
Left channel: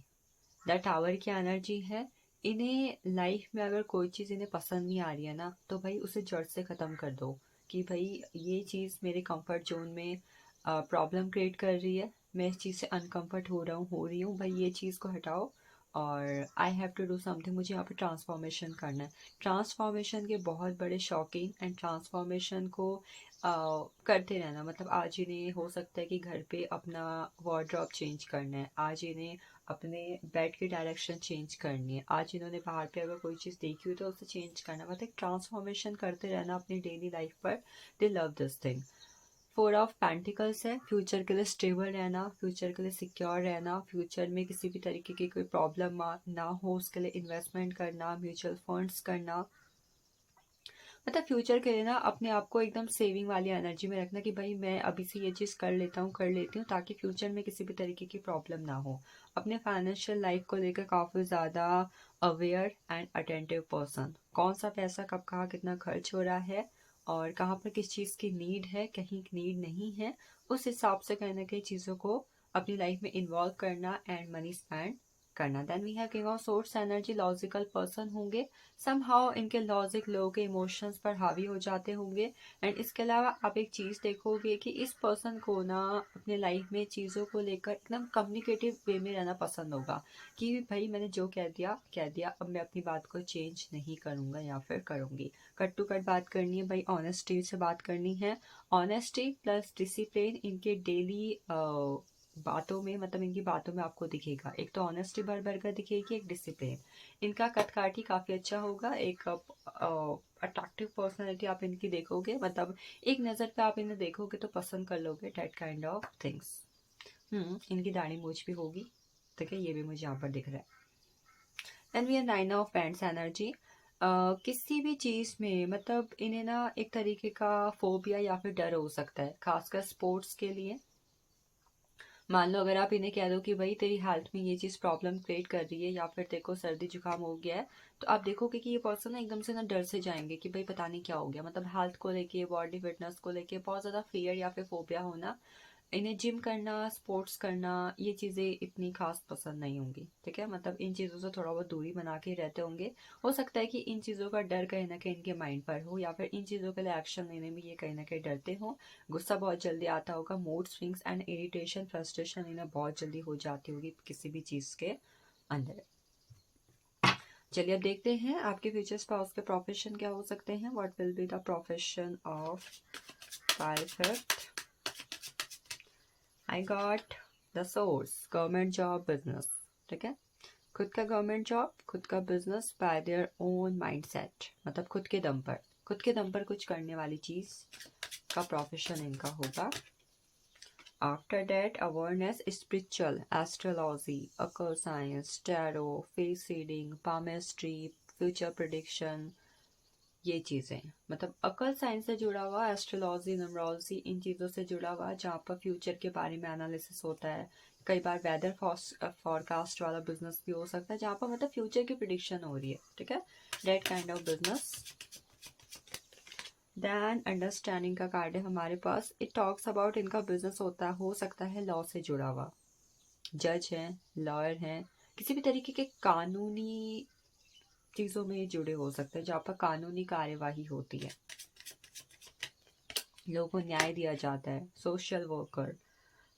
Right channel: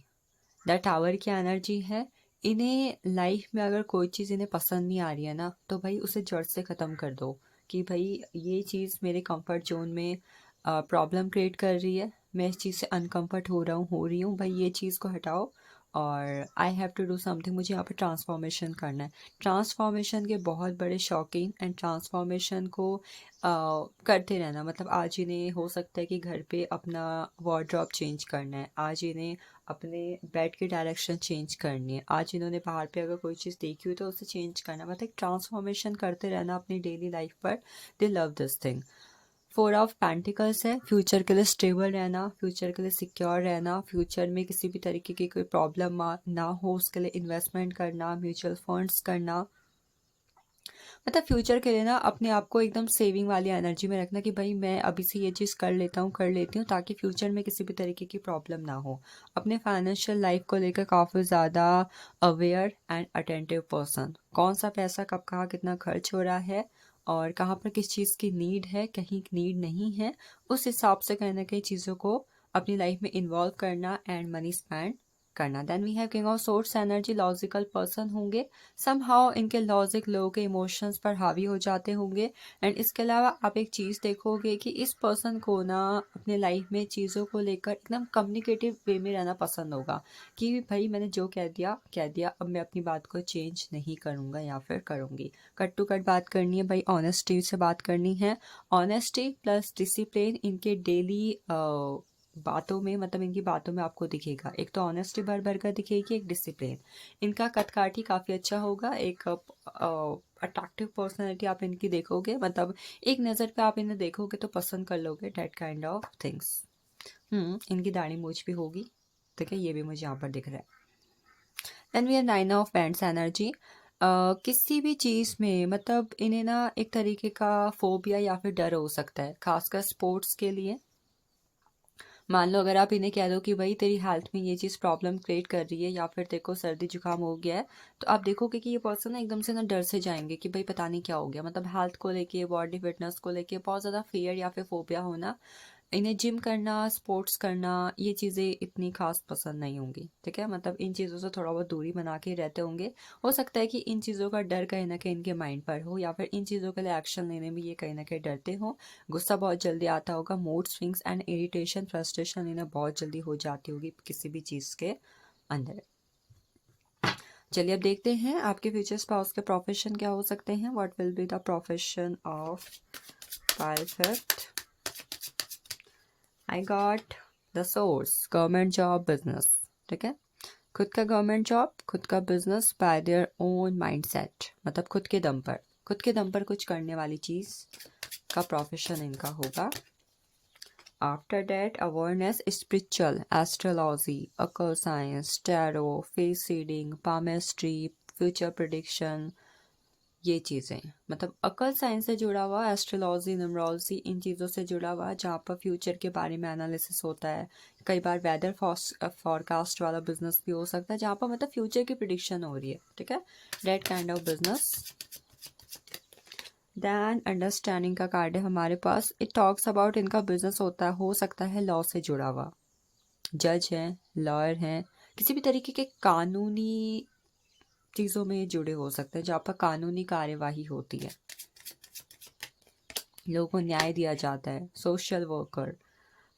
द टावर की एनर्जी है, इन्हें लाइफ में अगर कोई चीज़ इन्हें पसंद नहीं आ रही है ना, तो भाई उसे जड़ से ख़त्म कर दो कि भाई ये चीज़ मेरे कंफर्ट जोन में प्रॉब्लम क्रिएट कर रही है, मैं इस चीज़ से अनकंफर्ट हो रही हूँ भाई, ये चीज़ को हटाओ और I have to do something, मुझे यहाँ पे ट्रांसफॉर्मेशन करना है। ट्रांसफॉर्मेशन के बहुत बड़े शौकीन एंड ट्रांसफॉर्मेशन को करते रहना, मतलब आज इन्हें हो सकता है कि घर पे अपना वार्डरोब चेंज करना है, आज इन्हें अपने बेड की डायरेक्शन चेंज करनी है, आज इन्होंने बाहर पे अगर कोई चीज़ देखी हुई तो उसे चेंज करना, मतलब ट्रांसफॉर्मेशन करते रहना अपनी डेली लाइफ पर। दे love this thing. Four of pentacles है, फ्यूचर के लिए स्टेबल रहना, फ्यूचर के लिए सिक्योर रहना, फ्यूचर में किसी भी तरीके की कोई प्रॉब्लम ना हो उसके लिए इन्वेस्टमेंट करना, म्यूचुअल फंड्स करना, मतलब फ्यूचर के लिए ना अपने आप को एकदम सेविंग वाली एनर्जी में रखना कि भाई मैं अभी से ये चीज़ कर लेती हूँ ताकि फ्यूचर में किसी भी तरीके की प्रॉब्लम ना हो। अपने फाइनेंशियल लाइफ को लेकर काफ़ी ज़्यादा अवेयर एंड अटेंटिव पर्सन, कौन सा पैसा कब कहाँ कितना खर्च हो रहा है और कहाँ पर किस चीज़ की नीड है, कहीं नीड नहीं है, उस हिसाब से कहीं ना कहीं चीज़ों को अपनी लाइफ में इन्वॉल्व करना एंड मनी स्पेंड करना। Then we have king of swords energy, logical person होंगे, समहाउ इनके लॉजिक लोगों के इमोशंस पर हावी हो जाते होंगे। एंड इसके अलावा आप एक चीज़ देखोगे कि इस पर्सन को ना अपने लाइफ में चीज़ों को लेकर एकदम कम्युनिकेटिव वे में रहना पसंद होगा कि भाई मैंने जो कह दिया, अब मैं अपनी बात को चेंज नहीं करूँगा या फिर करूँगी। कट टू कट बात करनी है भाई, ऑनेस्टी से बात करनी है। ऑनेस्टी प्लस डिसिप्लिन इनके डेली बातों में, मतलब इनकी बातों में आपको दिखेगा, एक तो ऑनेस्टी भर भर कर दिखेगी, एक डिसिप्लिन। इनका कद-काठी काफ़ी अच्छा होगा, एक अट्रैक्टिव पर्सनैलिटी आप इनकी देखोगे, मतलब एक नज़र पे आप इन्हें देखोगे तो पसंद कर लोगे, डैट काइंड ऑफ थिंग्स। इनकी दाढ़ी मूछ भी होगी, ठीक है, ये भी मुझे यहाँ पर दिख रहा है। Then we are nine of pents energy. किसी भी चीज़ में मतलब इन्हें ना एक तरीके का फोबिया या फिर डर हो सकता है, खासकर स्पोर्ट्स के लिए। मान लो अगर आप इन्हें कह दो कि भाई तेरी हेल्थ में ये चीज़ प्रॉब्लम क्रिएट कर रही है या फिर तेरे को सर्दी जुकाम हो गया है, तो आप देखोगे कि ये पर्सन ना एकदम से ना डर से जाएंगे कि भाई पता नहीं क्या हो गया, मतलब हेल्थ को लेके, बॉडी फिटनेस को लेके बहुत ज़्यादा फियर या फिर फोबिया होना। इन्हें जिम करना, स्पोर्ट्स करना, ये चीज़ें इतनी खास पसंद नहीं होंगी, ठीक है, मतलब इन चीज़ों से थोड़ा बहुत दूरी बना के रहते होंगे। हो सकता है कि इन चीज़ों का डर कहीं ना कहीं इनके माइंड पर हो या फिर इन चीज़ों के लिए एक्शन लेने में ये कहीं ना कहीं डरते हो। गुस्सा बहुत जल्दी आता होगा, mood swings and irritation, frustration इन्हें बहुत जल्दी हो जाती होगी किसी भी चीज़ के अंदर। चलिए अब देखते हैं आपके फ्यूचर स्पाउस के प्रोफेशन क्या हो सकते हैं। What will be the profession of pilot. I got the source, government job, business, ठीक है, खुद का गवर्नमेंट जॉब, खुद का business by their own mindset, मतलब खुद के दम पर कुछ करने वाली चीज़ का प्रोफेशन इनका होगा। After that awareness, spiritual, astrology, occult science, tarot, face reading, palmistry, future prediction, ये चीज़ें, मतलब अकल साइंस से जुड़ा हुआ, एस्ट्रोलॉजी, न्यूमरोलॉजी, इन चीज़ों से जुड़ा हुआ जहाँ पर फ्यूचर के बारे में एनालिसिस होता है। कई बार वेदर फॉरकास्ट वाला बिजनेस भी हो सकता है जहाँ पर मतलब फ्यूचर की प्रिडिक्शन हो रही है, ठीक है, that kind of business. Then understanding का कार्ड है हमारे पास, इट टॉक्स अबाउट इनका बिजनेस हो सकता है लॉ से जुड़ा हुआ, जज हैं, लॉयर हैं, किसी भी तरीके के कानूनी चीज़ों में जुड़े हो सकते हैं जहाँ पर कानूनी कार्यवाही होती है, लोगों को न्याय दिया जाता है। Social worker,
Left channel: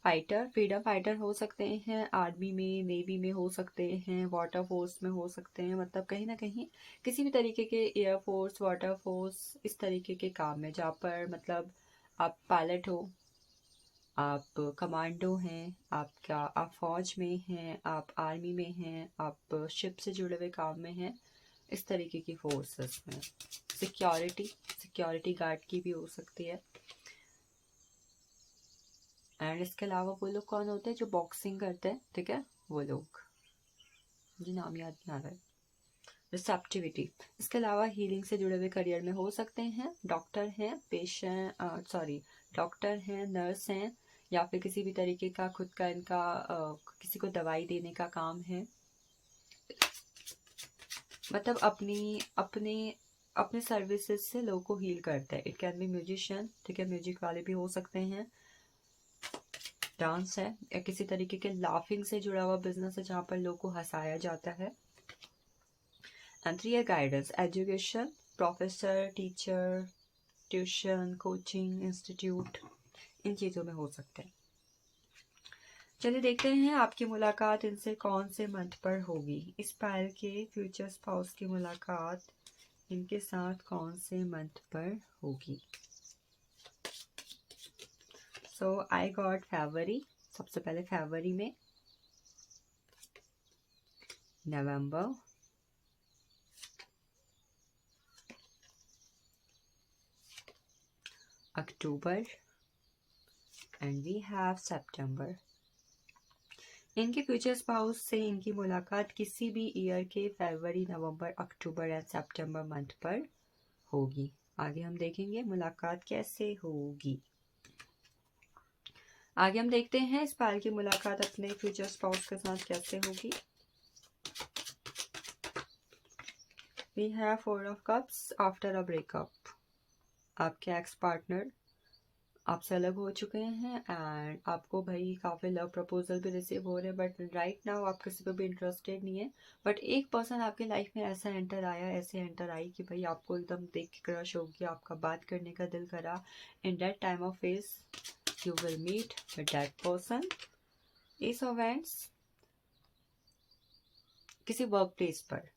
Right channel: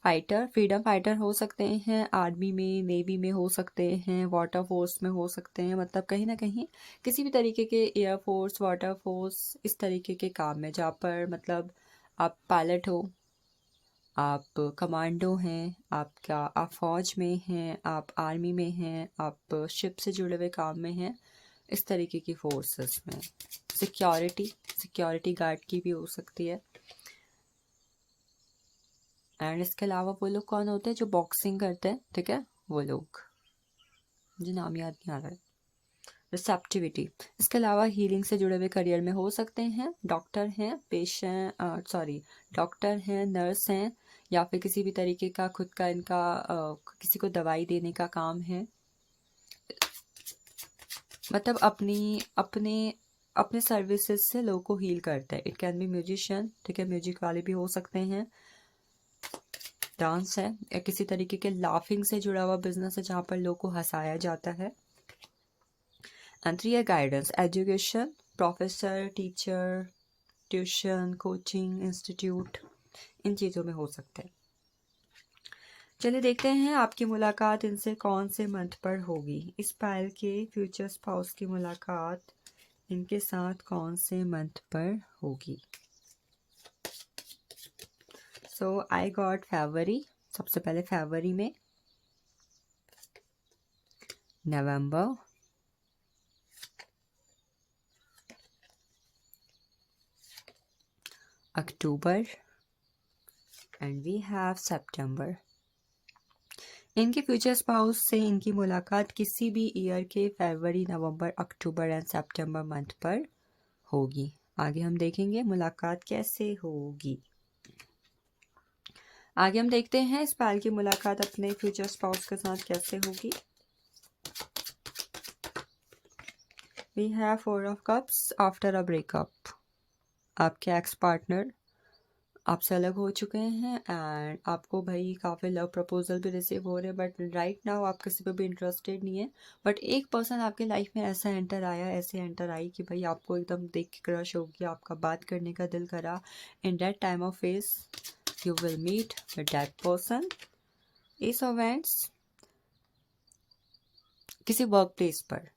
fighter, freedom fighter हो सकते हैं, आर्मी में, नेवी में हो सकते हैं, वाटर फोर्स में हो सकते हैं, मतलब कहीं ना कहीं किसी भी तरीके के एयरफोर्स, वाटर फोर्स, इस तरीके के काम में जहाँ पर मतलब आप पायलट हो, आप कमांडो हैं, आप फौज में हैं, आप आर्मी में हैं, आप शिप से जुड़े हुए काम में हैं, इस तरीके की फोर्सेस में। सिक्योरिटी गार्ड की भी हो सकती है। एंड इसके अलावा वो लोग कौन होते हैं जो बॉक्सिंग करते हैं, ठीक है, वो लोग, मुझे नाम याद नहीं आ रहा है। रिसेप्टिविटी, इसके अलावा हीलिंग से जुड़े हुए करियर में हो सकते हैं, डॉक्टर हैं, डॉक्टर हैं, नर्स हैं, या फिर किसी भी तरीके का खुद का इनका किसी को दवाई देने का काम है, मतलब अपने सर्विसेज से लोगों को हील करते हैं। इट कैन बी म्यूजिशियन, ठीक है, म्यूजिक वाले भी हो सकते हैं। डांस है, या किसी तरीके के लाफिंग से जुड़ा हुआ बिजनेस है जहाँ पर लोगों को हंसाया जाता है। एंड 3 है guidance, education, professor, teacher, tuition, coaching, institute, इन चीज़ों में हो सकते हैं। चलिए देखते हैं आपकी मुलाकात इनसे कौन से मंथ पर होगी। इस पायल के फ्यूचर स्पाउस की मुलाकात इनके साथ कौन से मंथ पर होगी। सो आई गॉट फरवरी, सबसे पहले फरवरी में, नवंबर, अक्टूबर एंड वी हैव सितंबर। इनके फ्यूचर स्पाउस से इनकी मुलाकात किसी भी ईयर के फरवरी, नवंबर, अक्टूबर एंड सितंबर मंथ पर होगी। आगे हम देखेंगे मुलाकात कैसे होगी। आगे हम देखते हैं इस पायल की मुलाकात अपने फ्यूचर स्पाउस के साथ कैसे होगी। We have 4 of cups, after a breakup. आपके एक्स पार्टनर आपसे अलग हो चुके हैं एंड आपको भाई काफ़ी लव प्रपोजल भी रिसीव हो रहे हैं, बट राइट नाउ आप किसी पे भी इंटरेस्टेड नहीं है। बट एक पर्सन आपके लाइफ में ऐसा एंटर आया, ऐसे एंटर आई कि भाई आपको एकदम देख के क्रश हो गया, आपका बात करने का दिल करा। In that time of phase you will meet with that person. Ace of wands, किसी वर्क प्लेस पर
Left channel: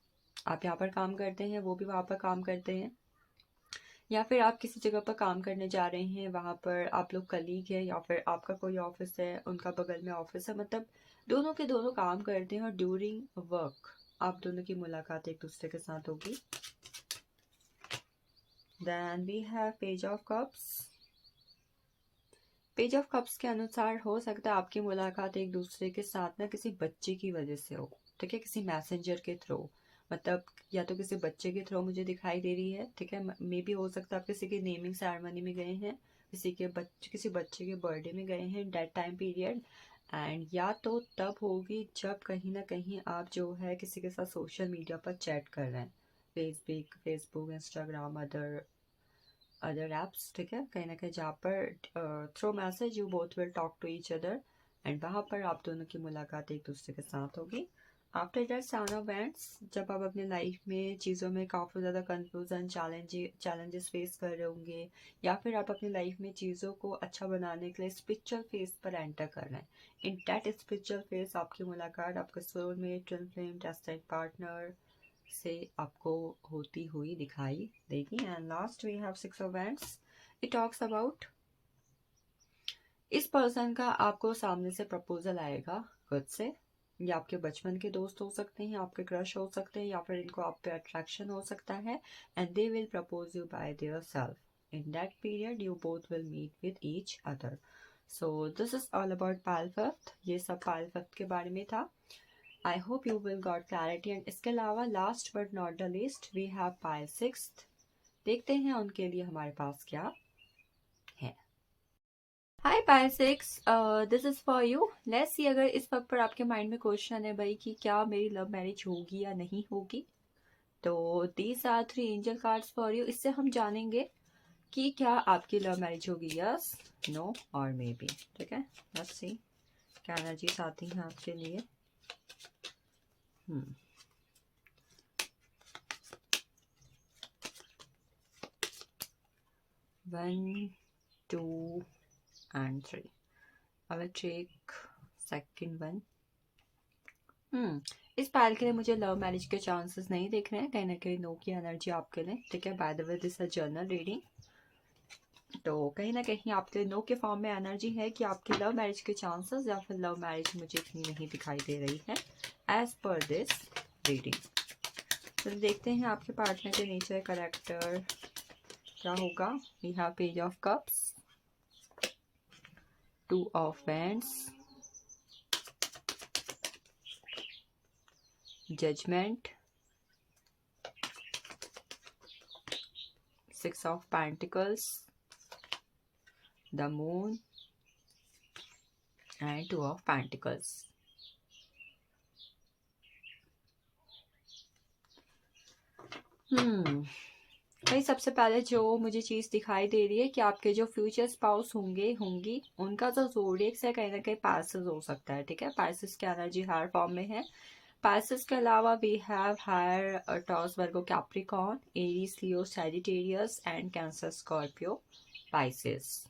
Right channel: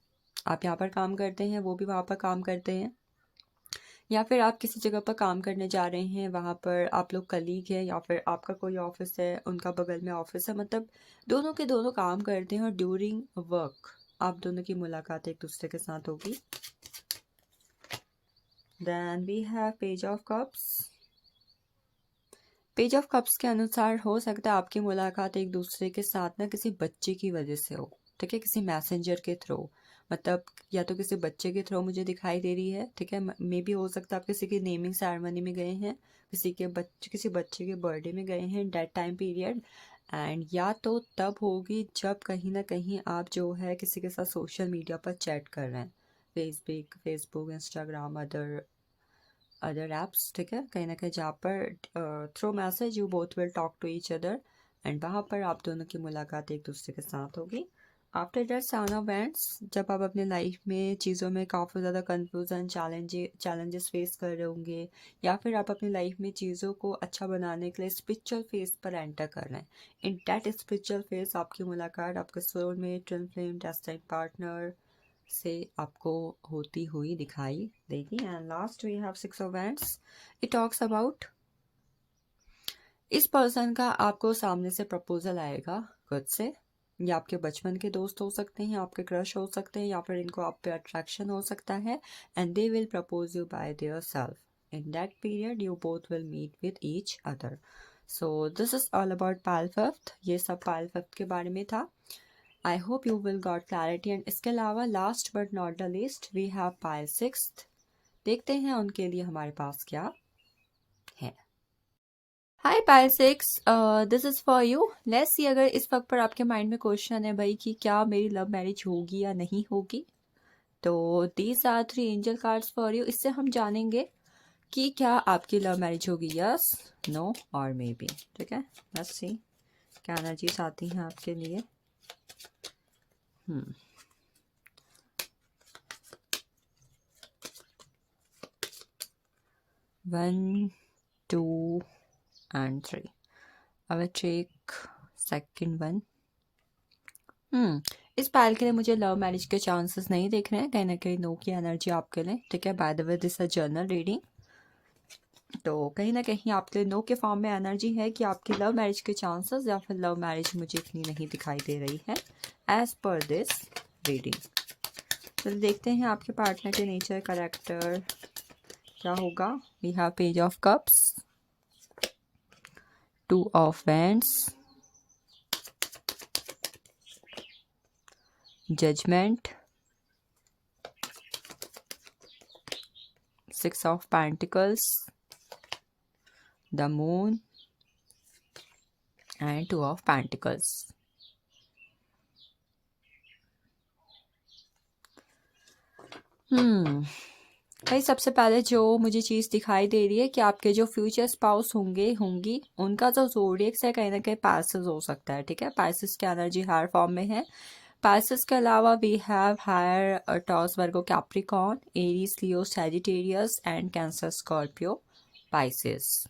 आप यहाँ पर काम करते हैं, वो भी वहाँ पर काम करते हैं, या फिर आप किसी जगह पर काम करने जा रहे हैं, वहाँ पर आप लोग कलीग हैं, या फिर आपका कोई ऑफिस है, उनका बगल में ऑफिस है, मतलब दोनों के दोनों काम करते हैं और ड्यूरिंग वर्क आप दोनों की मुलाकात एक दूसरे के साथ होगी। Then we have page of cups. Page of cups के अनुसार हो सकता है आपकी मुलाकात एक दूसरे के साथ ना किसी बच्चे की वजह से हो, ठीक है, किसी मैसेंजर के थ्रू, मतलब या तो किसी बच्चे के थ्रू मुझे दिखाई दे रही है, ठीक है। मे भी हो सकता है आप किसी की नेमिंग सेरेमनी में गए हैं, किसी बच्चे के बर्थडे में गए हैं डेट टाइम पीरियड, एंड या तो तब होगी जब कहीं ना कहीं आप जो है किसी के साथ सोशल मीडिया पर चैट कर रहे हैं, फेसबुक, इंस्टाग्राम, अदर ऐप्स, ठीक है, कहीं ना कहीं जहाँ पर through message you both will talk to each other and वहाँ पर आप दोनों की मुलाकात एक दूसरे के साथ होगी। आफ्टर दैट साउन ऑफ बैंड्स, जब आप अपने लाइफ में चीज़ों में काफ़ी ज़्यादा कंफ्यूजन, चैलेंजेस फेस कर रहे होंगे, या फिर आप अपनी लाइफ में चीज़ों को अच्छा बनाने के लिए स्पिरिचुअल फेज पर एंटर कर रहे हैं। इन दैट स्पिरिचुअल फेज आपकी मुलाकात आपके soulmate, twin flame, destiny partner से आपको होती हुई दिखाई देगी। And last we have 6 of wands. It talks about इस पर्सन का आपको सामने से प्रपोजल आएगा खुद से, या आपके बचपन के दोस्त हो सकते हैं, आपके क्रश हो सकते हैं, या फिर इनको आप पे अट्रैक्शन हो सकता है, and they will propose you by their self. In that period you both will meet with each other. So this is all about pile fifth. ये सब पायल फिफ्थ के बारे में था। I hope you will got clarity. And इसके अलावा last but not the least we have pile sixth. देखते हैं उनके लिए हमारे पास क्या है। Hi pile six, this is for you. Let's see अगर इस वक्त पर आपके माइंड में क्वेश्चन है भाई कि क्या मेरी लव मैरिज होगी या नहीं होगी, तो these are 3 angel cards for you. इससे हम जानेंगे कि क्या आपकी लव मैरिज होगी, यस, नो और मे बी, ठीक है। लेट्स सी क्या एनर्जीज आती हैं आपके लिए। 1, 2 and 3. I will take second one. इस पायल के लिए मुझे लव मैरिज के चांसेस नहीं दिख रहे हैं, कहीं ना कहीं नो की एनर्जी आपके लिए, ठीक है। By the way this a journal reading, तो कहीं ना कहीं आपके लिए नो के फॉर्म में एनर्जी है कि आपकी लव मैरिज के चांसेस या फिर लव मैरिज मुझे इतनी नहीं दिखाई दे रही है एज पर दिस रीडिंग। तो देखते हैं आपके पार्टनर के नेचर, कैरेक्टर क्या होगा। We have page of cups, 2 of wands, judgement, 6 of Pentacles, the Moon and 2 of Pentacles. भाई सबसे पहले जो मुझे चीज़ दिखाई दे रही है कि आपके जो फ्यूचर स्पाउस होंगी उनका जो ज़ोडिएक्स है कहीं ना कहीं पाइसेस हो सकता है, ठीक है। पाइसेस की एनर्जी हर फॉर्म में है, पाइसेस के अलावा we have higher toss Virgo Capricorn Aries Leo Sagittarius and Cancer Scorpio Pisces.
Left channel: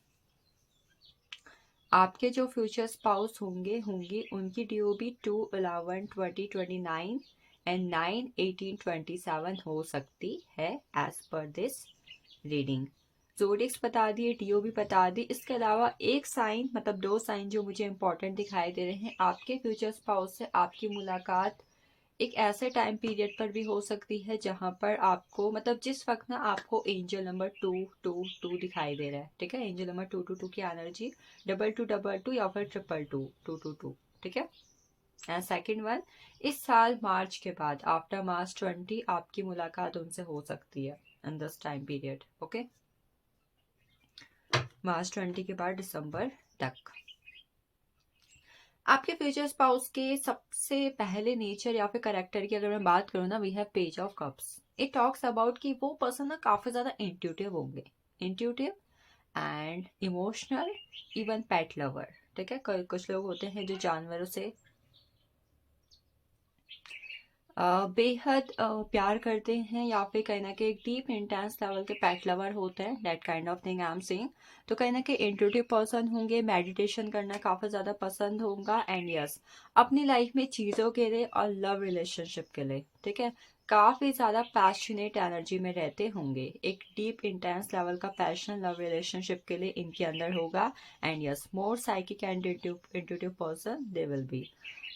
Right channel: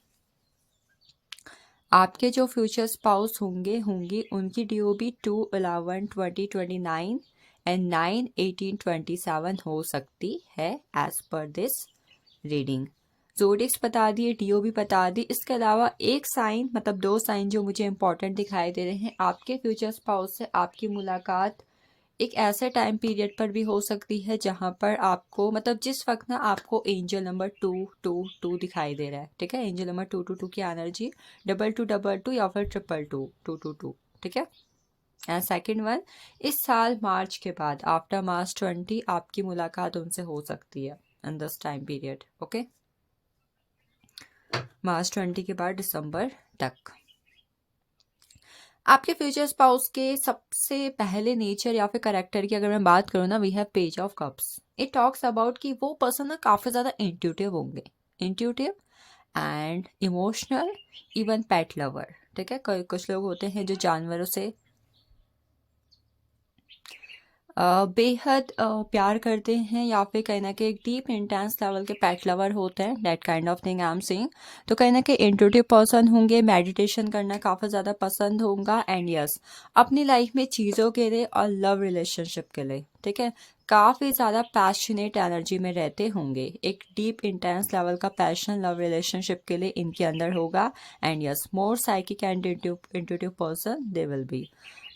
आपके जो फ्यूचर स्पाउस होंगे उनकी DOB 2/11/2029 एंड 9/18/27 हो सकती है एज पर दिस रीडिंग। जोडिक्स बता दिए, DOB बता दी। इसके अलावा एक साइन मतलब दो साइन जो मुझे इंपॉर्टेंट दिखाई दे रहे हैं, आपके फ्यूचर स्पाउस से आपकी मुलाकात एक ऐसे टाइम पीरियड पर भी हो सकती है जहां पर आपको मतलब जिस वक्त ना आपको एंजल नंबर 222 दिखाई दे रहा है, ठीक है। एंजल नंबर 222 की एनर्जी 2222 या फिर 222 ठीक है। एंड सेकेंड वन, इस साल मार्च के बाद आफ्टर मार्च 20 आपकी मुलाकात उनसे हो सकती है in this time period, okay. मार्च 20 के बाद दिसंबर तक। आपके फ्यूचर स्पाउस के सबसे पहले नेचर या फिर करेक्टर की अगर मैं बात करूँ ना, we have page of cups. It talks about कि वो पर्सन ना काफ़ी ज़्यादा इंट्यूटिव होंगे, intuitive and emotional, even pet lover, ठीक है। कुछ लोग होते हैं जो जानवरों से बेहद प्यार करते हैं या फिर कहीं ना कहीं डीप इंटेंस लेवल के पेट लवर होते हैं, that kind of thing I am saying. तो कहीं ना कहीं इंट्यूटिव पर्सन होंगे, मेडिटेशन करना काफ़ी ज़्यादा पसंद होगा एंड यस अपनी लाइफ में चीज़ों के लिए और लव रिलेशनशिप के लिए, ठीक है, काफ़ी ज़्यादा पैशनेट एनर्जी में रहते होंगे। एक डीप इंटेंस लेवल का पैशन लव रिलेशनशिप के लिए इनके अंदर होगा and yes more psychic and intuitive person they will be.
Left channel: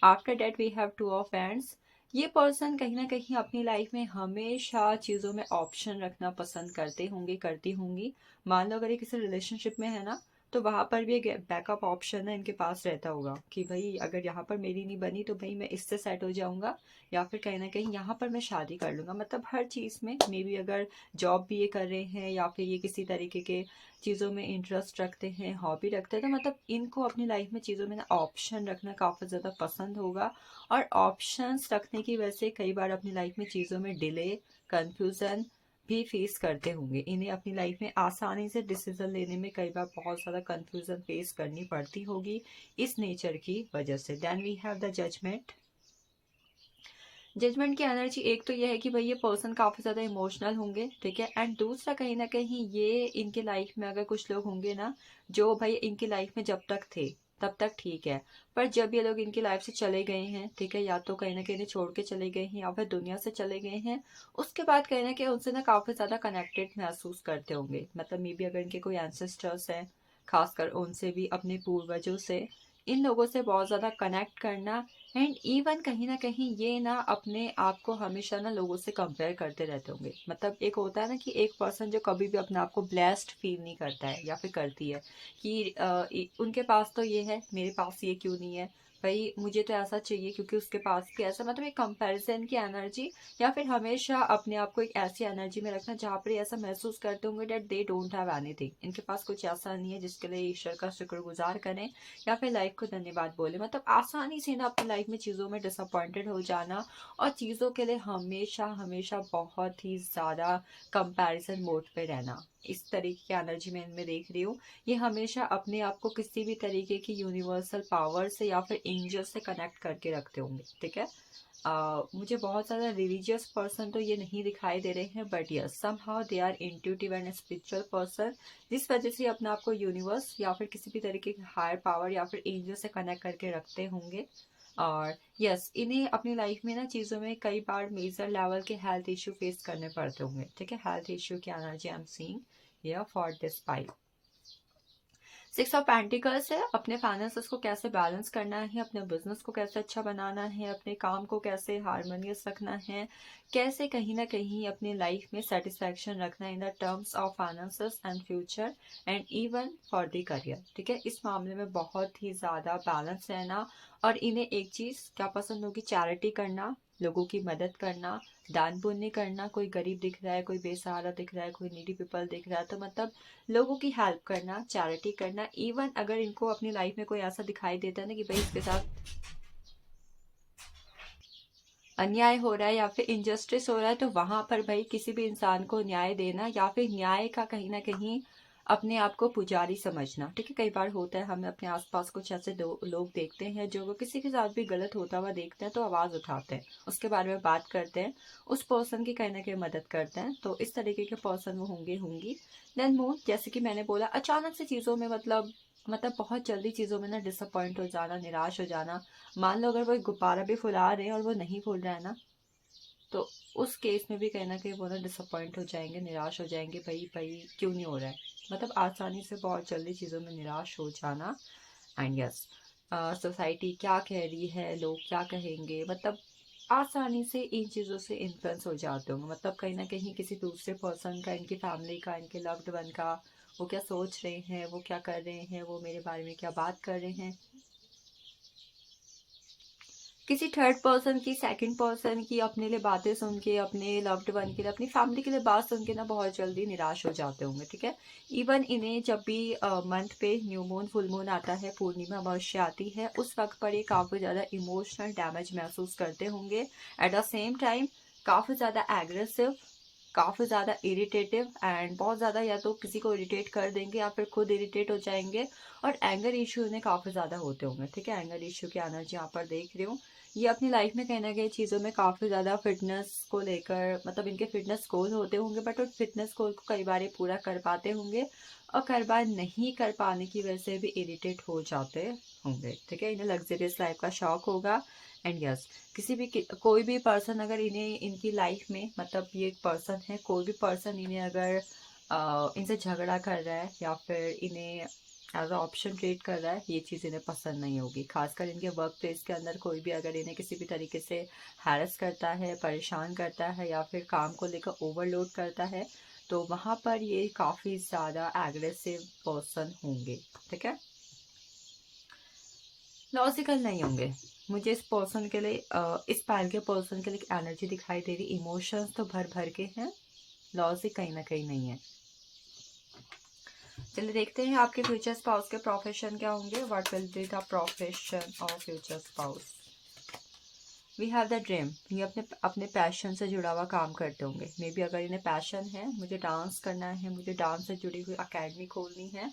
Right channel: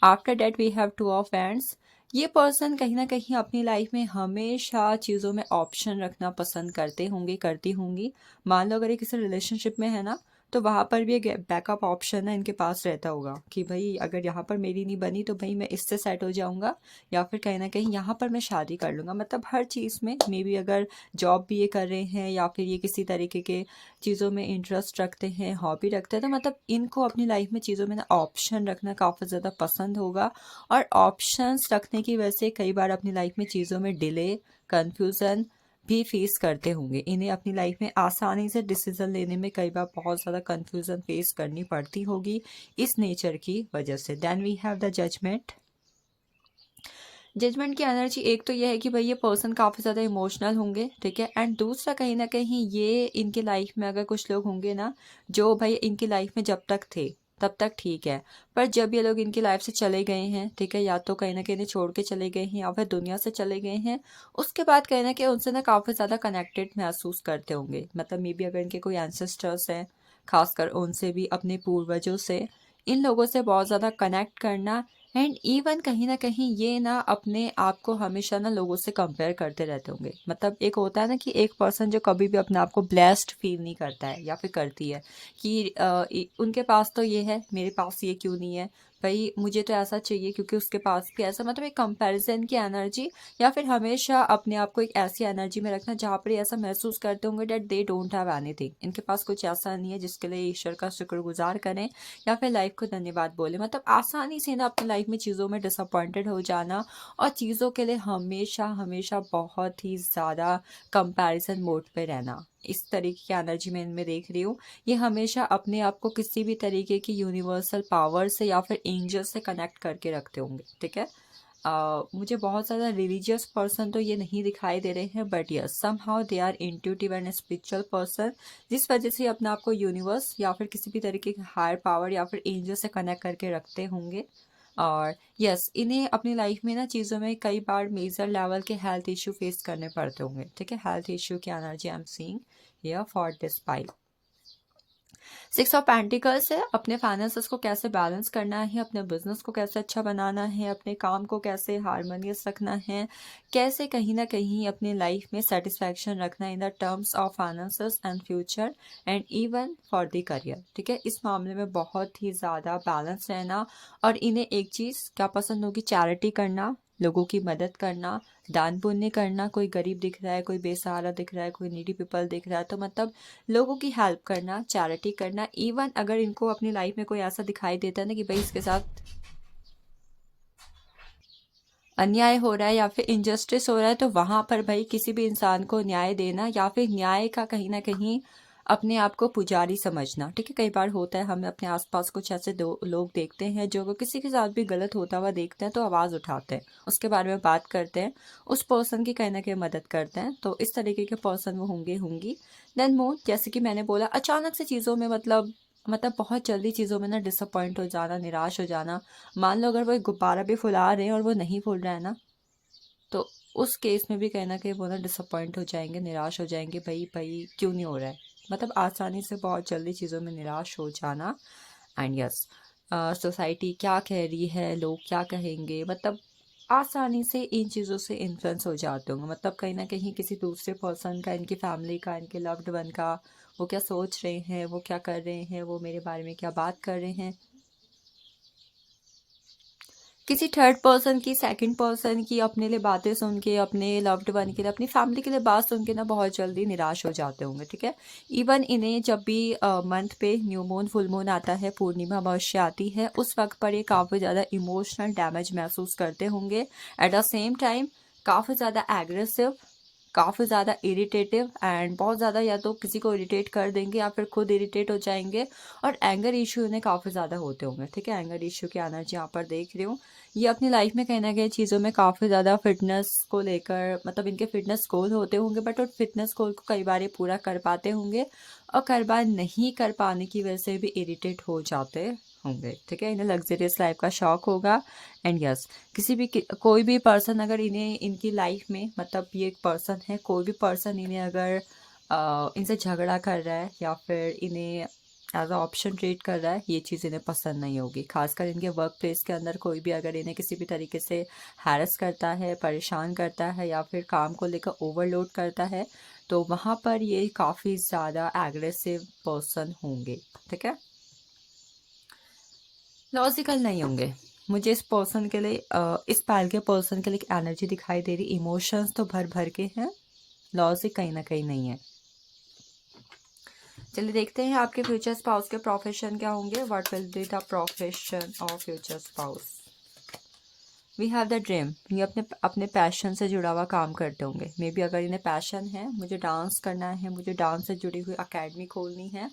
After that we have two of hands. ये पर्सन कहीं ना कहीं अपनी लाइफ में हमेशा चीज़ों में ऑप्शन रखना पसंद करते होंगे, करती होंगी। मान लो अगर ये किसी रिलेशनशिप में है ना, तो वहाँ पर भी एक बैकअप ऑप्शन है इनके पास रहता होगा कि भाई अगर यहाँ पर मेरी नहीं बनी तो भाई मैं इससे सेट हो जाऊँगा या फिर कहीं ना कहीं यहाँ पर मैं शादी कर लूँगा। मतलब हर चीज़ में मे बी अगर जॉब भी ये कर रहे हैं या फिर ये किसी तरीके के चीज़ों में इंटरेस्ट रखते हैं, हॉबी रखते हैं, तो मतलब इनको अपनी लाइफ में चीज़ों में ना ऑप्शन रखना काफ़ी ज़्यादा पसंद होगा। और ऑप्शंस रखने की वजह से कई बार अपनी लाइफ में चीज़ों में डिले, कंफ्यूजन भी फेस करते होंगे। इन्हें अपनी लाइफ में आसानी से डिसीजन लेने में कई बार बहुत ज़्यादा कंफ्यूजन फेस करनी पड़ती होगी इस नेचर की वजह से। Then we have the judgement. Judgement की एनर्जी एक तो ये है कि भाई ये पर्सन काफ़ी ज़्यादा इमोशनल होंगे, ठीक है। एंड दूसरा कहीं ना कहीं ये इनके लाइफ में अगर कुछ लोग होंगे ना जो भाई इनकी लाइफ में जब तक थे तब तक ठीक है, पर जब ये लोग इनकी लाइफ से चले गए हैं, ठीक है, या तो कहीं ना कहीं छोड़ के चले गए हैं या फिर दुनिया से चले गए हैं, उसके बाद कहीं ना कहीं उनसे ना काफ़ी ज़्यादा कनेक्टेड महसूस करते होंगे। मतलब मे बी अगर इनके कोई एंसेस्टर्स हैं, खासकर उनसे भी, अपने पूर्वजों से, इन लोगों से बहुत ज़्यादा कनेक्ट करना। एंड इवन कहीं ना कहीं ये ना अपने आप को हमेशा ना लोगों से कंपेयर करते रहते होंगे। मतलब एक होता है ना कि एक पर्सन जो कभी भी अपने आप को ब्लेस्ड फील नहीं करता है या फिर करती है कि उनके पास तो ये है, मेरे पास ये क्यों नहीं है, भाई मुझे तो ऐसा चाहिए क्योंकि उसके पास भी ऐसा। मतलब एक कंपैरिजन की एनर्जी या फिर हमेशा अपने आप को एक ऐसी एनर्जी में रखना जहाँ पर ये ऐसा महसूस करते होंगे that they don't have anything, इनके पास कुछ ऐसा नहीं है जिसके लिए ईश्वर का शुक्रगुजार करें या फिर लाइफ को धन्यवाद बोले। मतलब आसानी से ना अपनी लाइफ में चीज़ों में डिसअपॉइंटेड हो जाना और चीज़ों के लिए हमेशा हमेशा बहुत ही ज़्यादा कंपैरिजन मोड पे रहना, इस तरीके की एनर्जी में इनमें देख रही हूँ। ये हमेशा अपने आप को किसी भी तरीके की यूनिवर्सल पावर से या फिर एंजल से कनेक्ट करके रखते होंगे, ठीक है। मुझे बहुत ज़्यादा रिलीजियस पर्सन तो ये नहीं दिखाई दे रहे हैं, but yes somehow they are intuitive and spiritual person, जिस वजह से अपने आप को यूनिवर्स या फिर किसी भी तरीके की हायर पावर या फिर एंजल से कनेक्ट करके रखते होंगे। और यस इन्हें अपनी लाइफ में ना चीज़ों में कई बार मेजर लेवल के हेल्थ इशू फेस करने पड़ते होंगे, ठीक है। हेल्थ इशू की energy I am seeing here for this pile. 6 of pentacles है, अपने फाइनेंसेस को कैसे बैलेंस करना है, अपने बिजनेस को कैसे अच्छा बनाना है, अपने काम को कैसे हारमोनियस रखना है, कैसे कहीं ना कहीं अपनी लाइफ में सेटिस्फैक्शन रखना in the terms of finances and future and even for the career, ठीक है। इस मामले में बहुत ही ज़्यादा बैलेंस रहना। और इन्हें एक चीज़ क्या पसंद होगी, चैरिटी करना, लोगों की मदद करना, दान पुण्य करना। कोई गरीब दिख रहा है, कोई बेसहारा दिख रहा है, कोई नीडी पीपल दिख रहा है, तो मतलब लोगों की हेल्प करना, चैरिटी करना। इवन अगर इनको अपनी लाइफ में कोई ऐसा दिखाई देता है ना कि भाई इसके साथ अन्याय हो रहा है या फिर इनजस्टिस हो रहा है, तो वहां पर भाई किसी भी इंसान को न्याय देना या फिर न्याय का कहीं ना कहीं अपने आप को पुजारी समझना, ठीक है। कई बार होता है हमें अपने आसपास कुछ ऐसे दो लोग देखते हैं जो अगर किसी के साथ भी गलत होता हुआ देखते हैं तो आवाज़ उठाते हैं, उसके बारे में बात करते हैं, उस पर्सन की कहीं ना कहीं मदद करते हैं। तो इस तरीके के पर्सन वो होंगे होंगी। देन मोर, जैसे कि मैंने बोला, अचानक से चीज़ों में मतलब बहुत जल्दी चीज़ों में ना डिसअपॉइंट हो जाना, निराश हो जाना। मान लो अगर वो एक गुब्बारा भी फुला रहे हैं और वो नहीं फूल रहा है ना, तो उस केस में भी कहीं न कहीं वो ना डिसअपॉइंट हो जाएँगे, निराश हो जाएँगे, भई भई क्यों नहीं हो रहा है? मतलब आसानी से बहुत जल्दी चीज़ों में निराश हो जाना। एंड यस, सोसाइटी क्या कह रही है, लोग क्या कहेंगे, मतलब आसानी से इन चीज़ों से इन्फ्लुएंस हो जाते होंगे। मतलब कहीं न कहीं किसी दूसरे पर्सन का, इनकी फैमिली का, इनके लव्ड वन का, वो क्या सोच रहे हैं, वो क्या कर रहे हैं, वो मेरे बारे में क्या बात कर रहे हैं, किसी थर्ड पर्सन की, सेकंड पर्सन की अपने लिए बातें सुन के, अपने लव्ड वन के लिए, अपनी फैमिली के लिए बात सुन के ना बहुत जल्दी निराश हो जाते होंगे, ठीक है। इवन इन्हें जब भी मंथ पे न्यू मून, फुल मून आता है, पूर्णिमा अमावस्या आती है, उस वक्त पर ये काफ़ी ज़्यादा इमोशनल डैमेज महसूस करते होंगे। एट द सेम टाइम काफ़ी ज़्यादा एग्रेसिव, काफ़ी ज़्यादा इरिटेटिव, एंड बहुत ज़्यादा या तो किसी को इरिटेट कर देंगे या फिर खुद इरिटेट हो जाएंगे। और एंगर इशू इन्हें काफ़ी ज़्यादा होते होंगे, ठीक है। एंगर इशू की एनर्जी यहाँ पर देख रही हूँ। ये अपनी लाइफ में कहीं न कहीं चीज़ों में काफ़ी ज़्यादा फ़िटनेस को लेकर, मतलब इनके फ़िटनेस गोल होते होंगे, बट उन फ़िटनेस गोल को कई बार ये पूरा कर पाते होंगे और कई बार नहीं कर पाने की वजह से भी इरिटेट हो जाते होंगे, ठीक है। इन्हें लग्ज़रियस लाइफ़ का शौक होगा। एंड यस, कोई भी पर्सन अगर इन्हें इनकी लाइफ में, मतलब ये एक पर्सन है, कोई भी पर्सन इन्हें अगर इनसे झगड़ा कर रहा है या फिर इन्हें एज अ ऑप्शन ट्रीट कर रहा है, ये चीज़ इन्हें पसंद नहीं होगी। खासकर इनके वर्क प्लेस के अंदर कोई भी अगर इन्हें किसी भी तरीके से हैरेस करता है, परेशान करता है या फिर काम को लेकर ओवरलोड करता है, तो वहाँ पर ये काफ़ी ज़्यादा एग्रेसिव पर्सन होंगे, ठीक है। लॉजिकल नहीं होंगे। मुझे इस पर्सन के लिए इस पैर के पर्सन के लिए एक एनर्जी दिखाई दे रही, इमोशंस तो भर भर के हैं, लॉजिक कहीं ना कहीं नहीं है। चलिए देखते हैं आपके फ्यूचर स्पाउस के प्रोफेशन क्या होंगे। What will be the profession of future spouse. We have the dream, ये अपने अपने पैशन से जुड़ा हुआ काम करते होंगे। मे बी अगर इन्हें पैशन है, मुझे डांस करना है, मुझे डांस से जुड़ी हुई अकेडमी खोलनी है,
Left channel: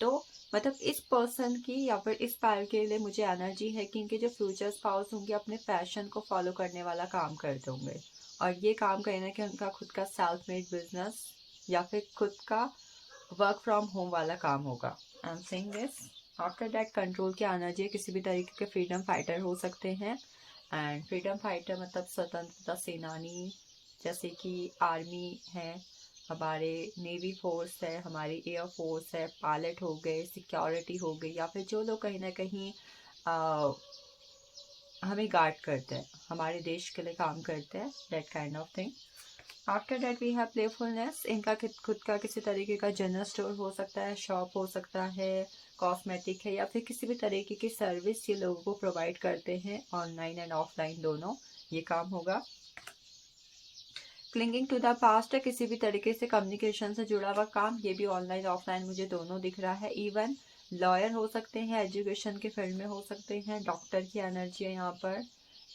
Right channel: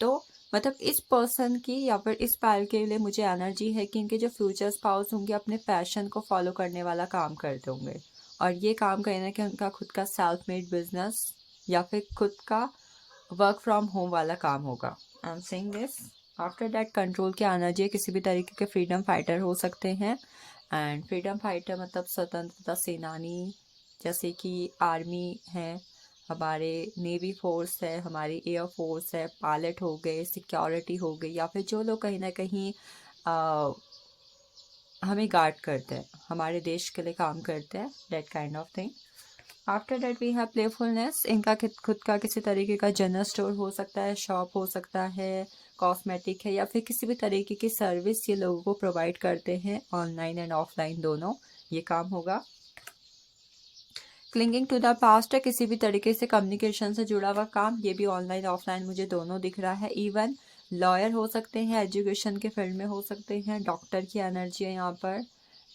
तो मतलब इस पर्सन की या फिर इस पैर के लिए मुझे एनर्जी है कि इनके जो फ्यूचर स्पाउस होंगे अपने पैशन को फॉलो करने वाला काम करते होंगे। और ये काम कहीं ना कहीं उनका खुद का सेल्फ मेड बिजनेस या फिर खुद का वर्क फ्रॉम होम वाला काम होगा। I am saying this. After that control की एनर्जी, किसी भी तरीके के फ्रीडम फाइटर हो सकते हैं। एंड फ्रीडम फाइटर मतलब स्वतंत्रता सेनानी, जैसे कि आर्मी है हमारे, नेवी फोर्स है हमारी, एयर फोर्स है, पायलट हो गए, सिक्योरिटी हो गई, या फिर जो लोग कहीं ना कहीं हमें गार्ड करते हैं, हमारे देश के लिए काम करते हैं, that kind of thing. After that we have playfulness, इनका खुद का किसी तरीके का जनरल स्टोर हो सकता है, शॉप हो सकता है, कॉस्मेटिक है, या फिर किसी भी तरीके की सर्विस ये लोगों को प्रोवाइड करते हैं, ऑनलाइन एंड ऑफलाइन दोनों ये काम होगा। क्लिंगिंग टू द पास्ट है, किसी भी तरीके से कम्युनिकेशन से जुड़ा हुआ काम, ये भी ऑनलाइन ऑफलाइन मुझे दोनों दिख रहा है। इवन लॉयर हो सकते हैं, एजुकेशन के फील्ड में हो सकते हैं, डॉक्टर की एनर्जी है यहाँ पर,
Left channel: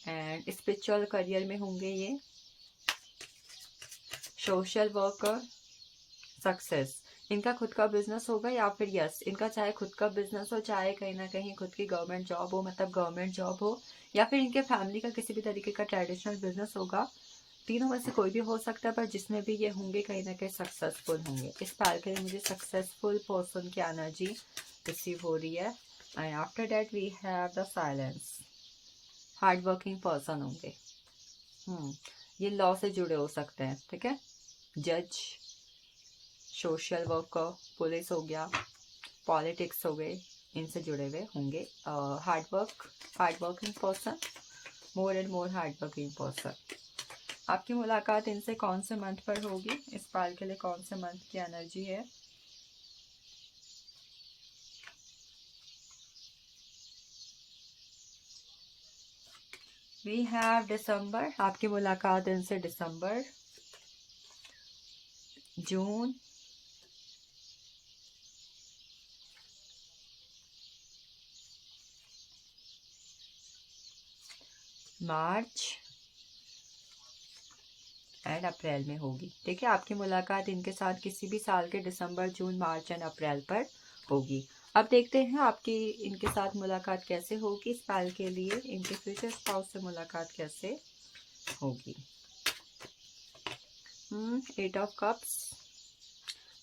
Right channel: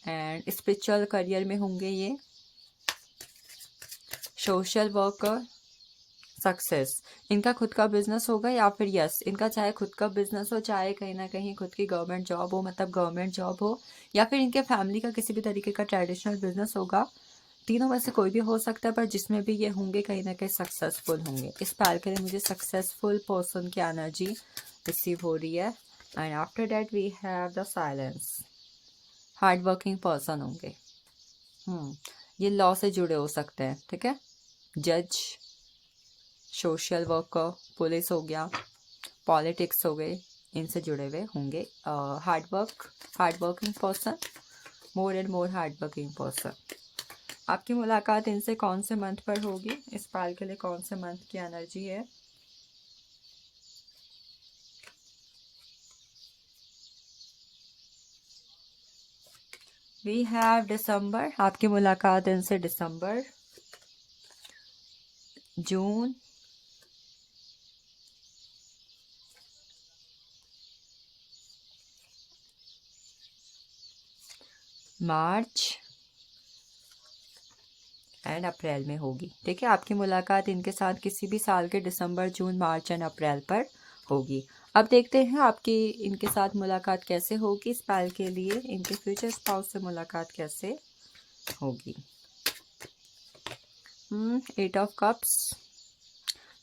एंड स्पिरिचुअल करियर में होंगे ये, सोशल वर्कर, सक्सेस, इनका खुद का बिजनेस होगा, या फिर यस इनका चाहे खुद का बिजनेस हो, चाहे कहीं ना कहीं खुद की गवर्नमेंट जॉब हो, मतलब गवर्नमेंट जॉब हो, या फिर इनके फैमिली का किसी भी तरीके का ट्रेडिशनल बिजनेस होगा। तीनों में से कोई भी हो सकता है, पर जिसमें भी ये होंगे कहीं ना कहीं सक्सेसफुल होंगे। इस पैर के लिए मुझे सक्सेसफुल पर्सन की एनर्जी रिसीव हो रही है। And after that we have the silence, hard working person होंगे। ये लॉ से जुड़े हो सकते हैं, ठीक है। जज, सोशल वर्कर, पुलिस हो गया, पॉलिटिक्स हो गए, इनसे जुड़े हुए होंगे। Hard working person, more and more hard working person. आपकी मुलाकात इनसे कौन से मंथ पर होगी, इस पाल के लिए कौन से मंथ की एनर्जी है। वी हैव दिसंबर, आपकी मुलाकात इनसे दिसंबर, जून, मार्च एंड अप्रैल में होगी। ठीक है, आपकी मुलाकात इनके साथ किसी भी साल के दिसंबर, जून, मार्च एंड अप्रैल पर होगी। अब देखते हैं आपकी इनके साथ मुलाकात कैसे होगी। इस पल के लिए इनके फ्यूचर स्पाउस से मुलाकात कैसे होगी। 8 ऑफ कप्स।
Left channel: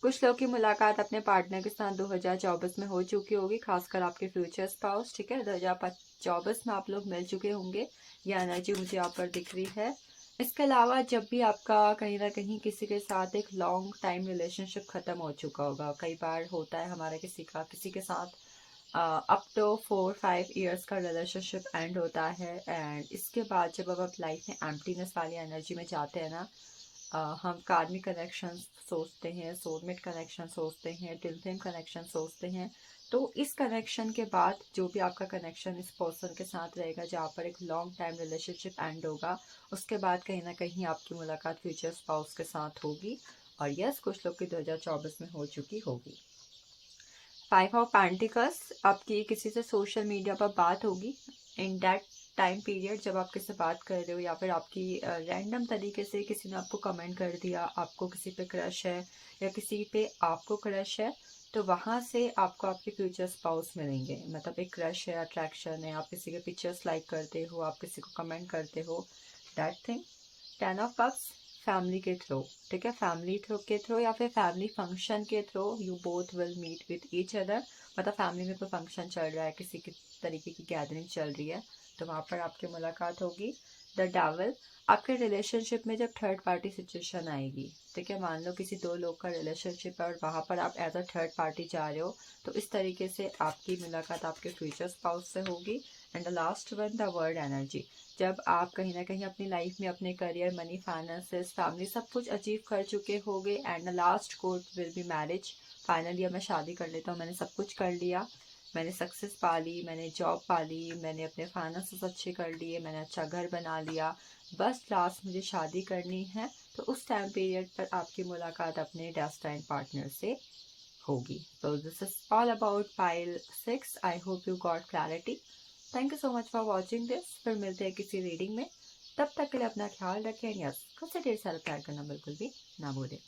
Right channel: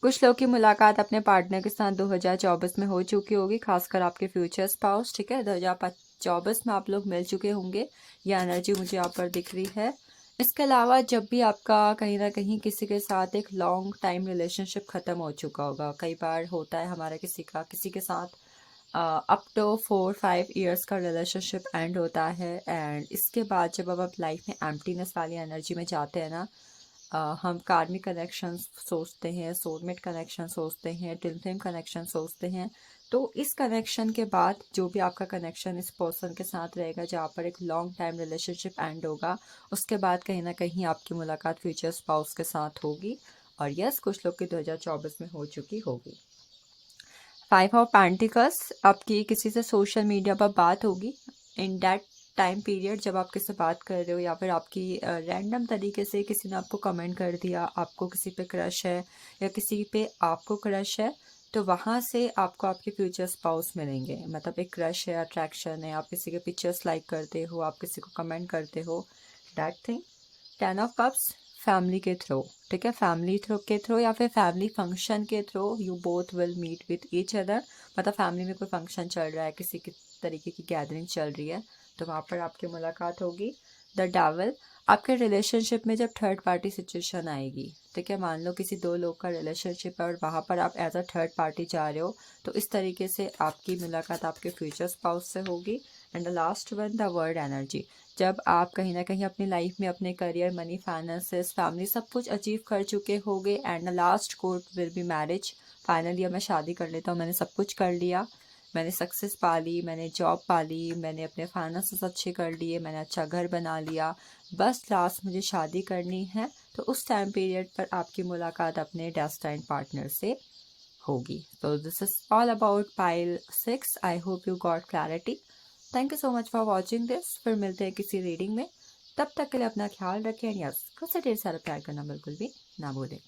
कुछ लोग की मुलाकात अपने पार्टनर के साथ 2024 में हो चुकी होगी, खासकर आपके फ्यूचर स्पाउस। ठीक है, 2024 में आप लोग मिल चुके होंगे, यह एनर्जी मुझे यहाँ पर दिख रही है। इसके अलावा जब भी आपका कहीं ना कहीं किसी के साथ एक लॉन्ग टाइम रिलेशनशिप ख़त्म हो चुका होगा, कई बार होता है हमारा किसी के साथ अप टू 4-5 ईयर्स का रिलेशनशिप एंड होता है, एंड इसके बाद जब अब आप लाइफ में एम्प्टीनेस वाली एनर्जी में जाते हैं ना, हम कार्मिक कनेक्शन सोचते हैं, सोलमेट कनेक्शन सोचते हैं, ट्विन फ्लेम कनेक्शन सोचते हैं। तो इस कनेक्शन के बाद जो भी आपका कनेक्शन इस पर्सन के साथ रहेगा, जहाँ पर एक लॉन्ग टाइम रिलेशनशिप एंड होगा, उसके बाद कहीं ना कहीं आपकी मुलाकात फ्यूचर स्पाउस के साथ होगी। और यस, कुछ लोग की 2024 में हो चुकी होगी। 5 ऑफ पेंटिकल्स। आपकी किसी से सोशल मीडिया पर बात होगी इन दैट टाइम पीरियड, जब आप किसी से बात कर रहे हो, या फिर आपकी रैंडम तरीके से किसी ने आपको कमेंट कर दिया, आपको किसी पे क्रश है या किसी पे आपको क्रश है, तो वहाँ से आपको आपके फ्यूचर स्पाउस मिलेंगे। मतलब एक क्रश है, अट्रैक्शन है, आप किसी के पिक्चर्स लाइक करते हो, आप किसी को कमेंट करते हो, that thing. 10 of cups. Family के थ्रू। ठीक है, फैमिली थ्रू के थ्रू या फिर फैमिली फंक्शन के through you both will meet with each other. मतलब फैमिली में कोई फंक्शन चल रहा है, किसी की तरीके की गैदरिंग चल रही है, तो वहाँ पर आपकी मुलाकात होगी। The devil. आपके रिलेशनशिप में जब थर्ड पार्टी सिचुएशन आएगी, ठीक है, मान लो किसी दो लोग का रिलेशनशिप है और वहाँ पर आप एज अ थर्ड पार्टी जा रहे हो, तो इस तरीके से आपकी मुलाकात आपके फ्यूचर स्पाउस से होगी। And the last one, the word energy. जब आप कहीं ना कहीं अपनी लाइफ में अपने करियर, मनी, फाइनेंसेस, फैमिली सब कुछ अचीव कर चुके होंगे, and the last court will be marriage. Finally अब मैं शादी कर लेता हूँ, मैंने सब कुछ कर लिया, मैंने सक्सेस पा ली, मैंने जॉब पा ली, मैंने अपने फाइनेंसेस अच्छे कर लिए, मैंने अच्छा घर बना लिया, बस लास्ट मुझे शादी करनी है। तो उस टाइम पीरियड पर आपकी मुलाकात अपने डेस्टाइन पार्टनर से होगी। तो this is all about pile 6। I hope you got clarity. Thank you so much for watching this. फिर मिलते हैं किसी रीडिंग में, तब तक के लिए अपना ख्याल रखें। यस, खुद से ढेर सारा प्यार करना बिल्कुल भी ना भूलें।